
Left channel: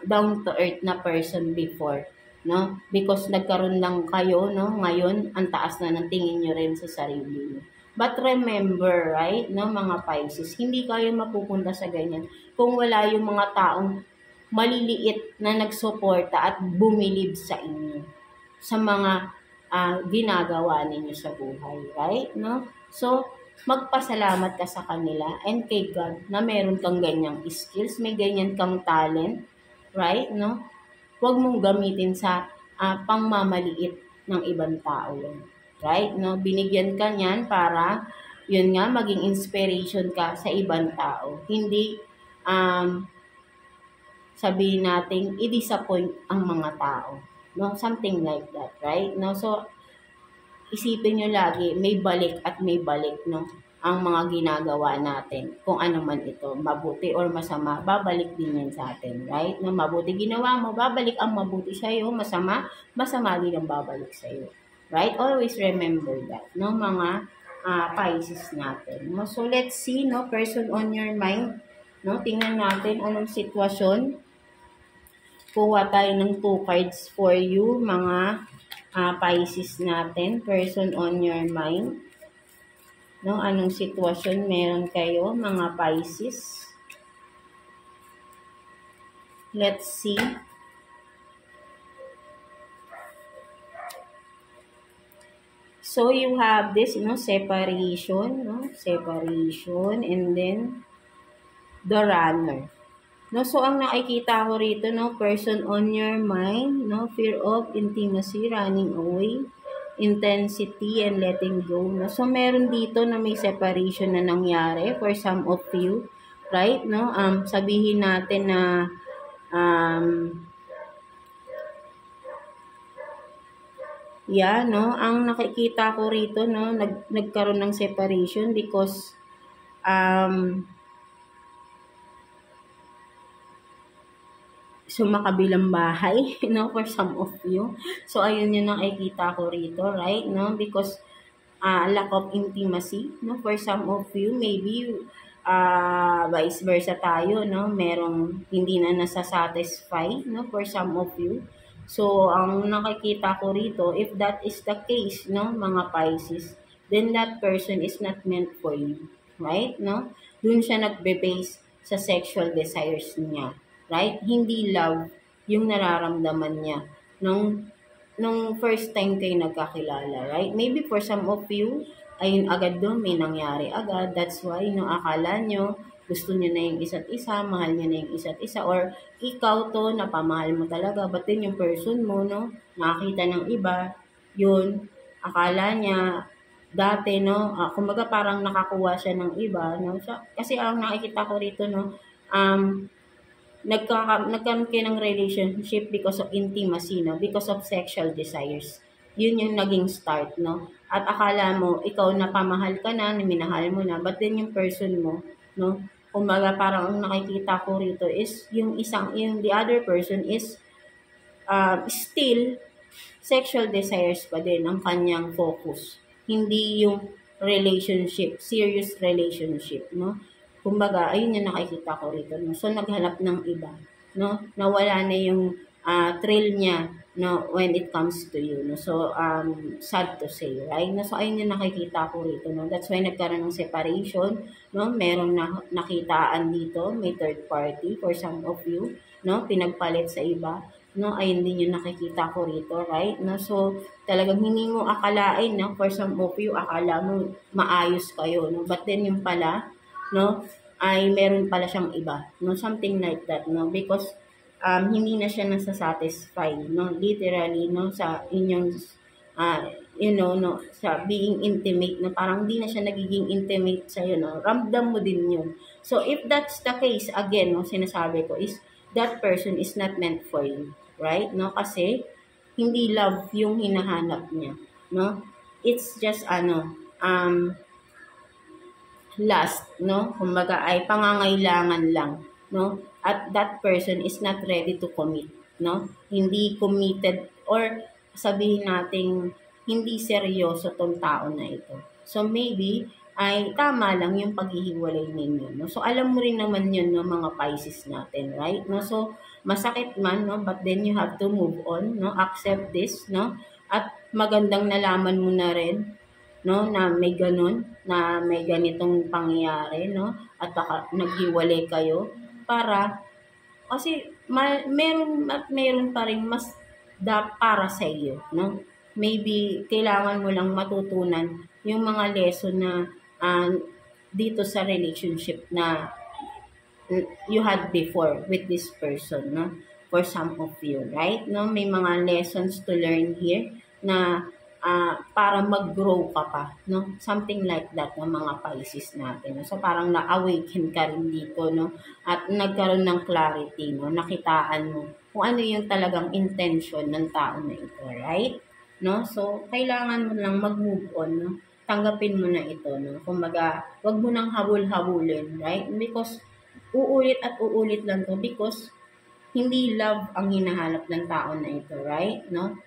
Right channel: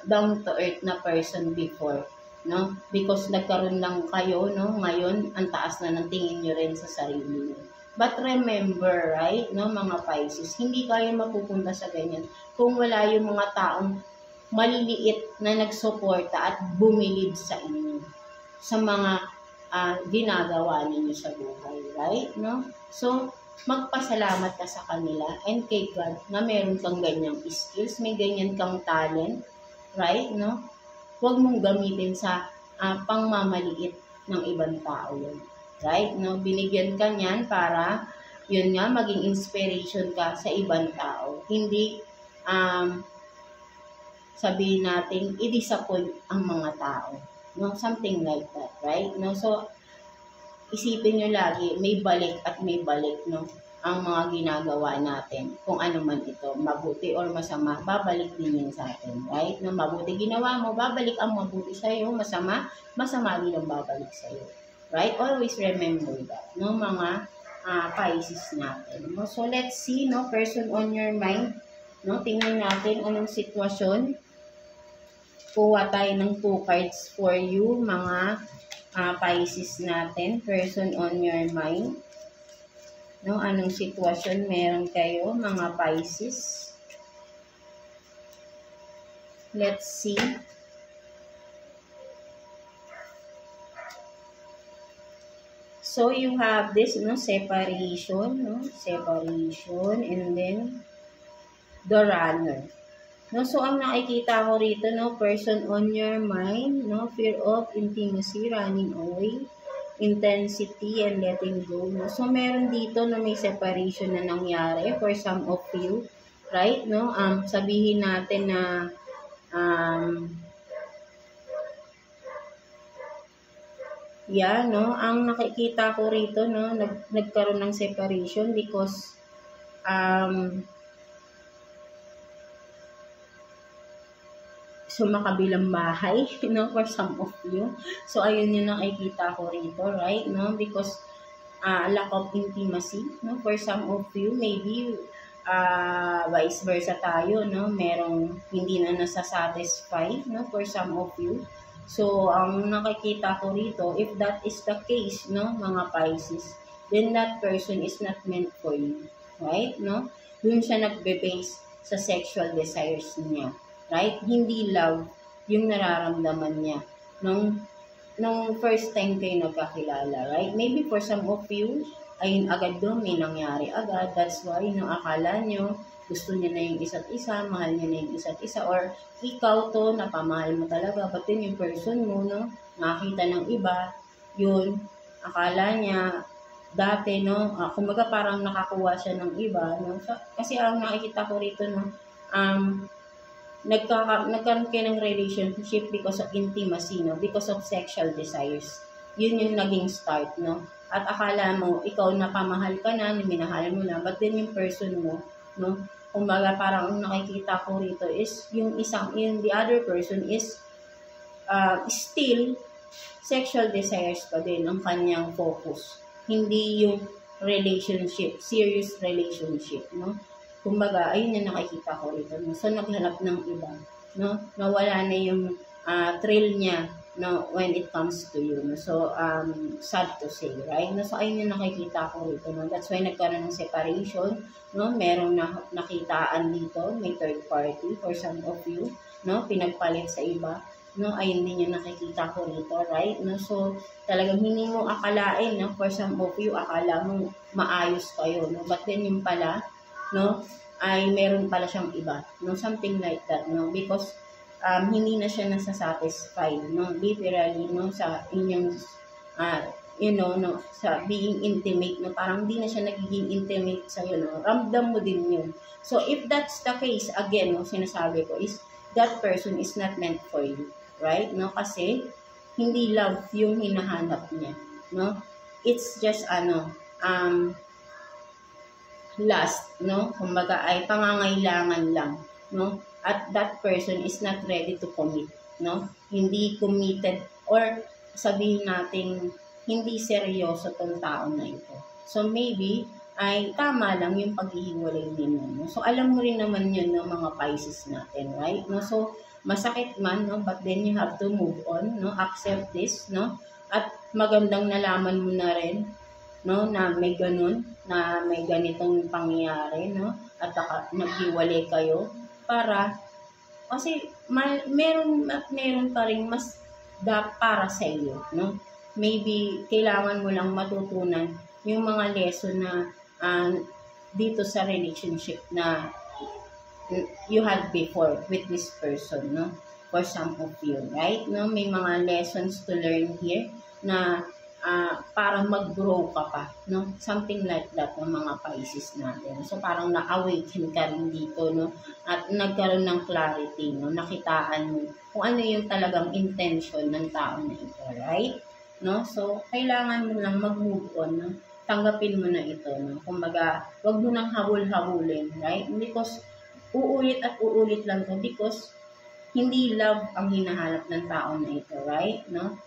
down to earth na person before, no? Because nagkaroon lang kayo, no? Ngayon, ang taas na ng tingin nyo rin sa sarili nyo. But remember, right, no, mga Pisces, hindi kayo mapupunta sa ganyan kung wala yung mga taong maliliit na nagsuporta at bumilib sa inyo sa mga ginagawa ninyo sa buhay, right? No? So, magpasalamat ka sa kanila and kay God na meron kang ganyang skills, may ganyan kang talent, right? No? Huwag mong gamitin sa pangmamaliit ng ibang tao yun. Right? No? Binigyan ka niyan para, yun nga, maging inspiration ka sa ibang tao. Hindi, sabihin natin, i-disappoint ang mga tao. No? Something like that. Right? No? So, isipin nyo lagi, may balik at may balik, no? Ang mga ginagawa natin. Kung ano man ito, mabuti or masama, babalik din yun sa atin. Right? No? Mabuti ginawa mo, babalik ang mabuti sa'yo. Masama, masama din ang babalik sa'yo. Right? Always remember that, no, mga Pisces natin. No? So, let's see, no, person on your mind. No? Tingnan natin anong sitwasyon. Kuha tayo ng 2 cards for you, mga Pisces natin. Person on your mind. No? Anong sitwasyon meron kayo, mga Pisces? Let's see. So, you have this, separation, separation, and then, the runner. No, so, ang nakikita ko rito, person on your mind, fear of intimacy, running away, intensity, and letting go. No? So, meron dito na may separation na nangyari for some of you, right? No? Sabihin natin na, ang nakikita ko rito, nagkaroon ng separation because sumakabilang bahay, for some of you. So, ayun yung nakikita ko rito, right? No? Because lack of intimacy, for some of you, maybe vice versa tayo, merong hindi na nasasatisfy, for some of you. So, ang nakikita ko rito, if that is the case, mga Pisces, then that person is not meant for you. Right? No? Doon siya nagbe-base sa sexual desires niya. Right? Hindi love yung nararamdaman niya nung first time kayo nagkakilala. Right? Maybe for some of you, ayun agad doon, may nangyari agad. That's why, akala nyo, gusto niya na yung isa't isa, mahal niya na yung isa't isa, or ikaw to, napamahal mo talaga, but then yung person mo, nakakita ng iba, yun, akala niya, dati, kumbaga parang nakakuha siya ng iba, so, kasi ang nakikita ko rito, nagkaroon kayo ng relationship because of intimacy, because of sexual desires. Yun yung naging start, At akala mo, ikaw napamahal ka na, minahal mo na, but then yung person mo, kumbaga parang ang nakikita ko rito is yung the other person is still sexual desires pa din ang kanyang focus. Hindi yung relationship, serious relationship, Kumbaga, ayun yung nakikita ko rito, So, naghanap ng iba, Nawala na yung thrill niya, no, when it comes to you, no. So sad to say, right? No, so ayun yung nakikita ko rito, no. That's why nagkaroon ng separation, no. Merong nakitaan dito, may third party for some of you, no, pinagpalit sa iba, no. Ayun din yung nakikita ko rito, right? No, so talagang hindi mo akalain, no, for some of you akala mo maayos kayo, no, but then yung pala, no, ay meron pala siyang iba, no, something like that, no, because hindi na siya nasa-satisfy, no, literally, no, sa inyong, no, sa being intimate, no, parang hindi na siya nagiging intimate sa'yo, no, ramdam mo din yun. So, if that's the case, again, no, sinasabi ko is, that person is not meant for you, right, no, kasi, hindi love yung hinahanap niya, no, it's just, last, no, kumbaga ay pangangailangan lang, no, at that person is not ready to commit, no? Hindi committed or sabihin natin hindi seryoso tong tao na ito. So maybe ay tama lang yung paghihiwalay ninyo, no? So alam mo rin naman yun, no, mga Pisces natin, right? No? So masakit man, no, but then you have to move on, no? Accept this, no? At magandang nalaman mo na rin, no, na may ganun, na may ganitong pangyayari, no? At naghiwalay kayo para kasi meron pa rin mas para sa iyo, no? Maybe kailangan mo lang matutunan yung mga lesson na dito sa relationship na you had before with this person, no? For some of you, right? No, may mga lessons to learn here na para mag-grow ka pa, no? Something like that ng mga Pisces natin. So parang na-awaken ka rin dito, no? At nagkaroon ng clarity, no? Nakitaan mo kung ano yung talagang intention ng tao na ito, right? No? So kailangan mo lang mag-move on, no? Tanggapin mo na ito, no? Kumbaga, wag mo nang habol-habulin, right? Because uulit at uulit lang to because hindi love ang hinahanap ng tao na ito, right? No?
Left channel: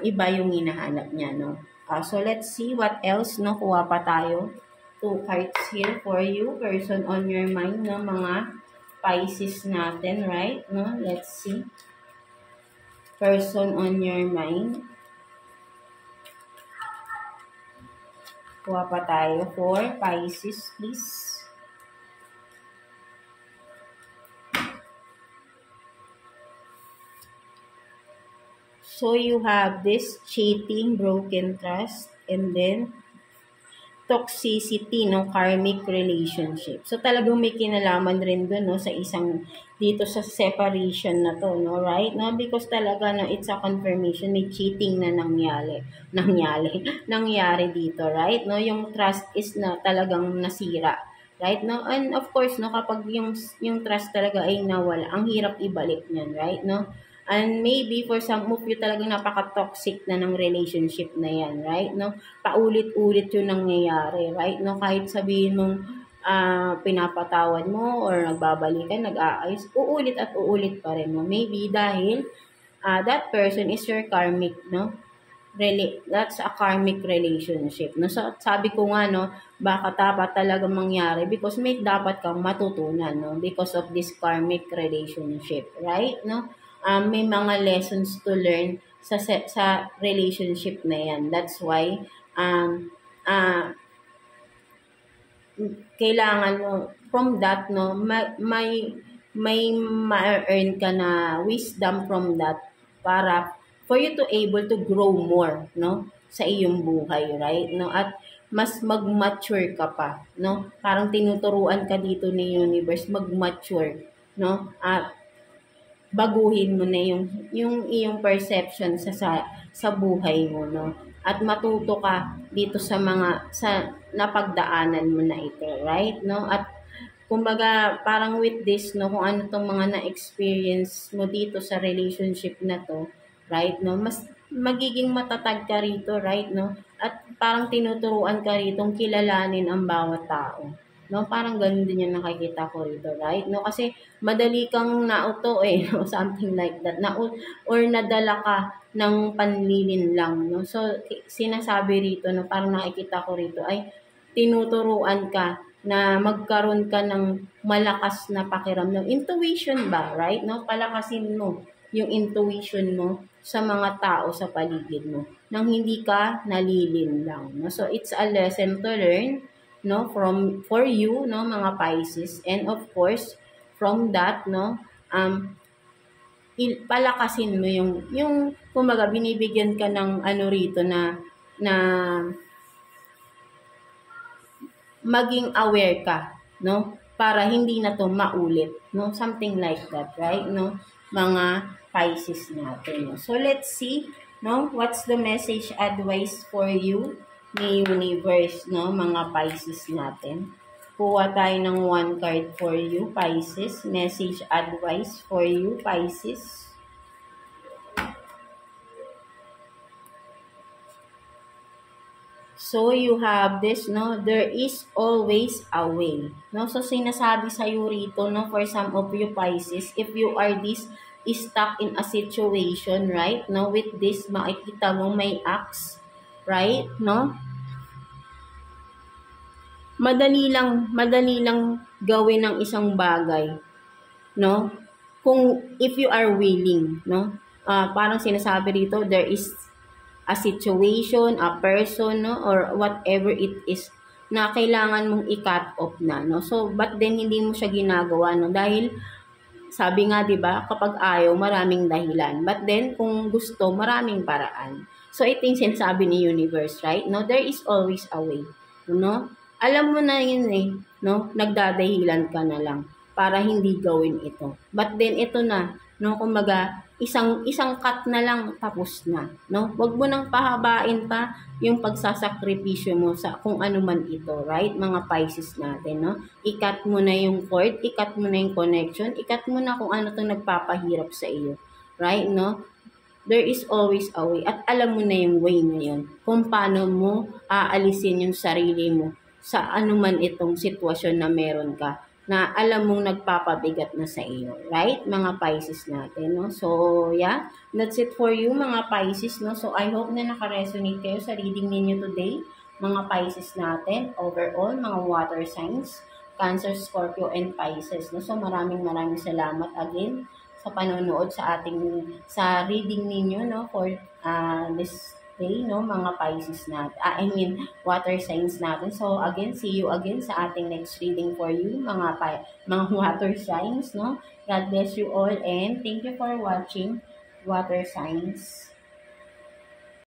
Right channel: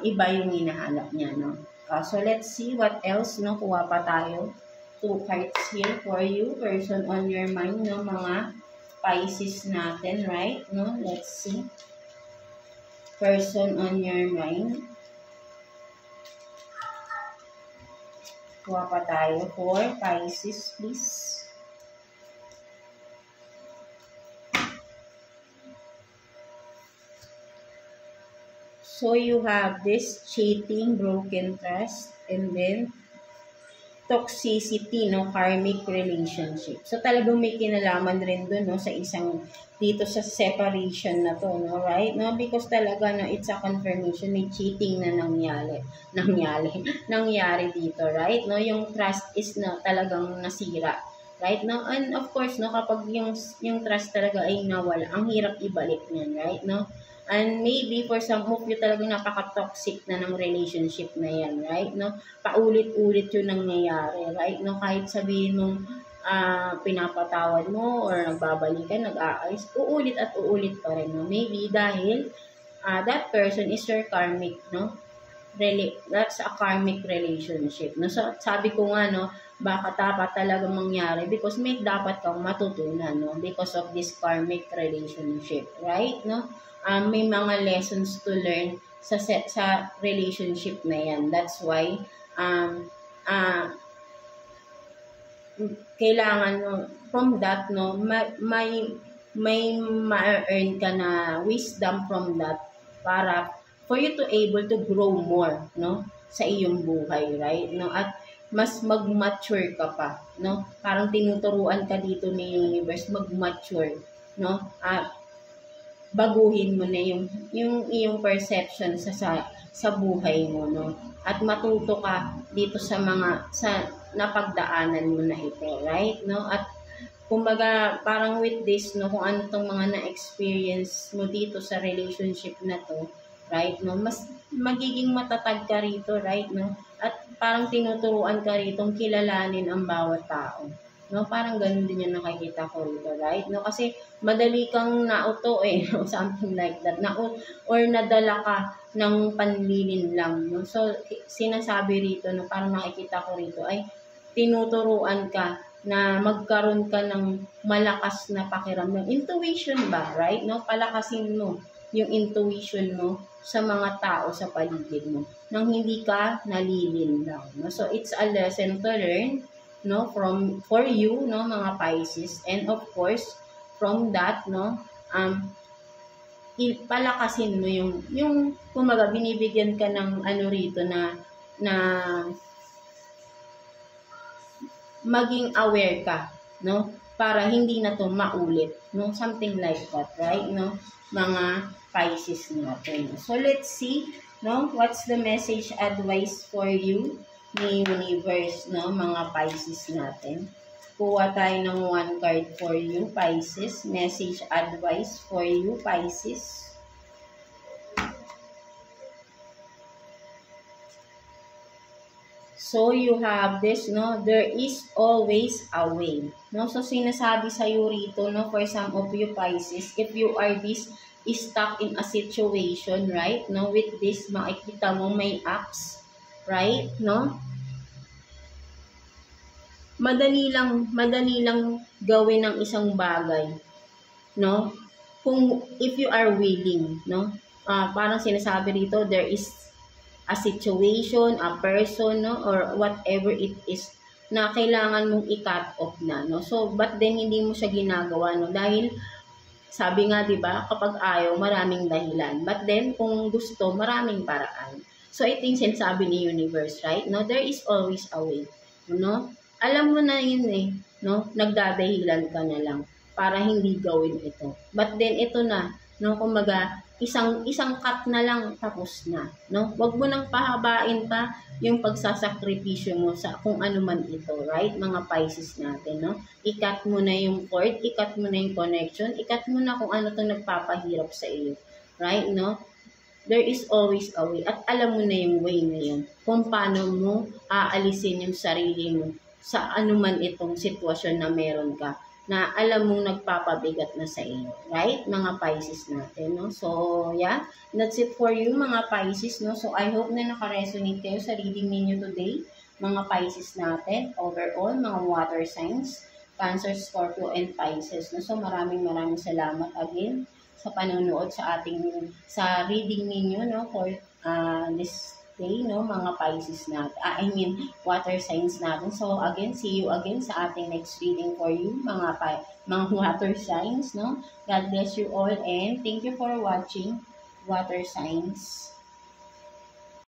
Iba yung hinahanap niya, no? So, let's see what else, no? Kuha pa tayo. 2 cards here for you. Person on your mind, no? Mga Pisces natin, right? No? Let's see. Person on your mind. Kuha pa tayo for Pisces, please. So, you have this cheating, broken trust, and then toxicity, no, karmic relationship. So, talagang may kinalaman rin dun, no, sa isang, dito sa separation na to, no, right? No, because talaga, no, it's a confirmation, may cheating na nangyari dito, right? No, yung trust is na talagang nasira, right? No, and of course, no, kapag yung trust talaga ay nawala, ang hirap ibalik niyan, right? No? And maybe for some of you talagang napaka-toxic na ng relationship na yan, right? No? Paulit-ulit yung nangyayari, right? No? Kahit sabihin mong pinapatawad mo or nagbabalikan, nag-aayos, uulit at uulit pa rin, no? Maybe dahil that person is your karmic, no? That's a karmic relationship, no? So, sabi ko nga, no, baka dapat talaga mangyari because may dapat kang matutunan, no? Because of this karmic relationship, right? No? May mga lessons to learn sa relationship na yan. That's why kailangan mo from that, no, may ma-earn ka na wisdom from that para for you to able to grow more, no, sa iyong buhay, right? No, at mas mag-mature ka pa, no? Parang tinuturuan ka dito ni universe mag-mature, no? Baguhin mo na yung iyong perception sa buhay mo, no? At matuto ka dito sa napagdaanan mo na ito, right? No? At kumbaga parang with this, no, kung ano tong mga na-experience mo dito sa relationship na to, right? No? Mas magiging matatag ka rito, right? No? At parang tinuturuan ka rito kilalanin ang bawat tao. No, parang ganun din yung nakikita ko rito, right? No, kasi madali kang nauto no, something like that. Or nadala ka ng panlilin lang, no. So sinasabi rito, no, parang nakikita ko rito ay tinuturuan ka na magkaroon ka ng malakas na pakiramdam. Intuition ba, right? No, palakasin mo yung intuition mo sa mga tao sa paligid mo nang hindi ka nalilinlang, no? So it's a lesson to learn, no, for you, no, mga Pisces, and of course from that, no, palakasin mo yung kumaga binibigyan ka ng ano rito na maging aware ka, no, para hindi na to maulit, no, something like that, right, no, mga Pisces natin, no? So let's see, no, what's the message advice for you ni universe, no, mga Pisces natin. Kuha tayo ng one card for you, Pisces. Message advice for you, Pisces. So, you have this, no? There is always a way. No? So, sinasabi sa'yo rito, no? For some of you, Pisces, if you are stuck in a situation, right? No? With this, makikita mo may axe, right? No? Madali lang gawin ng isang bagay, no? If you are willing, no? Parang sinasabi dito, there is a situation, a person, no, or whatever it is na kailangan mong i-cut off na, no? So, but then hindi mo siya ginagawa, no? Dahil sabi nga, 'di ba, kapag ayaw, maraming dahilan. But then kung gusto, maraming paraan. So, ito yung sinasabi ni universe, right? No, there is always a way, no? Alam mo na yun eh, no? Nagdadahilan ka na lang para hindi gawin ito. But then ito na, no? Kumbaga, isang cut na lang tapos na, no? Huwag mo nang pahabain pa yung pagsasakripisyo mo sa kung ano man ito, right? Mga Pisces natin, no? I-cut mo na yung cord, i-cut mo na yung connection, i-cut mo na kung ano to nagpapahirap sa iyo, right? No? There is always a way at alam mo na yung way na yun kung paano mo aalisin yung sarili mo sa anuman itong sitwasyon na meron ka na alam mong nagpapabigat na sa iyo, right? Mga Pisces natin, no? So, yeah, that's it for you, mga Pisces, no? So, I hope na naka-resonate kayo sa reading ninyo today, mga Pisces natin, overall, mga water signs, Cancer, Scorpio, and Pisces, no? So, maraming salamat again sa panonood sa reading ninyo, no? For this day, no, mga Pisces natin, water signs natin. So, again, see you again sa ating next reading for you, mga water signs, no. God bless you all and thank you for watching, water signs.